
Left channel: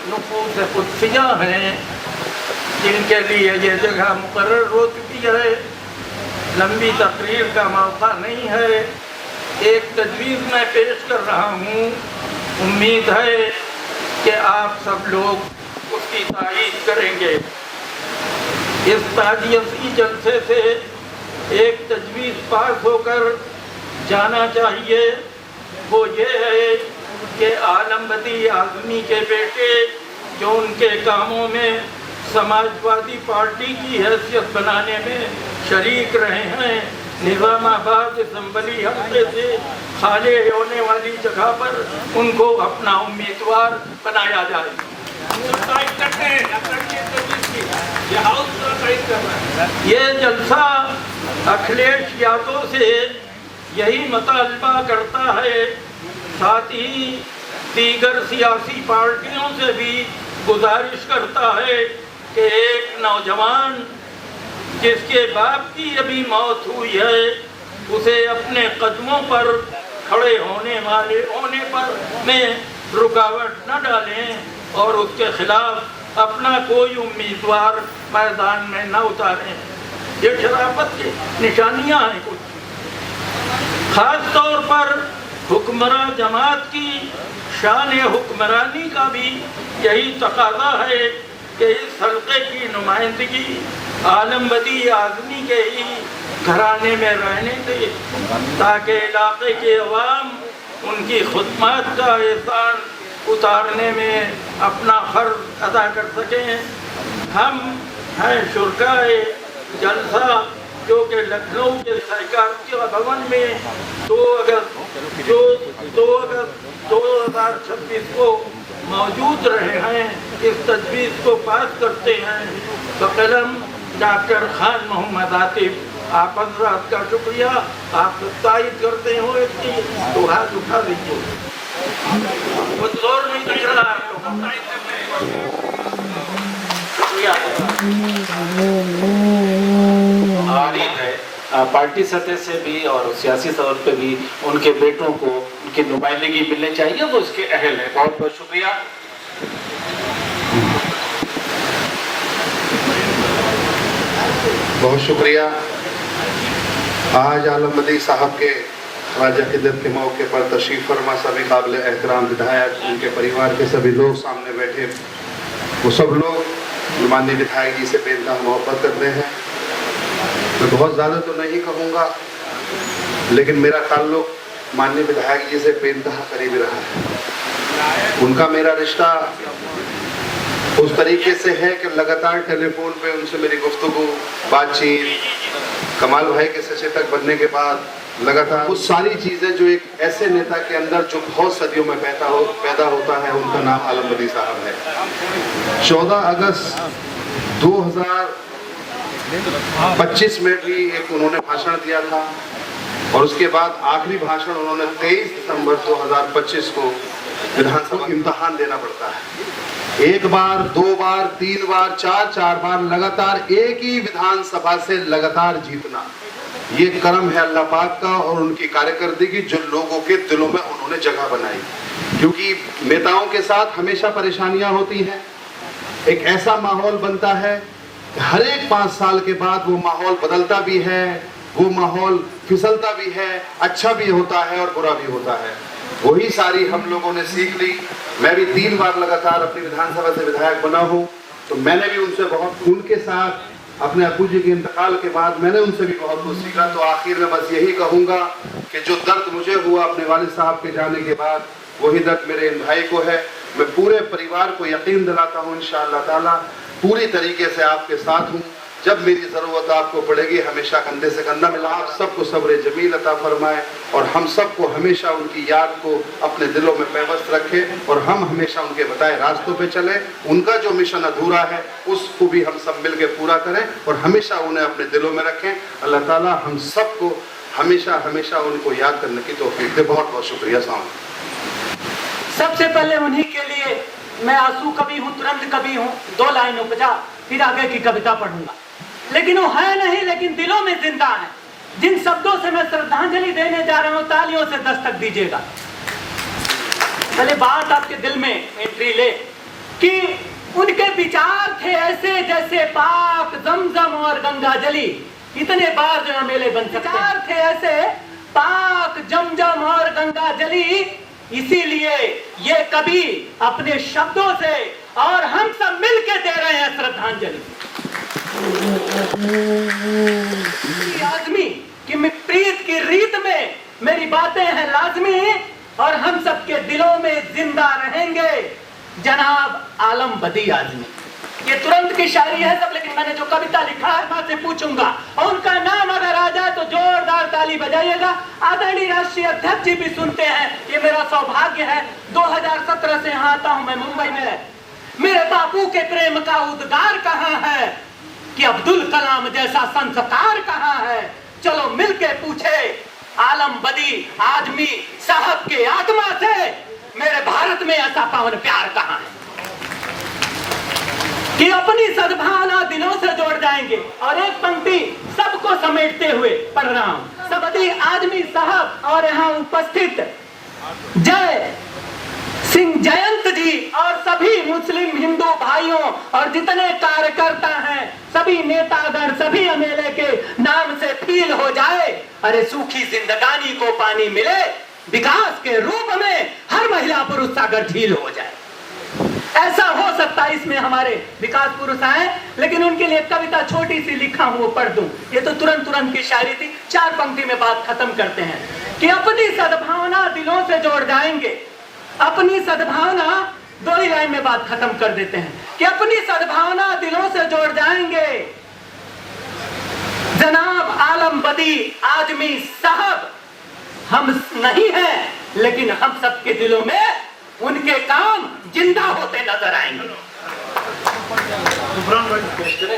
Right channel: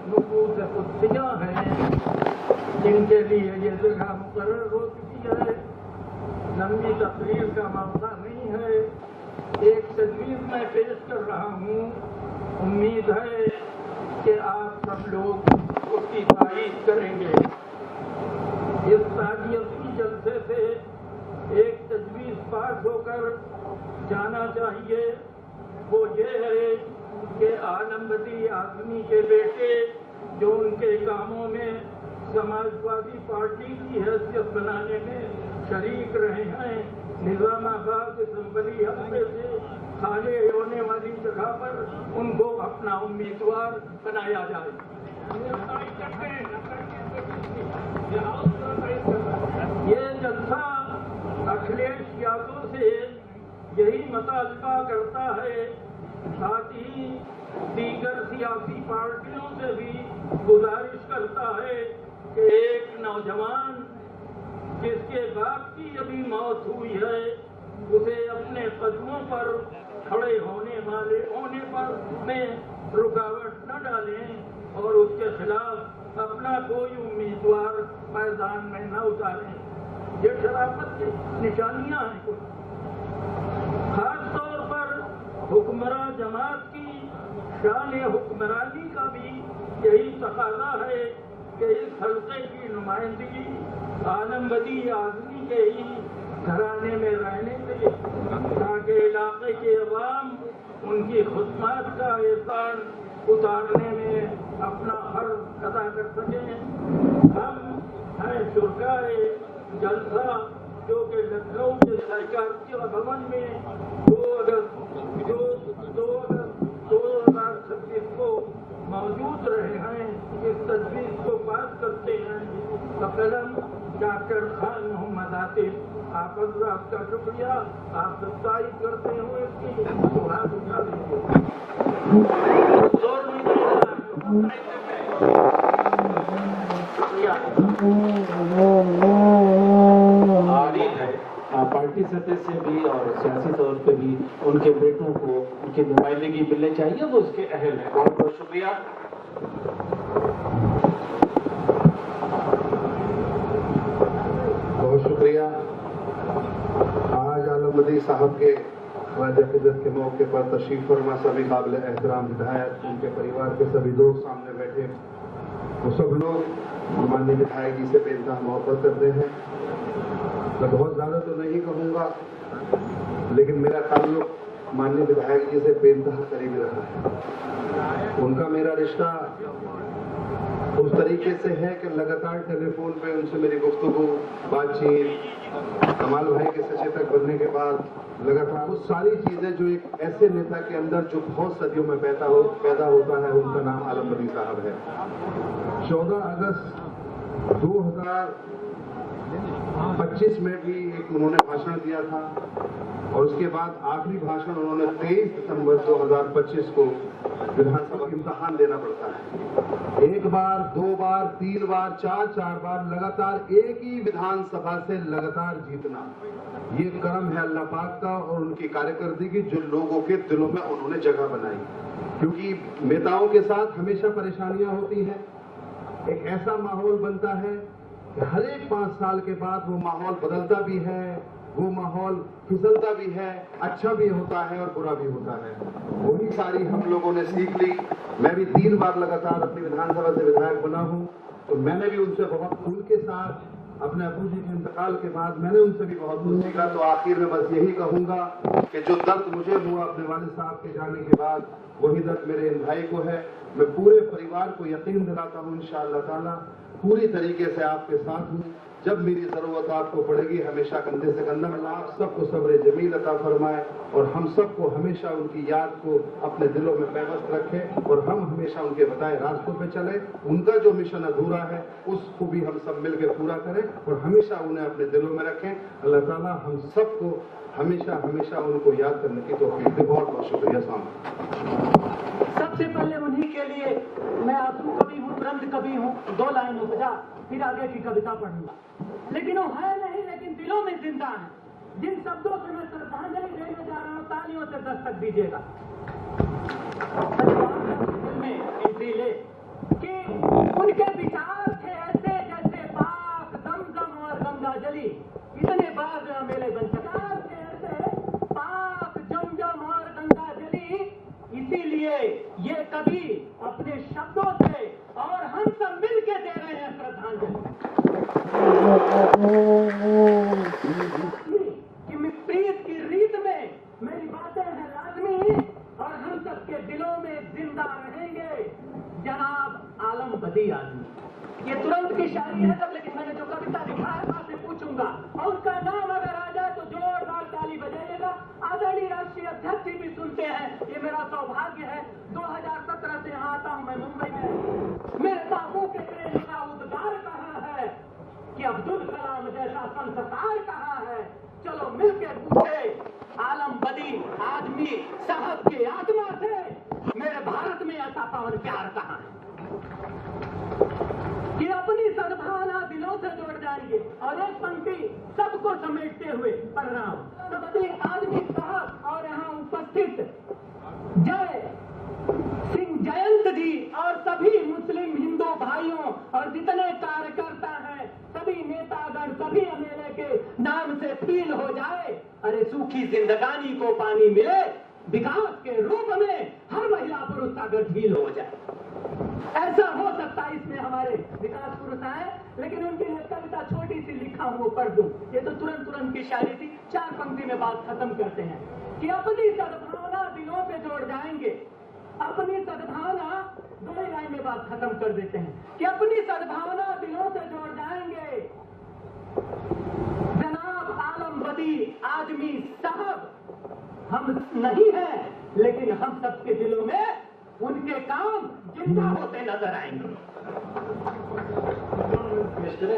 नुफूस कुदसिया हैं जिनके लिए ये जगह मुकर्रर हो चुकी है। लंबी तकरीर का मौका नहीं है, एक तजवीज़ मैं पेश कर रहा हूँ। उम्मीद है कि आप सब लोग उसकी तारीफ करेंगे। इस ताज़ियती जलसे से एक तजवीज़ पास होकर जाना चाहिए। वो ये है कि आलम बदी आज़मी के बेटे जो उनके कामों में समाजवादी पार्टी की हैसियत बनाने में शरीक रहे हैं, निज़ामाबाद असम्बली हल्के से खाली होने वाली जगह पर उनको अपना उम्मीदवार बनाया जाए। ये जलसा अखिलेश यादव से यही मुतालबा करता है, साथ ही दीगर सियासी पार्टियों से भी गुजारिश करता है कि एक नौजवान जिसके बाप की अभी मौत हुई है उसे अपने कदमों पर खड़े होने पर में रुकावट न डालें और उसके खिलाफ अपना कोई उम्मीदवार मैदान में न उतारें। ये शराफत की निशानियां हैं कुछ। खास तौर पर हुक्मरान जमात की शान हुक्मरानी का भी यही तकाजा है कि इस हल्के की नुमाइंदगी आलम बदी आज़मी के ही घराने में रहने दें, ताकि इलाके के अवाम उनकी खुदमत का एहसान उतारने में अपना फर्ज अदा कर सकें। हम हैं शुरकाए जलसा जो कि लखनऊ के सहकारिता भवन में 2 अगस्त 2026 को मौजूद रहे हैं। इस तजवीज़ को पास करते हैं बकलम डॉक्टर खान मोहम्मद आतिफ। आप हज़रात का शुक्रिया, आप तायद करते हो इसकी तो हाथ उठा दीजिए। जोर नहीं दे रहा शुक्रिया। आरीफ है पार्टी सतह से भी और सियासी तौर पे भी उनके बेटों को उनकी नुमाइंदगी मिलनी चाहिए, वो इसके अहल है। बहुत बहुत शुक्रिया। बहुत शुक्रिया। आज आलम बदी साहब के राजा क़िदरत के मौके पर तशरीफ़ फरमा सभी काबिल एहतराम विधायक, उनके परिवार के सभी लोग सामने बैठे, वो सब लोग माननीय विधायक जी से बेइंतहा मोहब्बत करते हैं। मैं बहुत ज़्यादा तो नहीं कहूँगा, लेकिन मेरा ताल्लुक माननीय विधायक जी से बेइंतहा करीबी रहा है। उनका मेरा रिश्ता उस तरीके से है कि लगातार टेलीफोन पे उनसे मेरी गुफ्तगू, बातचीत, कमाल भाई के सचेतक बनने के बाद लगातार वो सारी चीज़ें जो एक ऐसे नेता के अंदर जो बहुत सदियों में पैदा होता है, उनका नाम आलम बदी साहब है। 14 अगस्त 2025 में भी एक उन्होंने भाषण दिया था और उसके बाद आखिरी भाषण उन्होंने 23 दिसंबर 2025 को विधानसभा इम्तिहान देना पड़ता है। एक बार, दो बार, तीन बार, चार बार लगातार एक ही विधानसभा से लगातार जीतना, ये करम है अल्लाह पाक का और उनकी कार्यकर्दगी जो लोगों के दिलों में उन्होंने जगह बनाई। क्योंकि नेताओं के साथ हमेशा परेशानियां होती हैं, एक ऐसा माहौल बनता है कि हर एक 5 साल के बाद वो माहौल बदलता भी है, वो माहौल फिसलता भी है, अच्छा भी होता है और बुरा भी होता है। वही सारी हम लोगों ने सीख ली। मैं भी 3 बार लगातार अपनी विधानसभा से विधायक बना हूँ, तो मैंने भी उनसे बहुत, उनके साथ अपने अब्बू जी के इंतकाल के बाद मैंने उनसे भी बहुत कुछ सीखा। तो आखिर में बस यही कहूँगा कि जो दर्द मुझे हुआ अपने वालिद साहब के जाने के बाद, वही दर्द मेरे इन भाई को है। मैं पूरे परिवार को यकीन दिलाता हूँ इंशाअल्लाह ताला पूरी तरीके से आपके साथ हूँ। जब मेरी ज़रूरत आपको पड़ेगी हमेशा कंधे से कंधा मिला। आप सबको सब्र जमील अता फरमाए और हम सबको हमेशा उनकी याद को अपने दिलों में पैवस्त रखे और हम हमेशा उनके बताए रास्तों पे चले। उनका जो मिशन अधूरा है उसको भी हम सब मिलकर पूरा करें और हमेशा उन्हें अपने दिलों में रखें। अल्लाह ताला हम सबको हमेशा हमेशा उनको याद करने की तौफीक दे। बहुत बहुत शुक्रिया। सबसे पहले उन्हीं के लिए मैं आंसू कभी हूँ तुरंत कभी हूँ 2 लाइन उपजा, फिर आगे की कविता पढ़ूंगा। लेकिन वो है नहीं, लेकिन दिलों में जिंदा है। जिन शब्दों से मैं श्रद्धांजलि देने जा रहा हूँ, तालियों से दस्तक दीजिएगा। पहले बात आपके दिल में एंट्री ले कि उनके विचार थे ऐसे जैसे पाक जमजम और गंगा जली। इतने बार जो मेले बन सकते, विचार थे ऐसे पाक जमजम और गंगा जली। इसीलिए ये कवि अपने शब्दों से और हम सब मिलके दे रहे हैं श्रद्धांजलि। आदमी कि प्रीत की रीत में मेरी बातें हैं लाजमी और हम सबके दिलों में जिंदा रहेंगे जनाब आलम बदी आजमी। ये तुरंत की शायरी है सब, लेकिन मैंने जो कविता लिखा है मैं से पूछूंगा और उनका नाम अगर आ जाए तो जोरदार ताली बजाइएगा। आदरणीय राष्ट्रीय अध्यक्ष जी भी सुनते हैं, ये मेरा सौभाग्य है। 2017 से यहाँ आता हूँ मैं मुंबई में। मेरे बापू के प्रेम का उद्गार कहाँ है कि अब्दुल कलाम जैसा संस्कार कहाँ है। चलो मिलके पूछे आलम बदी आजमी साहब के आत्मा से मेरे भारत में ऐसा पावन प्यार कहाँ है कि अपनी सद्भावना दिलों से जोड़ जाएंगे। और एक पंक्ति सबको समेटते हुए पढ़ रहा हूँ। सबदी आजमी साहब और यहाँ उपस्थित जय सिंह जयंत जी और सभी मुस्लिम हिंदू भाइयों और जितने कार्यकर्ता हैं, सभी नेतागण, सभी एमएलए के नाम से फील हो जाए। अरे सूखी जिंदगानी को पानी मिले, विकास के रूप में हर महिला पुरुष सागर झील हो जाए। ऐसा हो सकता है इसमें हमारे विकास पुरुष आए, लेकिन उनके लिए कविता छोटी सी लिखा हूं वो पढ़ दूं। ये तो तुरंत की शायरी थी। 4 पंक्ति में बात खत्म करते हैं कि अपनी सद्भावना दिलों से जोड़ जाएंगे। अपनी सद्भावना 2 ही लाइन में बात खत्म कर देते हैं कि अपनी सद्भावना दिलों से जोड़ जाएंगे जनाब आलम बदी आजमी साहब। हम नहीं हैं, लेकिन हम सबके दिलों में उनके काम जिंदा होते नजर आएंगे।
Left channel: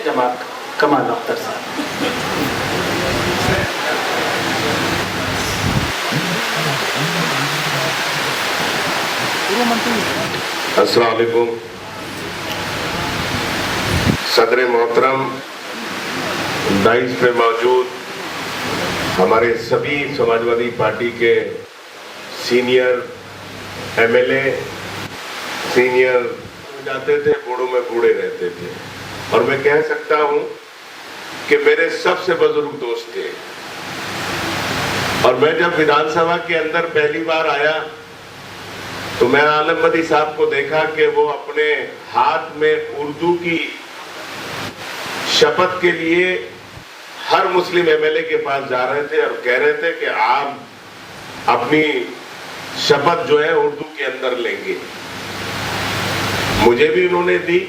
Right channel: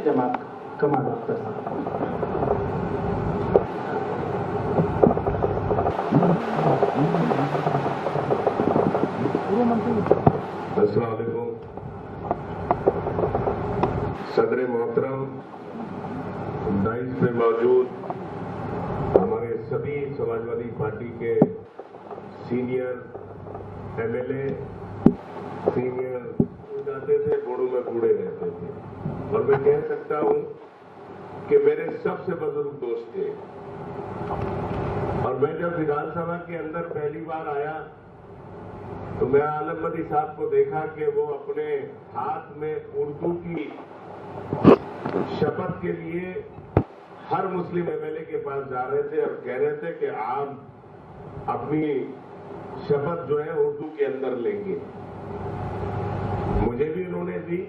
जमात कमाल अख्तर साहब। अस्सलाम वालेकुम। सदर मोहतरम, डाइस पे मौजूद हमारे सभी समाजवादी पार्टी के सीनियर एमएलए, सीनियर जाते थे, बूढ़ों में बूढ़े रहते थे। और मैं कह सकता हूं कि मेरे सबसे बुजुर्ग दोस्त थे। और मैं जब विधानसभा के अंदर पहली बार आया तो मैं आलम बदी साहब को देखा कि वो अपने हाथ में उर्दू की शपथ के लिए हर मुस्लिम एमएलए के पास जा रहे थे और कह रहे थे कि आप अपनी शपथ जो है उर्दू के अंदर लेंगे। मुझे भी उन्होंने दी।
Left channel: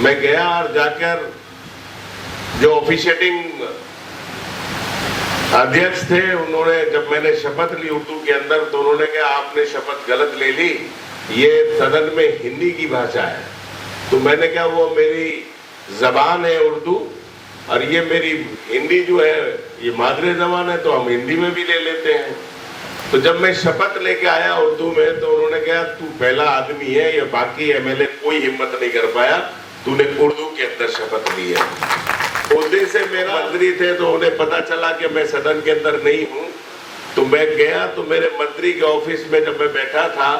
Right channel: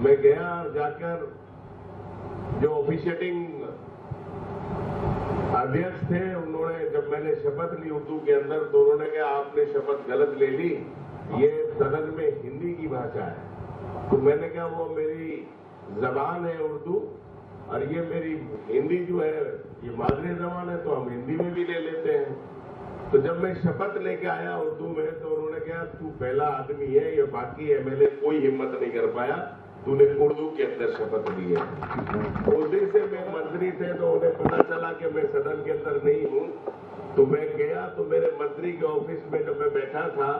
मैं गया और जाकर जो ऑफिशिएटिंग अध्यक्ष थे, उन्होंने जब मैंने शपथ ली उर्दू के अंदर तो उन्होंने कहा आपने शपथ गलत ले ली, ये सदन में हिंदी की भाषा है। तो मैंने कहा वो मेरी जबान है उर्दू और ये मेरी हिंदी जो है ये मादरे जबान है, तो हम हिंदी में भी ले लेते हैं। तो जब मैं शपथ लेके आया उर्दू में तो उन्होंने कहा तू पहला आदमी है, ये बाकी एमएलए कोई हिम्मत नहीं कर पाया, तूने उर्दू के अंदर शपथ ली है। उस दिन से मेरा मंत्री थे तो उन्हें पता चला कि मैं सदन के अंदर नहीं हूँ। तो मैं गया तो मेरे मंत्री के ऑफिस में जब मैं बैठा था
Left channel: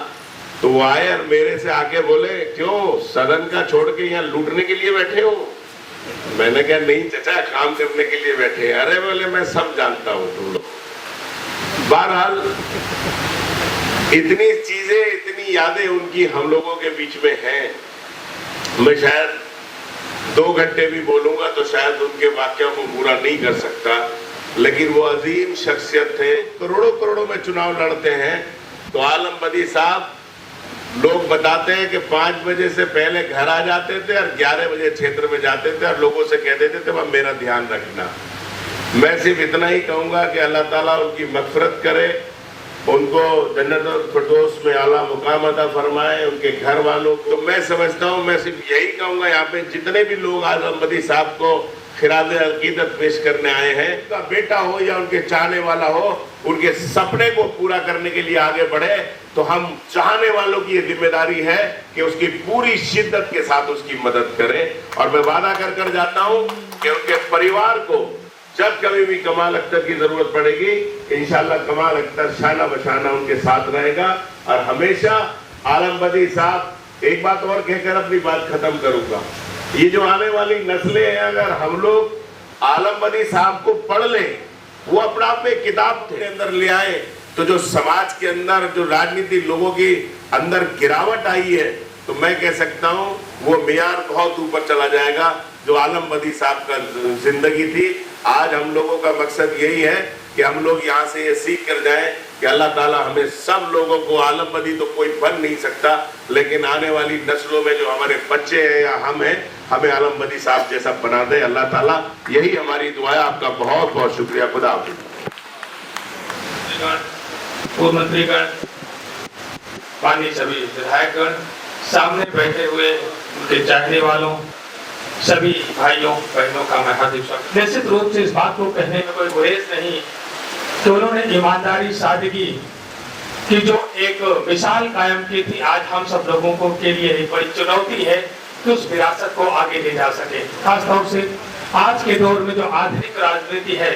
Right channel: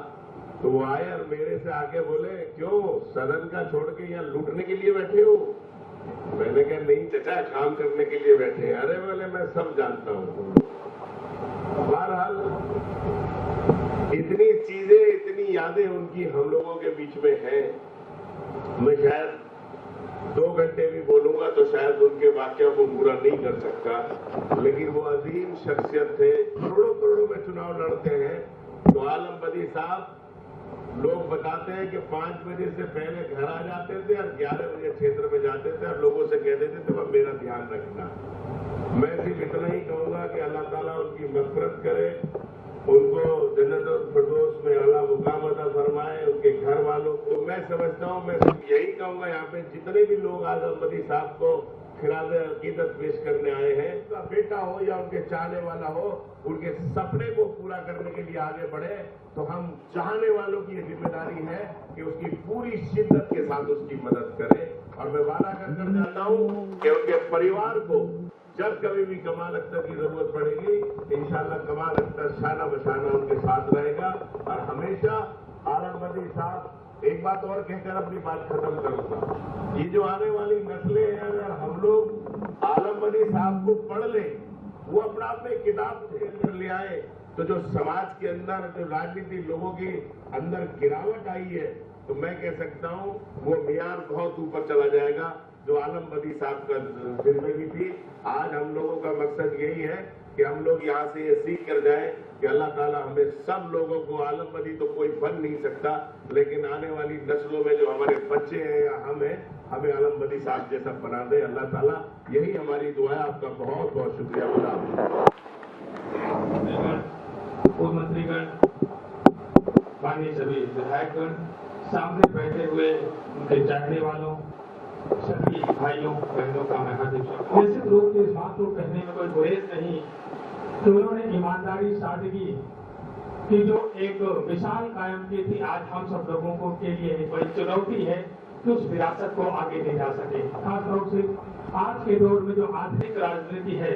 तो वो आए और मेरे से आके बोले क्यों सदन का छोड़ के यहाँ लूटने के लिए बैठे हो? मैंने कहा नहीं चाचा, काम करने के लिए बैठे। अरे बोले मैं सब जानता हूँ तुम लोग। बहरहाल इतनी चीजें, इतनी यादें उनकी हम लोगों के बीच में हैं। मैं शायद 2 घंटे भी बोलूंगा तो शायद उनके वाक्यों को पूरा नहीं कर सकता, लेकिन वो अजीम शख्सियत थे। करोड़ों करोड़ों में चुनाव लड़ते हैं तो आलम बदी साहब लोग बताते हैं कि 5 बजे से पहले घर आ जाते थे और 11 बजे क्षेत्र में जाते थे और लोगों से कह देते थे वह मेरा ध्यान रखना। मैं सिर्फ इतना ही कहूंगा कि अल्लाह ताला उनकी मग़फ़िरत करे, उनको जन्नतुल फिरदौस में आला मुकाम अता फरमाए, उनके घर वालों को। तो मैं समझता हूँ, मैं सिर्फ यही कहूंगा यहाँ पे जितने भी लोग आलम बदी साहब को खिराज अकीदत पेश करने आए हैं, उनका बेटा हो या उनके चाहने वाला हो, उनके सपने को पूरा करने के लिए आगे बढ़े तो हम चाहने वालों की ये जिम्मेदारी है कि उसकी पूरी शिद्दत के साथ उसकी मदद करें। और मैं वादा कर जाता हूँ कि उनके परिवार को जब कभी भी कमाल अख्तर की जरूरत पड़ेगी इंशाल्लाह कमाल अख्तर शाना बशाना उनके साथ रहेगा। और हमेशा आलम बदी साहब, एक बात और कहकर अपनी बात खत्म करूंगा, ये जो आने वाली नस्लें हैं अगर हम लोग आलम बदी साहब को पढ़ लें, वो अपना आप में किताब के अंदर ले आए तो जो समाज के अंदर जो राजनीति लोगों की अंदर गिरावट आई है तो मैं कह सकता हूँ वो मियार बहुत ऊपर चला जाएगा जो आलम बदी साहब का जिंदगी थी। आज हम लोगों का मकसद यही है कि हम लोग यहाँ से ये सीख कर जाएं कि अल्लाह ताला हमें सब लोगों को, आलम बदी तो कोई बन नहीं सकता, लेकिन आने वाली नस्लों में जो हमारे बच्चे हैं या हम हैं, हमें आलम बदी साहब जैसा बना दे अल्लाह ताला। यही हमारी दुआ है। आपका बहुत बहुत शुक्रिया। खुदा हाफिज़। पूर्व मंत्रीगण, माननीय सभी विधायकगण, सामने बैठे हुए उनके चाहने वालों, सभी भाइयों बहनों का मैं हार्दिक स्वागत। निश्चित रूप से इस बात को कहने में कोई गुरेज नहीं कि उन्होंने ईमानदारी, सादगी की जो एक मिसाल कायम की थी, आज हम सब लोगों को के लिए एक बड़ी चुनौती है कि उस विरासत को आगे ले जा सके। खासतौर से आज के दौर में जो आधुनिक राजनीति है,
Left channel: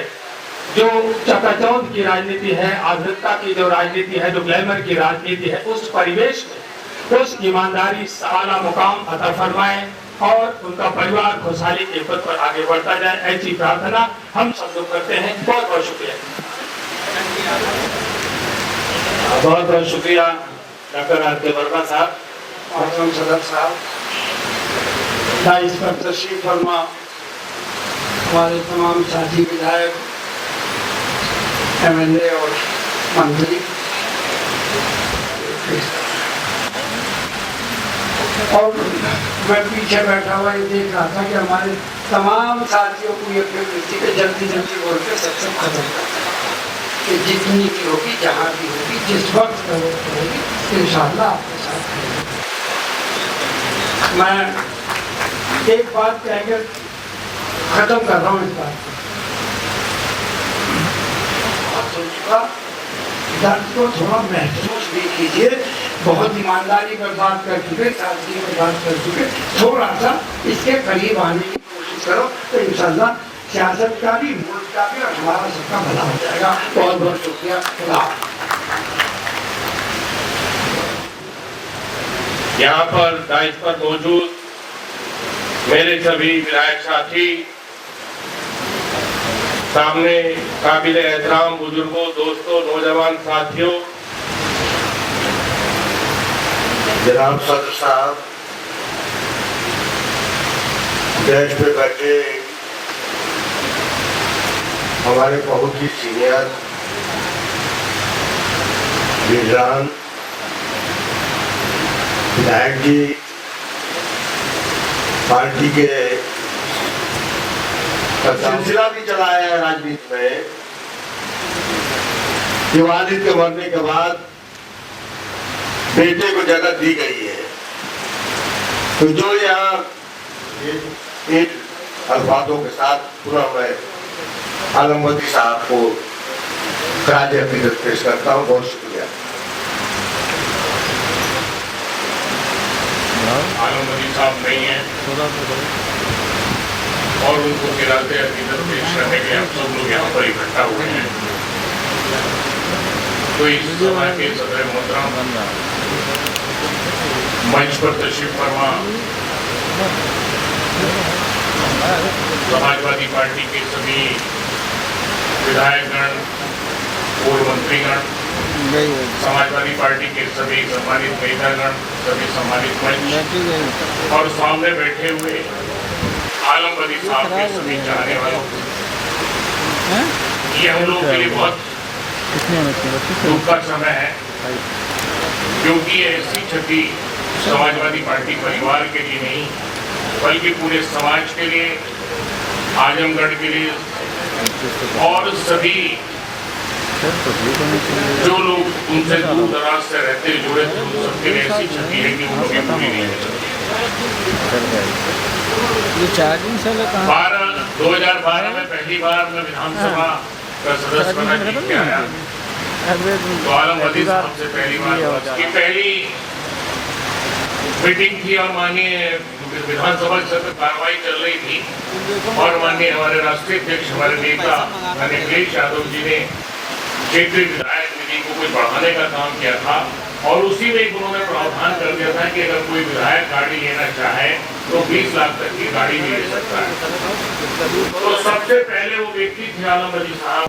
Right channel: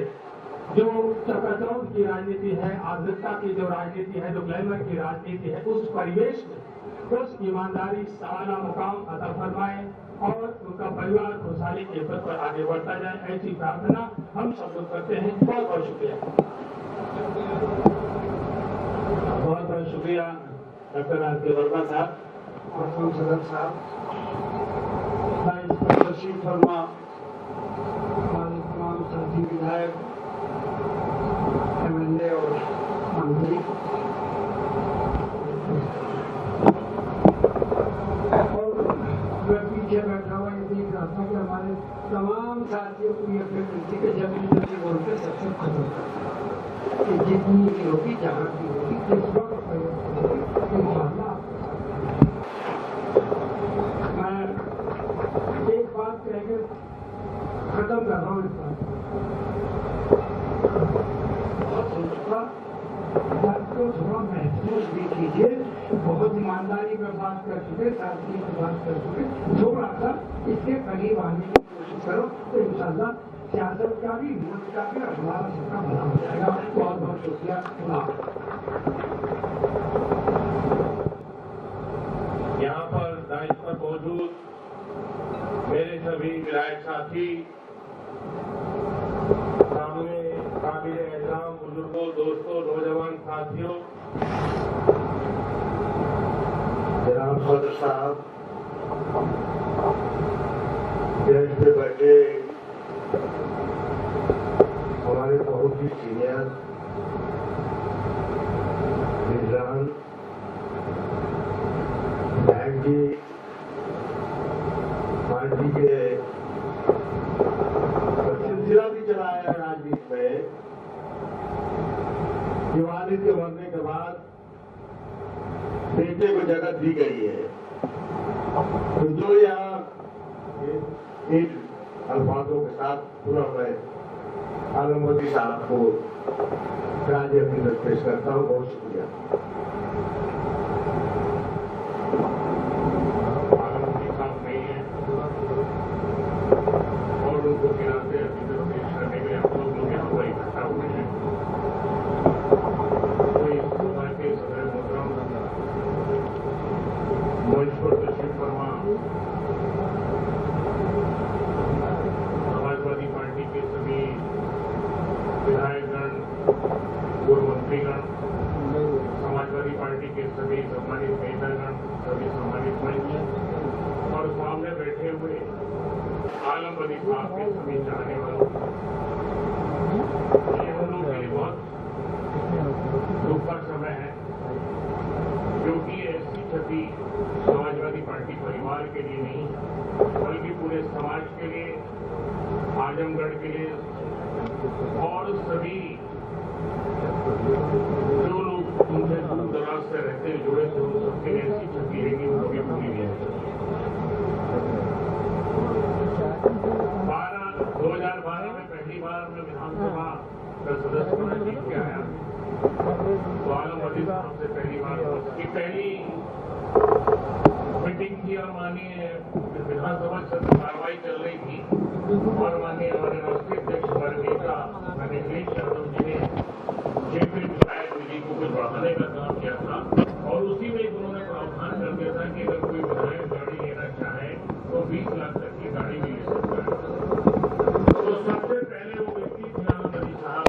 जो चकाचौंध की राजनीति है, आधुनिकता की जो राजनीति है, जो ग्लैमर की राजनीति है, उस परिवेश में उस ईमानदारी आला मुकाम अता फरमाए और उनका परिवार खुशहाली के पद पर आगे बढ़ता जाए, ऐसी प्रार्थना हम सब लोग करते हैं। बहुत बहुत शुक्रिया। बहुत बहुत शुक्रिया डॉक्टर आर.के. वर्मा साहब, आजम सदर साहब, डाइस पर तशरीफ फरमा हमारे तमाम साथी विधायक, एमएलए और मंत्री, और मैं पीछे बैठा हुआ ये देख रहा था कि हमारे तमाम साथियों को ये प्रवृत्ति पे जल्दी जल्दी बोल के सत्संग खत्म करता कि जितनी की होगी, जहाँ भी होगी, जिस वक्त जरूरत होगी, इंशाअल्लाह आपके साथ रहेंगे। मैं एक बात कहकर खत्म कर रहा हूँ इस बात को। दर्द को थोड़ा महसूस भी कीजिए। बहुत ईमानदारी पर बात कर चुके, सादगी पर बात कर चुके, थोड़ा सा इसके करीब आने की कोशिश करो तो इंशाअल्लाह सियासत का भी, मुल्क का भी और हमारा सबका भला हो जाएगा। बहुत बहुत शुक्रिया। यहाँ पर डाइस पर मौजूद मेरे सभी विधायक साथी, सामने काबिल एहतराम बुजुर्गों, दोस्तों, नौजवान साथियों, जनाब सदर साहब, डेस्क पे बैठे हमारे बहुत ही सीनियर लीडरान, विधायक जी, पार्टी के सिलसिला भी चलाया है राजनीति में कि वालिद के मरने के बाद बेटे को जगह दी गई है, तो जो यहाँ इन अल्फाजों के साथ पूरा मैं आलम बदी साहब को खराज अकीदत पेश करता हूँ। बहुत शुक्रिया। आलम बदी साहब नहीं है और उनको खराज अकीदत पेश करने के लिए हम सब लोग यहाँ पर इकट्ठा हुए हैं। तो इस सभा के सदर मोहतरम मंच पर तशरीफ फरमा समाजवादी पार्टी के सभी विधायकगण, पूर्व मंत्रीगण, समाजवादी पार्टी के सभी सम्मानित नेतागण, सभी सम्मानित मंच और सामने बैठे हुए आलम बदी साहब के सभी चाहने वालों, यह हम लोगों के लिए बहुत दुख का समय है, क्योंकि ऐसी क्षति समाजवादी पार्टी परिवार के लिए नहीं बल्कि पूरे समाज के लिए, आजमगढ़ के लिए और सभी जो लोग उनसे दूर दराज से रहते जुड़े थे उन सबके लिए ऐसी क्षति है कि वो लोग पूरी नहीं हो सकती। 2012 में पहली बार मैं विधानसभा का सदस्य बना जीत के आया, तो आलम बदी साहब से पहली बार की पहली मीटिंग थी और माननीय विधानसभा सत्र कार्रवाई चल रही थी और माननीय हमारे राष्ट्रीय अध्यक्ष, हमारे नेता अखिलेश यादव जी ने क्षेत्रीय विधायक निधि को कुछ बढ़ाने का काम किया था और उसी में एक उन्होंने प्रावधान कर दिया था कि अगर कोई विधायक गाड़ी लेना चाहे तो 20 लाख तक की गाड़ी भी ले सकता है। तो सबसे पहले वो व्यक्ति थे आलम बदी साहब,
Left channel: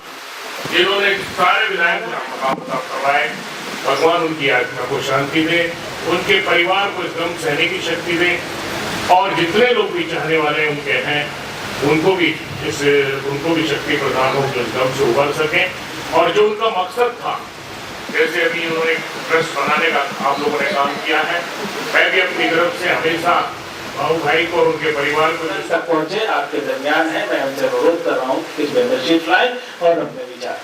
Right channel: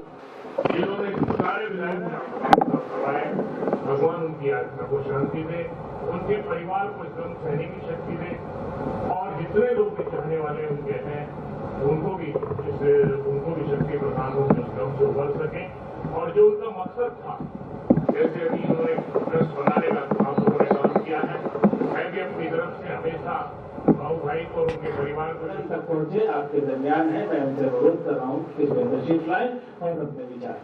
जिन्होंने सारे विधायक काम करवाए। भगवान उनकी आत्मा को शांति दे, उनके परिवार को इस गम सहने की शक्ति दे और जितने लोग भी चाहने वाले उनके हैं उनको भी शक्ति प्रदान हो, इस गम से उभर सके। और जो उनका मकसद था, जैसे अभी उन्होंने ट्रस्ट बनाने का आप लोगों ने काम किया है, मैं भी अपनी तरफ से हमेशा बाबू भाई को और उनके परिवार को तक पहुंचे आपके दरमियान है। मैं उनसे अनुरोध कर रहा हूँ कि इसमें तशरीफ लाएं और अपने विचार।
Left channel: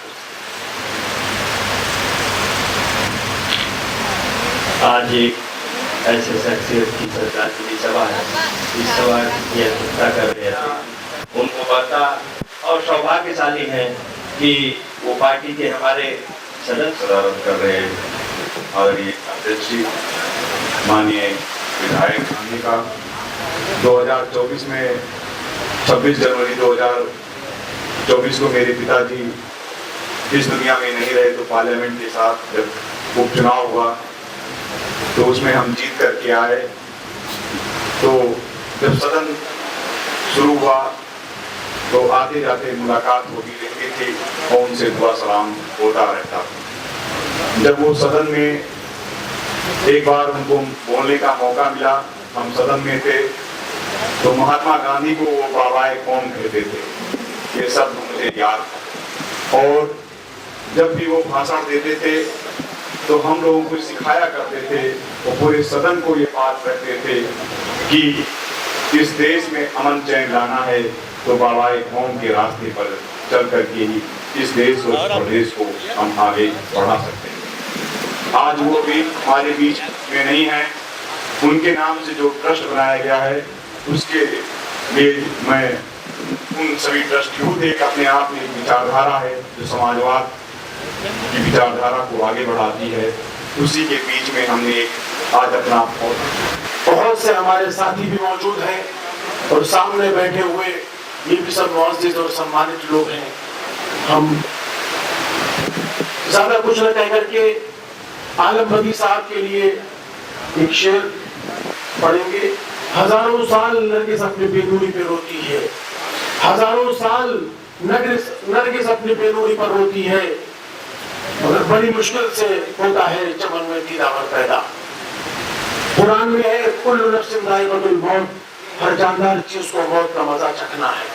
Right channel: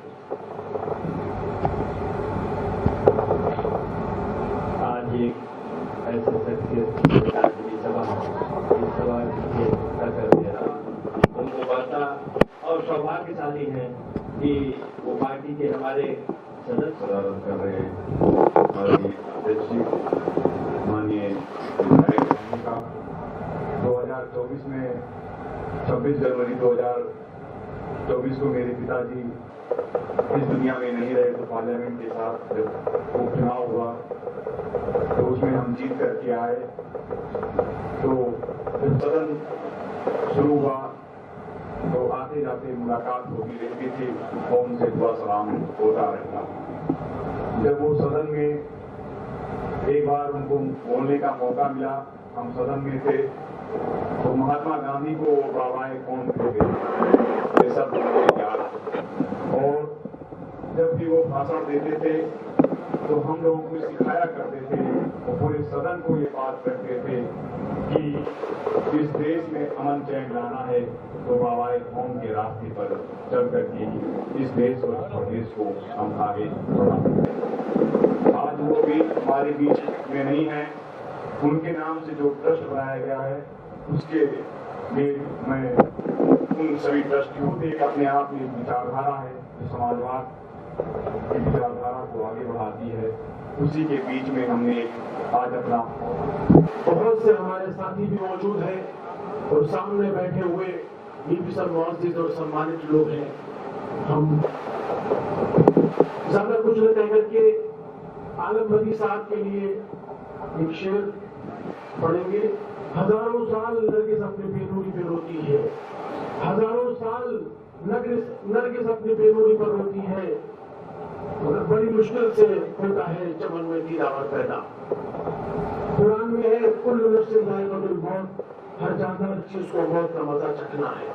आज एक ऐसे शख्सियत की श्रद्धांजलि सभा है, इस सभा की अध्यक्षता कर रहे थे। उनको पता और सौभाग्यशाली है कि वो पार्टी के हमारे सदस्य सदारत कर रहे हैं और ये अध्यक्ष माननीय विधायक गांधी का 2024 में 26 जनवरी 2024 को मेरे पिताजी इस दुनिया में नहीं रहे, तो पार्लियामेंट के साथ जब उपचुनाव हुआ तो उसमें हम जीत करके आए। तो जब सदन शुरू हुआ तो आते जाते मुलाकात होती रहती थी और उनसे दुआ सलाम होता रहता। जब वो सदन में एक बार उनको बोलने का मौका मिला, हम सदन में थे, तो महात्मा गांधी को वो बाबाए कौम कहते थे, ये सब मुझे याद। और जब भी वो भाषण देते थे तो हम लोगों को सिखाया करते थे और पूरे सदन को ये बात कहते थे कि इस देश में अमन चैन लाना है तो बाबाए कौम के रास्ते पर चल करके ही इस देश और प्रदेश को हम आगे बढ़ा सकते हैं। आज वो भी हमारे बीच में नहीं है। उनके नाम से जो ट्रस्ट बनाया गया है उसके लिए मैं उन सभी ट्रस्टियों से एक अपने आप में विचारधारा है जो समाजवाद की विचारधारा को आगे बढ़ाती है, उसी के बीच में हमने एक आज अपना बहुत से हमारे साथी भी मौजूद हैं और सामने बैठे हुए ये भी सब मुअज़्ज़िज़ और सम्मानित लोग हैं। हम ज्यादा कुछ न कह करके आलम बदी साहब के लिए एक शेर पढ़ेंगे। हजारों साल नरगिस अपने बेनूरी पे रोती है, हजारों साल नरगिस अपनी बेनूरी पर रोती है, मगर बड़ी मुश्किल से होता है चमन में दीदावर पैदा। कुरान में है कुल्लु नफ्सिन ज़ाइक़तुल मौत, हर जानदार चीज को मौत का मजा चखना है।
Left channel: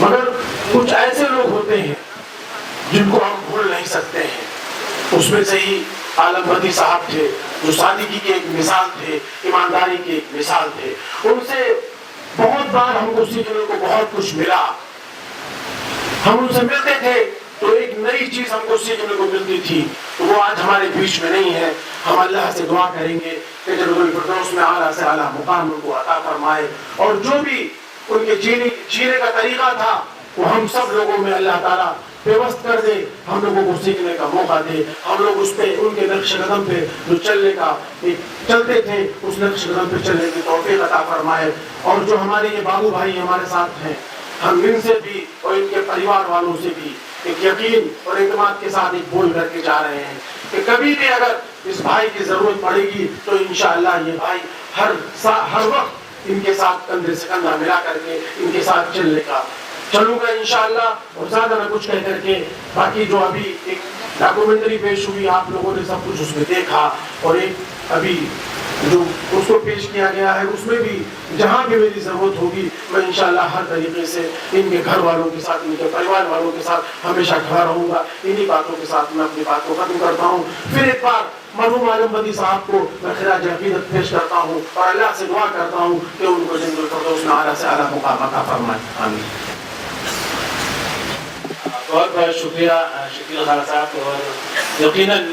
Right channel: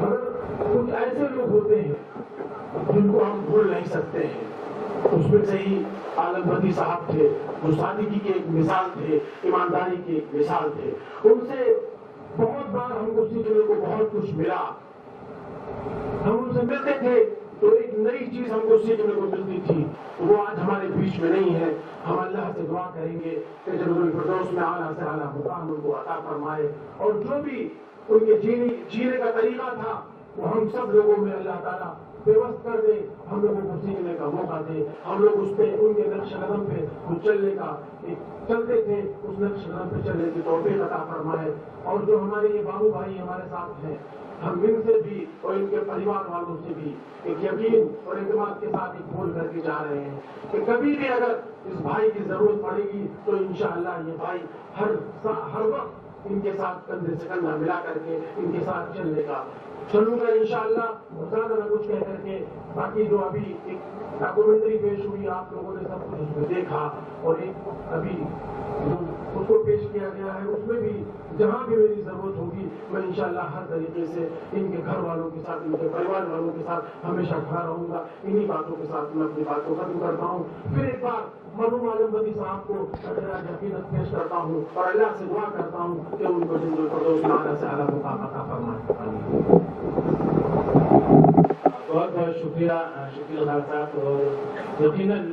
मगर कुछ ऐसे लोग होते हैं जिनको हम भूल नहीं सकते हैं। उसमें से ही आलम बदी साहब थे, जो सादगी के एक मिसाल थे, ईमानदारी के एक मिसाल थे। उनसे बहुत बार हमको सीखने को बहुत कुछ मिला। हम उनसे मिलते थे तो एक नई चीज हमको सीखने को मिलती थी, तो वो आज हमारे बीच में नहीं है। हम अल्लाह से दुआ करेंगे कि जन्नतुल फिरदौस में आला से आला मुकाम उनको अता फरमाए, और जो भी उनके जीने का तरीका था वो हम सब लोगों में अल्लाह ताला व्यवस्था कर दे, हम लोगों को सीखने का मौका दे। हम लोग उस पे उनके नक्श कदम पे जो चलते थे उस नक्श कदम पे चलने की तौफीक अता फरमाए। और जो हमारे ये बाबू भाई हमारे साथ हैं, हम इनसे भी और इनके परिवार वालों से भी एक यकीन और एतमाद के साथ एक बोल करके जा रहे हैं कि कभी भी अगर इस भाई की जरूरत पड़ेगी तो इंशाअल्लाह ये भाई हर वक्त इनके साथ कंधे से कंधा मिला करके इनके साथ चलूंगा इंशाअल्लाह। और ज्यादा मैं कुछ कह करके, बाकी जो अभी एक डॉक्यूमेंट्री पेश हुई, आप लोगों ने सब कुछ उसमें देखा, और एक अभी जो उसको पेश किया गया है उसमें भी जहाँ भी मेरी जरूरत होगी मैं इंशाअल्लाह हर तरीके से इनके घर वालों के साथ, इनके परिवार वालों के साथ हमेशा खड़ा रहूंगा। इन्हीं बातों के साथ मैं अपनी बात को खत्म करता हूँ। फिर एक बार मरहूम आलम बदी साहब को मैं खिराज अकीदत पेश करता हूँ और अल्लाह से दुआ करता हूँ कि उनको जन्नतुल फिरदौस में आला से आला मुकाम अता फरमाए। आमीन। बहुत बहुत शुक्रिया शकील खान साहब, और यकीनन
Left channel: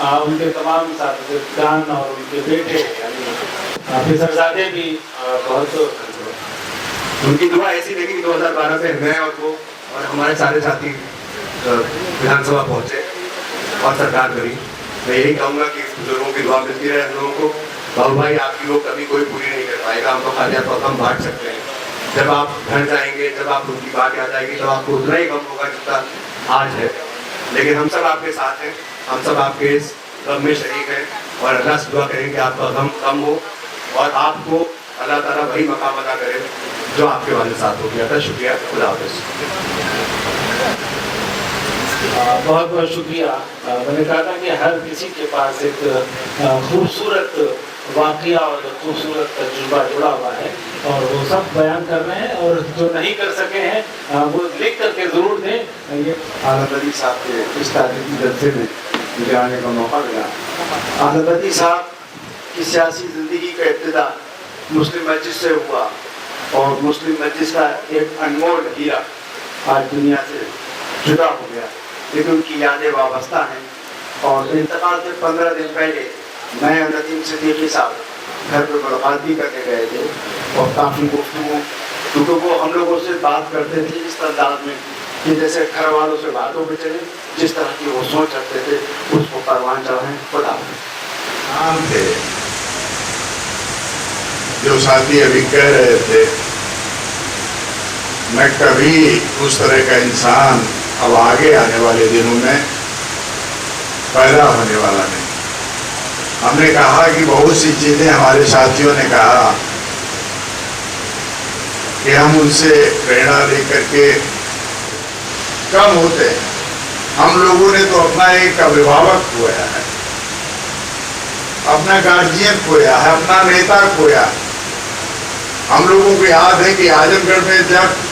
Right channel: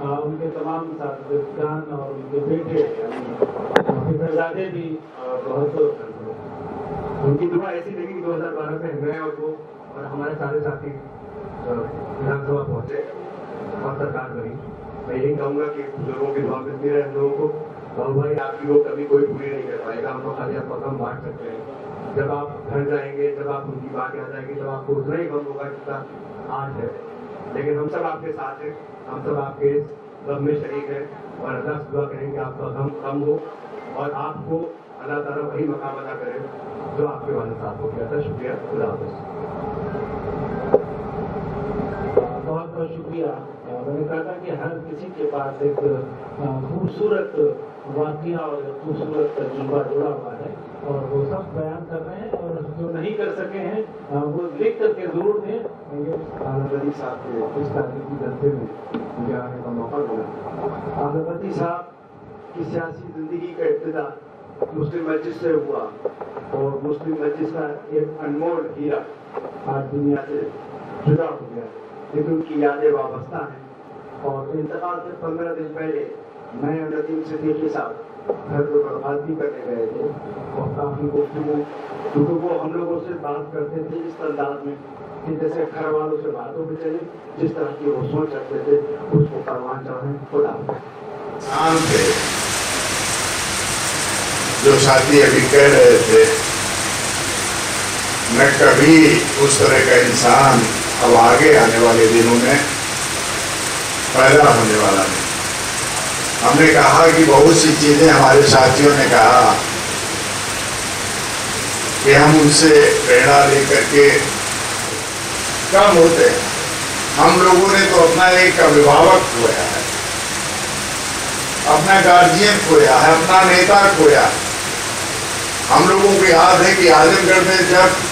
उनके तमाम साथीदान और उनके बेटे यानी फिसरजादे भी बहुत, उनकी दुआ ऐसी लगी कि 2012 से मैं और वो और हमारे सारे साथी विधानसभा पहुंचे और सरकार करी। मैं यही कहूँगा कि बुजुर्गों की दुआ मिलती रहे हम लोगों को। बाबू भाई आपकी लोग कभी कोई पूरी नहीं कर पाएगा, हम तो खाली आप हम बांट सकते हैं। जब आप घर जाएंगे, जब आप उनकी बात याद आएगी, तो आपको उतना ही गम होगा जितना आज है। लेकिन हम सब आपके साथ हैं, हम सब आपके इस गम में शरीक हैं, और अल्लाह से दुआ करेंगे आपका गम कम हो और आपको अल्लाह ताला वही मकाम अदा करे जो आपके वाले साथ हो गया था। शुक्रिया, खुदा हाफिज़। बहुत बहुत शुक्रिया। मैंने कहा था कि हर किसी के पास एक खूबसूरत वाक़या और खूबसूरत तजुर्बा जुड़ा हुआ है, और वो सब बयान कर रहे हैं, और जो नहीं कर सके हैं वो लिख करके ज़रूर दें। ये आलम बदी साहब के इस तारीखी जलसे में मुझे आने का मौका मिला। आलम बदी साहब की सियासी ज़िंदगी का इब्तिदा मुस्लिम मस्जिद से हुआ, और मुस्लिम मस्जिद का एक अनमोल हीरा आज दुनिया से जुदा हो गया, लेकिन उनकी यादें वाबस्ता हैं। और इंतकाल से 15 दिन पहले मैं और नदीम सिद्दीकी साहब घर पर मुलाकात भी करने गए थे, और काफ़ी गुफ्तगू, क्योंकि वो हम लोगों से बात करते थे इस अंदाज में कि जैसे घर वालों से बातों पर चले, जिस तरह की वो सोच रखते थे उसको परवान चढ़ाएं। खुदा आम थे जो साथी अभी कह रहे थे, मैं कभी उस तरह का इंसान अब आगे आने वाले दिनों में पैदा होने वाला नहीं। हमने कहा कि बहुत सी चीजें हमारे साथियों ने कहा कि हम उनसे प्रेरणा लेकर के कम होते हैं। हम लोगों ने तो अपना एक अभिभावक खोया है, अपना गार्जियन खोया है, अपना नेता खोया। हम लोगों को याद है कि आजमगढ़ में जब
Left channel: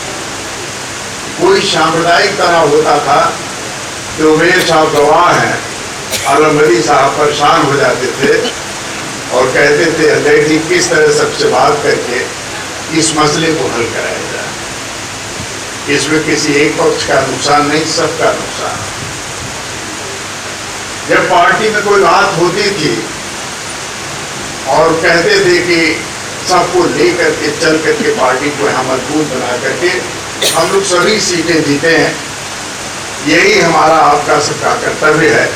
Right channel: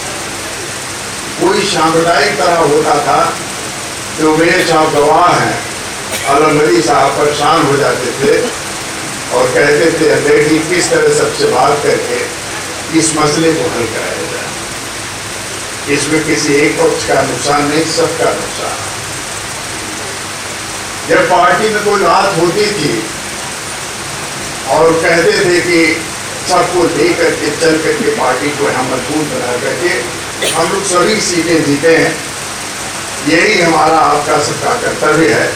कोई सांप्रदायिक तरह होता था तो वे साहब गवाह हैं, आलम बदी साहब परेशान हो जाते थे और कहते थे अध्यक्ष जी किस तरह सबसे बात करके इस मसले को हल कराया जाए। इसमें किसी एक पक्ष का नुकसान नहीं, सबका नुकसान। जब पार्टी में कोई बात होती थी और कहते थे कि सबको लेकर के चल करके पार्टी को हम मजबूत बना करके हम लोग सभी सीटें जीते हैं, यही हमारा आपका सबका कर्तव्य है।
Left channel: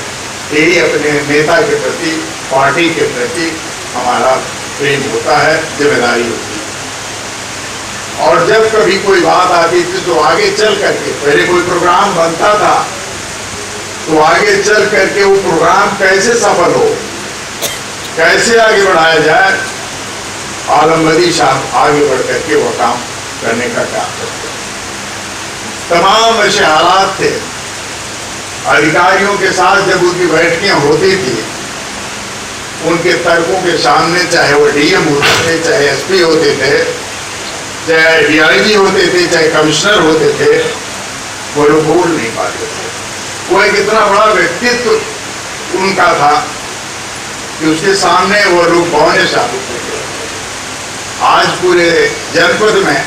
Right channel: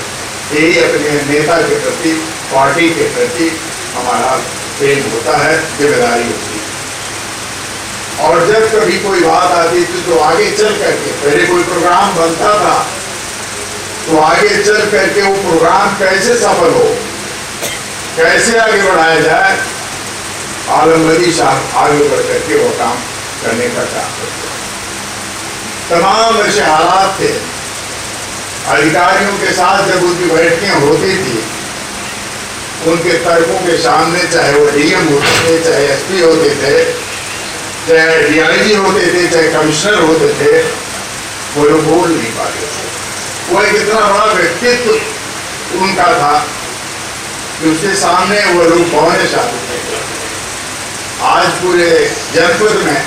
यही अपने नेता के प्रति, पार्टी के प्रति हमारा प्रेम होता है, जिम्मेदारी होती है। और जब कभी कोई बात आती थी तो आगे चल करके, पहले कोई प्रोग्राम बनता था तो आगे चल करके वो प्रोग्राम कैसे सफल हो, कैसे आगे बढ़ाया जाए, आलम बदी साहब आगे बढ़ करके वो काम करने का काम करते। तमाम ऐसे हालात थे। अधिकारियों के साथ जब उनकी बैठकें होती थी, उनके तर्कों के सामने चाहे वो डीएम होते थे, चाहे एसपी होते थे, चाहे डीआईजी होते थे, चाहे कमिश्नर होते थे, वो लोग बोल नहीं पाते थे। वो एक इतना बड़ा व्यक्तित्व उनका था कि उसके सामने वो लोग बौने साबित नहीं करते। आज पूरे जनपद में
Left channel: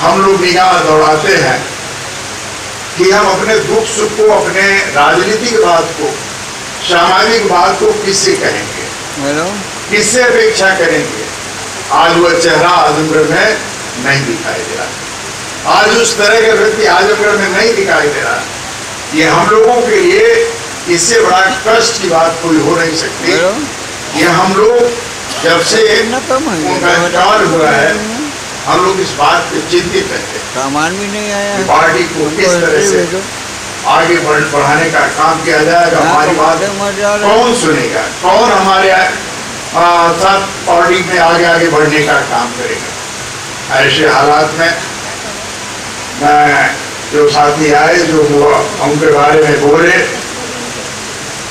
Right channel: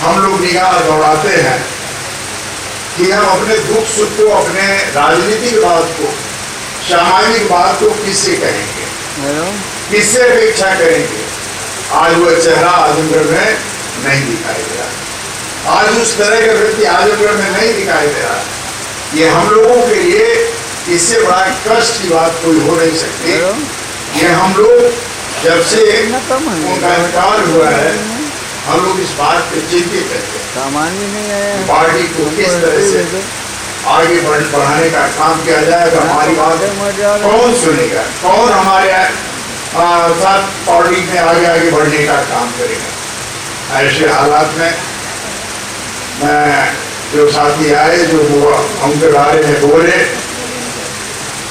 हम लोग निगाह दौड़ाते हैं कि हम अपने दुख सुख को, अपने राजनीतिक बात को, सामाजिक बात को किससे कहेंगे, किससे अपेक्षा करेंगे। आज वह चेहरा आजमगढ़ में नहीं दिखाई दे रहा। आज उस तरह का व्यक्ति आजमगढ़ में नहीं दिखाई दे रहा। ये हम लोगों के लिए इससे बड़ा कष्ट की बात कोई हो नहीं सकती। ये हम लोग जब से उनका इंतकाल हुआ है, हम लोग इस बात पे चिंतित रहते हैं। सामान भी नहीं आया। पार्टी को किस तरह से आगे बढ़ाने का काम किया जाएगा, हमारी बात कौन सुनेगा, कौन हमारे साथ पार्टी में आगे बढ़ने का काम करेगा। ऐसे हालात में मैं जो साथी आए, जो उनके बारे में बोले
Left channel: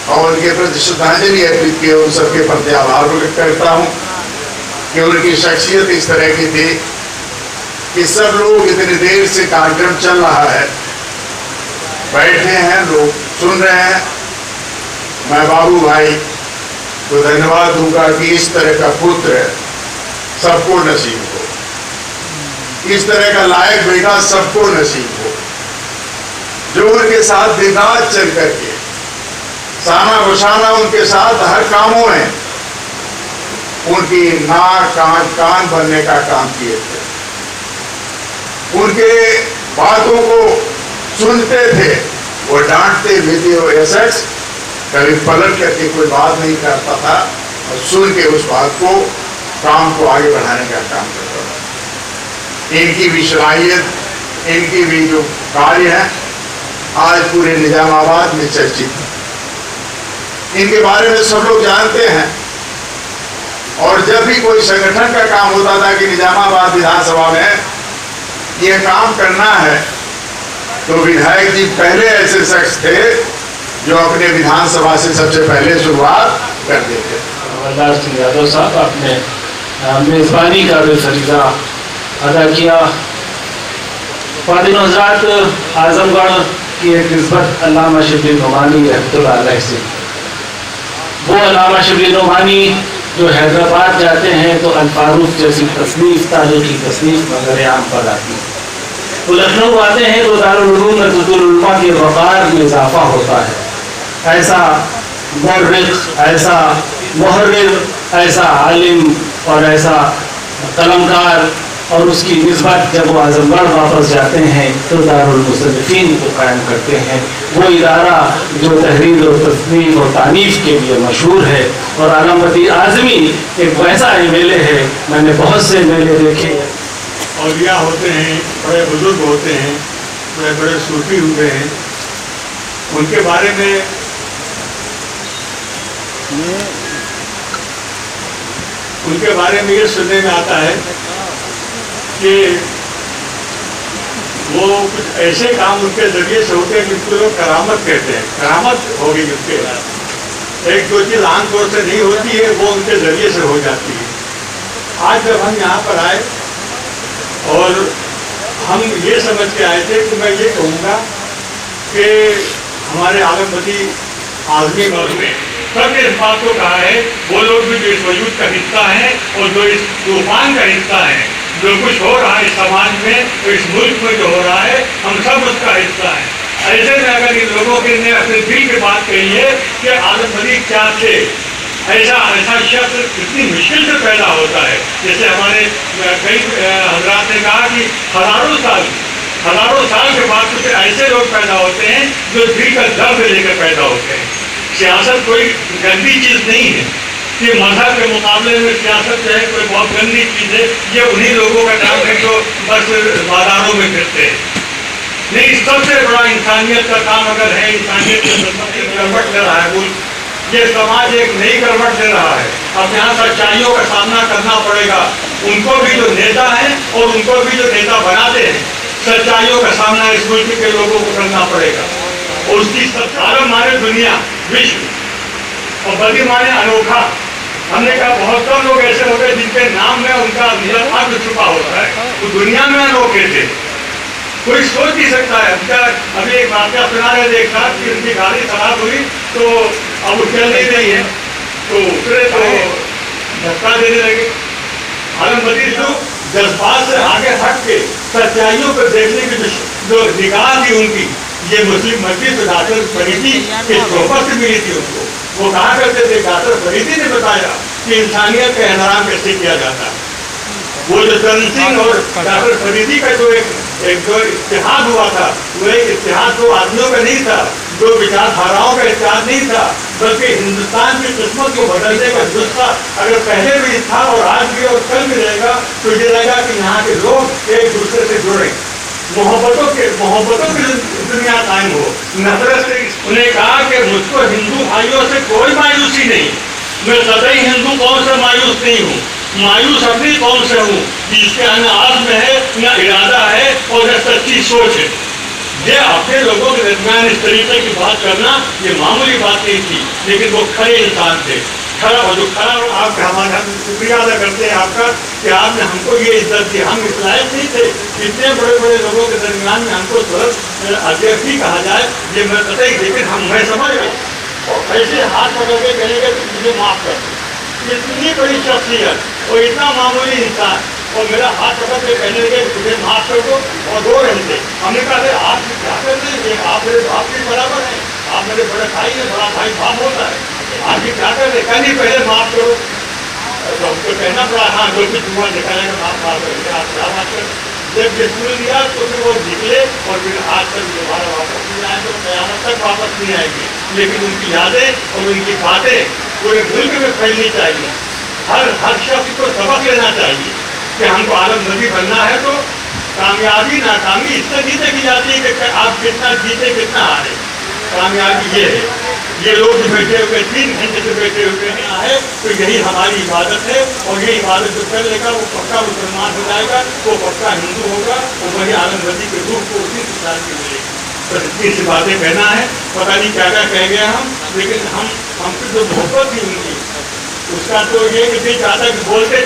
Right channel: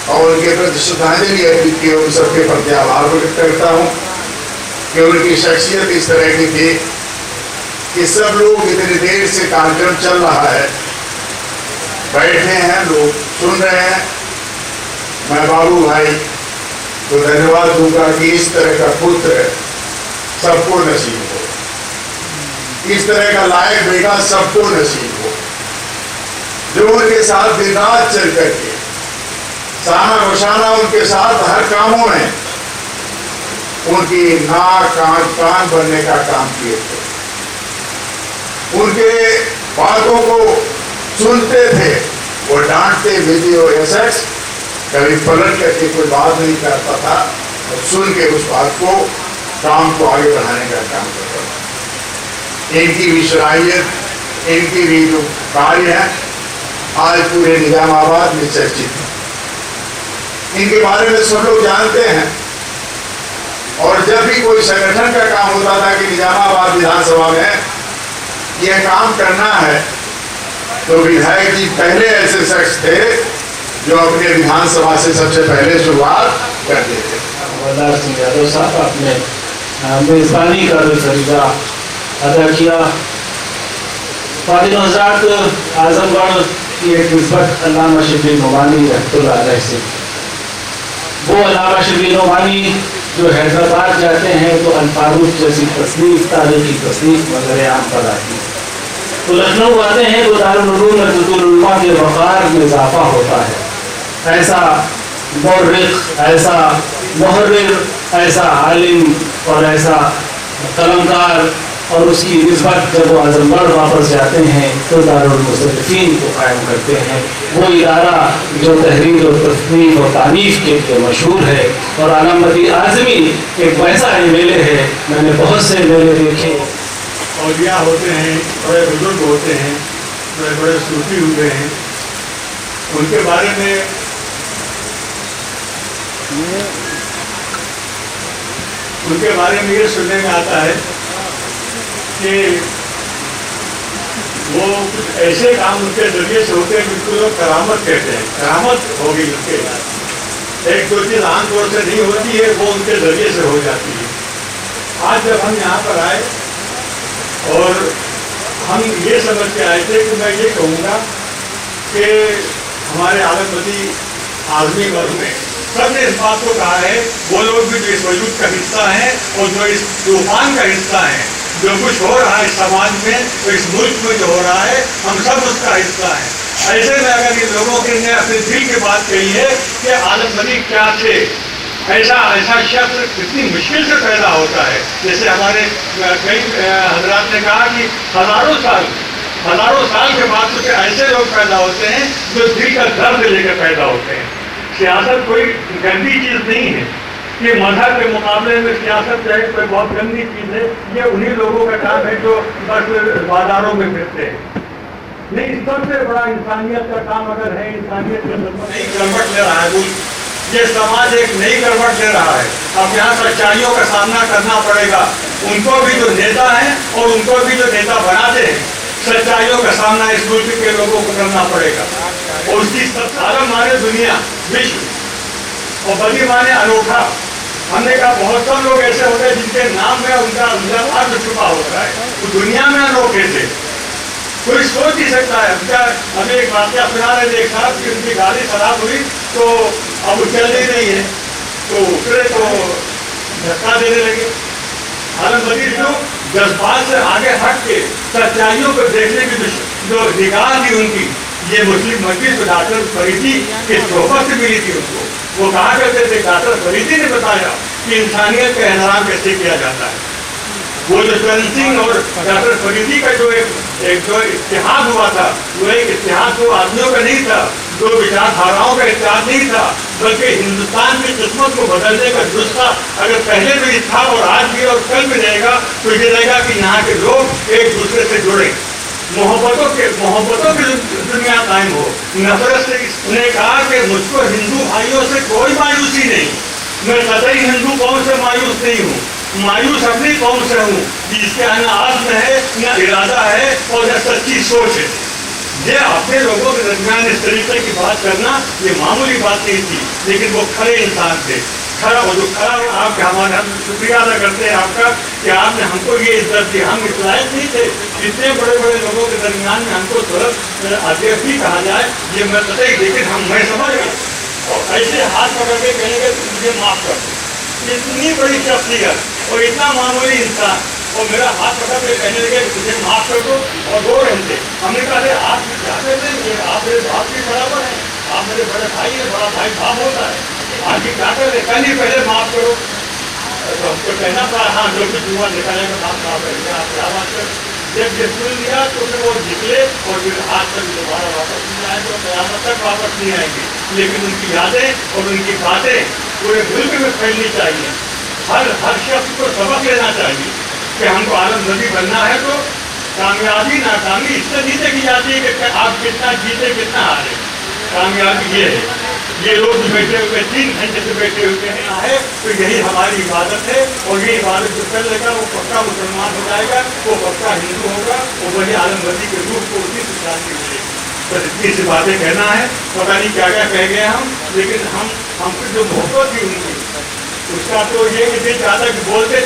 और उनके प्रति श्रद्धांजलि अर्पित की, उन सबके प्रति आभार व्यक्त करता हूँ कि उनकी शख्सियत इस तरह की थी कि सब लोग इतनी देर से कार्यक्रम चल रहा है, बैठे हैं, लोग सुन रहे हैं। मैं बाबू भाई तो धन्यवाद दूंगा कि इस तरह का पुत्र सबको नसीब हो, इस तरह का लायक बेटा सबको नसीब हो, जो उनके साथ दिन रात चल करके साना बसाना उनके साथ हर कामों में उनकी नाक कान बनने का काम किए थे। उनके बातों को सुनते थे, वो डांटते भी थे और ऐसा कभी पलट करके कोई बात नहीं करता था और सुन के उस बात को, काम को आगे बढ़ाने का काम करता था। इनकी भी सलाहियत, इनकी भी जो कार्य है आज पूरे निजामाबाद में चर्चित है। इनके बारे में सब लोग जानते हैं और जब भी कोई संगठन का काम होता था कि निजामाबाद विधानसभा में यह काम करना है, तो विधायक जी पहले ऐसे शख्स थे जो अपने विधानसभा से सबसे पहले शुरुआत करते थे। बलदार सिंह यादव साहब अपने मेजबानी का जो तरीका अदा किया, फादिल आजमगढ़ की एक निस्बत अल्लामा शबीर नोमानी रहमतुल्लाह अलैह से, वो अल्लामा शबीर नोमानी जो हैदराबाद जाते हैं तो अल-फारूक जैसी तस्नीफ, तारीखी तस्नीफ वगैरह आम पर आती है। तो लखनऊ आते हैं तो दारुल उलूम मरकज़ुल उलमा के वक़ार में इजाफा होता है। ऐसा मुर्रिख, ऐसा मुहर्रिर, ऐसा आलिम और ऐसा कलमकार, और उसकी निस्बत जब वो आजमगढ़ वापस जाते हैं तो दारुल मुसन्निफीन को कायम करते हैं। वो इदारा जो तहरीर और तस्नीफ और तारीफ के लिए मशहूर है। और आलमबदी आज़मी एक वैसा मेले है, मैंने बहुत से मेले देखे। औलिया होते हैं, बड़े बुजुर्ग होते हैं, बड़े बड़े सूफी हुए हैं, उनके बारे में ये सुनने में आता है कि वो कुछ ऐसे काम उनके जरिए से होते हैं जिनको लोग करामत कहते हैं। करामत होगी उनके, एक दो चीज आमतौर से नहीं होती है, वो उनके जरिए से हो जाती है। आज जब हम यहाँ पर आए और हम ये समझ के आए थे कि मैं ये कहूँगा कि हमारे आलमबदी आज़मी वर्ग में सबने इस बात को कहा है, वो लोग भी जो इस वजूद का हिस्सा है और जो इस तूफान का हिस्सा है, जो कुछ हो रहा है इस समाज में, तो इस मुल्क में जो हो रहा है, हम सब उसका हिस्सा है। ऐसे में अगर इन लोगों के ने अपने दिल की बात कही है कि आलमबदी क्या थे, ऐसा शब्द इतनी मुश्किल से पैदा होता है। जैसे हमारे कई हजरात ने कहा कि हजारों साल के बाद कुछ ऐसे लोग पैदा होते हैं जो दिल का दर्द लेकर पैदा होते हैं। सियासत कोई गंदी चीज़ नहीं है कि मजहब के मुकाबले में सियासत जो है कोई बहुत गंदी चीज़ है। ये उन्हीं लोगों का नाम है जो बस बाजारों में फिरते हैं। नहीं, सबसे बड़ा इंसानियत का काम अगर है, इंसानियत के करवट ले रहा है मुल्क, ये समाज एक नई करवट ले रहा है। अब यहाँ सच्चाइयों का सामना करना पड़ेगा। उनको भी जो नेता हैं और उनको भी जो नेता बनाते हैं, सच्चाइयों का सामना इस मुल्क के लोगों को करना पड़ेगा। और उसकी सारा माने दुनिया, विश्व और बड़ी माने अनोखा। हमने कहा बहुत कम लोग ऐसे होते हैं जिनके नाम में उनका अर्थ छुपा होता है, वो दुनिया में अनोखे थे। कोई सोच नहीं सकता है। अभी एक वाक्य सुना रहे थे, एक साहब की उनकी गाड़ी खराब हुई तो अब वो चल नहीं रही है, तो उतरे तो धक्का देने लगे। आलमबदी लोग जज्बात से आगे हट के सच्चाइयों को देखने की जो निगाह थी उनकी, ये मुस्लिम मस्जिद डॉक्टर फरीदी की सोहबत से मिली थी उनको। वो कहा करते थे, डॉक्टर फरीदी ने बताया कि इंसानियत का एहतराम कैसे किया जाता है। वो जो चरण सिंह और डॉक्टर फरीदी का जो एक जो इत्तेहाद हुआ था, वो एक इत्तेहाद दो आदमियों का नहीं था, दो विचारधाराओं का इत्तेहाद नहीं था, बल्कि हिंदुस्तान की किस्मत को बदलने का नुस्खा अगर पहले भी था और आज भी और कल भी रहेगा तो ये रहेगा कि यहाँ के लोग एक दूसरे से जुड़े, मोहब्बतों की दुनिया कायम हो, नफरत से। उन्हें कहा कि मुझको हिंदू भाइयों से कोई मायूसी नहीं, मैं कतई हिंदू कौम से मायूस नहीं हूँ, मायूस अपनी कौम से हूँ जिसके न आज़्म है, न इरादा है और न सच्ची सोच है। ये अपने लोगों के दरमियान इस तरीके की बात करना ये मामूली बात नहीं थी, लेकिन वो खड़े इंसान थे। खड़ा और जो खड़ा आप हमारा शुक्रिया अदा करते हैं आपका कि आपने हमको ये इज्जत दी। हम इस लायक नहीं थे, इतने बड़े बड़े लोगों के दरमियान में हमको थोड़ा अध्यक्ष ही कहा जाए, ये मैं पता ही, लेकिन मैं समझ गया और ऐसे हाथ पकड़ के कहेंगे मुझे माफ कर। इतनी बड़ी शख्सियत और इतना मामूली इंसान और मेरा हाथ पकड़ के कहने लगे मुझे माफ कर दो और 2 घंटे। हमने कहा आप क्या कहते हैं, आप मेरे बाप के बराबर हैं, आप मेरे बड़े भाई हैं, बड़ा भाई बाप होता है, आप क्या कहते हैं, कल ही पहले माफ करो। तो हमको कहना पड़ा हाँ जो कुछ हुआ निकालेगा माफ करेंगे, आप क्या बात करें। जब ये सुन लिया तो फिर वो निकले और फिर आज तक दोबारा वापस नहीं आए, तो क़यामत तक वापस नहीं आएगी। लेकिन उनकी यादें और उनकी बातें पूरे मुल्क में फैलनी चाहिए। हर शख्स को सबक लेना चाहिए कि हमको आलमबदी बनना है तो कामयाबी नाकामी इससे नहीं देखी जाती है कि आप कितना जीते कितना हारे। कामयाबी ये है, ये लोग भी बैठे हुए 3 घंटे से बैठे हुए हैं है तो यही हमारी इबादत है और ये इबादत जो कर लेगा वो पक्का मुसलमान हो जाएगा, वो पक्का हिंदू होगा और वही आलमबदी के रूप को उसी विचार के लिए। तो इतनी सी बातें कहना है, पता नहीं क्या क्या कह गए हम, लेकिन हमसे जो मोहब्बत थी उनकी उसका तो ये नहीं चाहता कि बोलते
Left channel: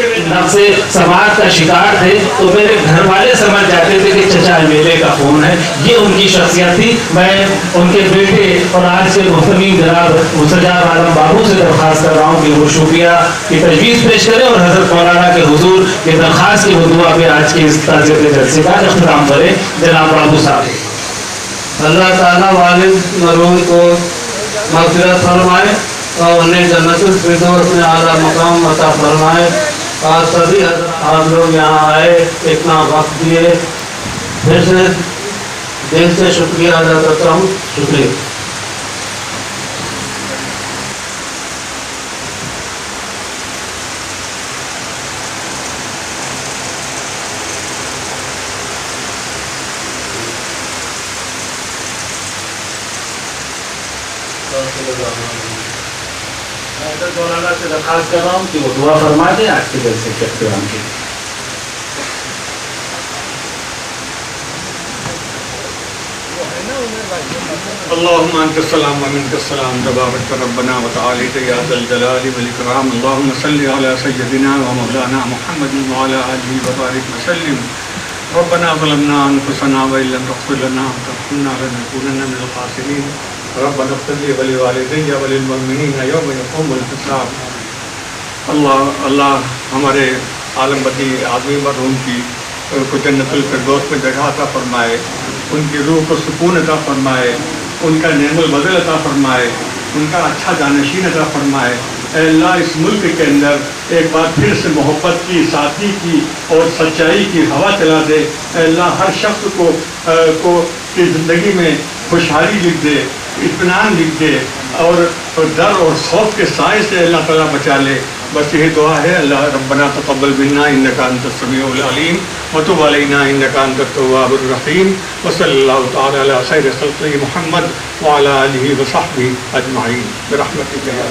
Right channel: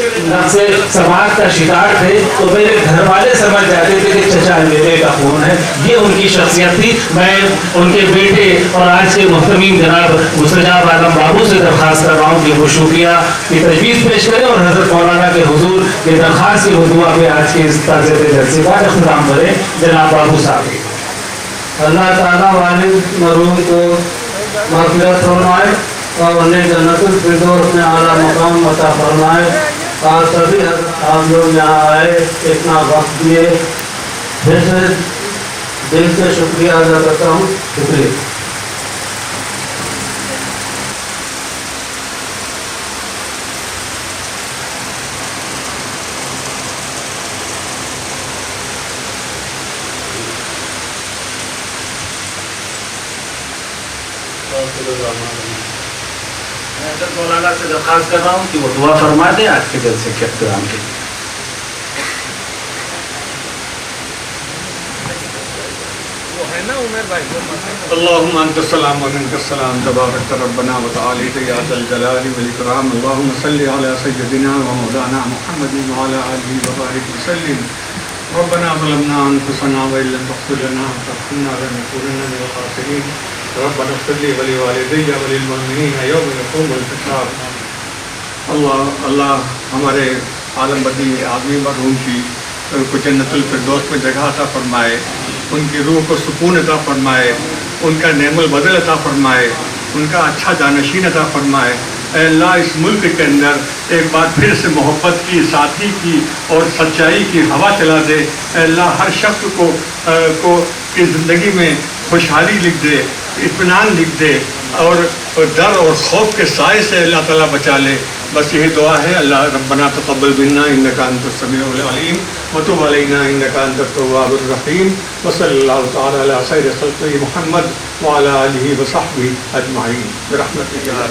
से समाज का शिकार थे तो मेरे घर वाले समझ जाते थे कि चचा मेरे का खून है। ये उनकी शख्सियत थी। मैं उनके बेटे और आज के मुफ्तमीम जनाब मुस्तजाब आलम बाबू से दरख्वास्त कर रहा हूँ कि वो शुक्रिया की तजवीज़ पेश करें और हज़रत मौलाना के हुजूर की दरख्वास्त के हुजूर पे आज के इस ताज़े जलसे का इख्तिताम करें जनाब बाबू साहब। अल्लाह ताला वालिद मरूम को मग़फ़िरत फरमाए और उन्हें जन्नतुल फिरदौस में आला मकाम अता फरमाए। और सभी आप लोग यहाँ आए, इतना वक्त दिए, फिर से दिल से शुक्रिया अदा करता हूँ। शुक्रिया। मैं मौलाना से दरख्वास्त कर रहा हूँ कि वो दुआ फरमा दें आज के जलसे के इख्तिताम के लिए। अल्लाहुम्मा अंतस्सलाम व मिनकस्सलाम तबारक रब्बना व तआला या ज़ल जलाली वल इकराम। अल्लाहुम्मा सल्लि अला सय्यदिना व मौलाना मुहम्मदिन व अला आलिहि व बारिक व सल्लिम। रब्बना ज़लमना अनफुसना व इल्लम तग़फिर लना व तरहमना लनकूनन्ना मिनल ख़ासिरीन। रब्बना इग़फिर ली व लिवालिदैया व लिलमुमिनीना यौम यक़ूमुल हिसाब। अल्लाह हमारे आलमबदी आदमी मरहूम की उनको जन्नतुल फिरदौस में जगह अता फरमाए, उनकी रूह को सुकून अता फरमाए, उनका नेमुल बदल अता फरमाए, उनका अच्छा जानशीन अता फरमाए। अल्लाह इस मुल्क के अंदर एक बार फिर से मोहब्बत की, साथी की और सच्चाई की हवा चला दे। अल्लाह हर शख्स को की ज़िंदगी में खुशहाली लिख दे, इत्मीनान लिख दे और डर और खौफ के साए से अल्लाह ताला बचा ले। बस यही दुआ है। अल्लाह रब्बना तक़ब्बल मिन्ना इन्नका अंतस समीउल अलीम व तुब अलैना इन्नका अंतत तव्वाबुर रहीम। व सल्लल्लाहु तआला अला खैरि खल्क़ि मुहम्मद व अला आलिहि व सहबिहि अजमईन बिरहमतिका।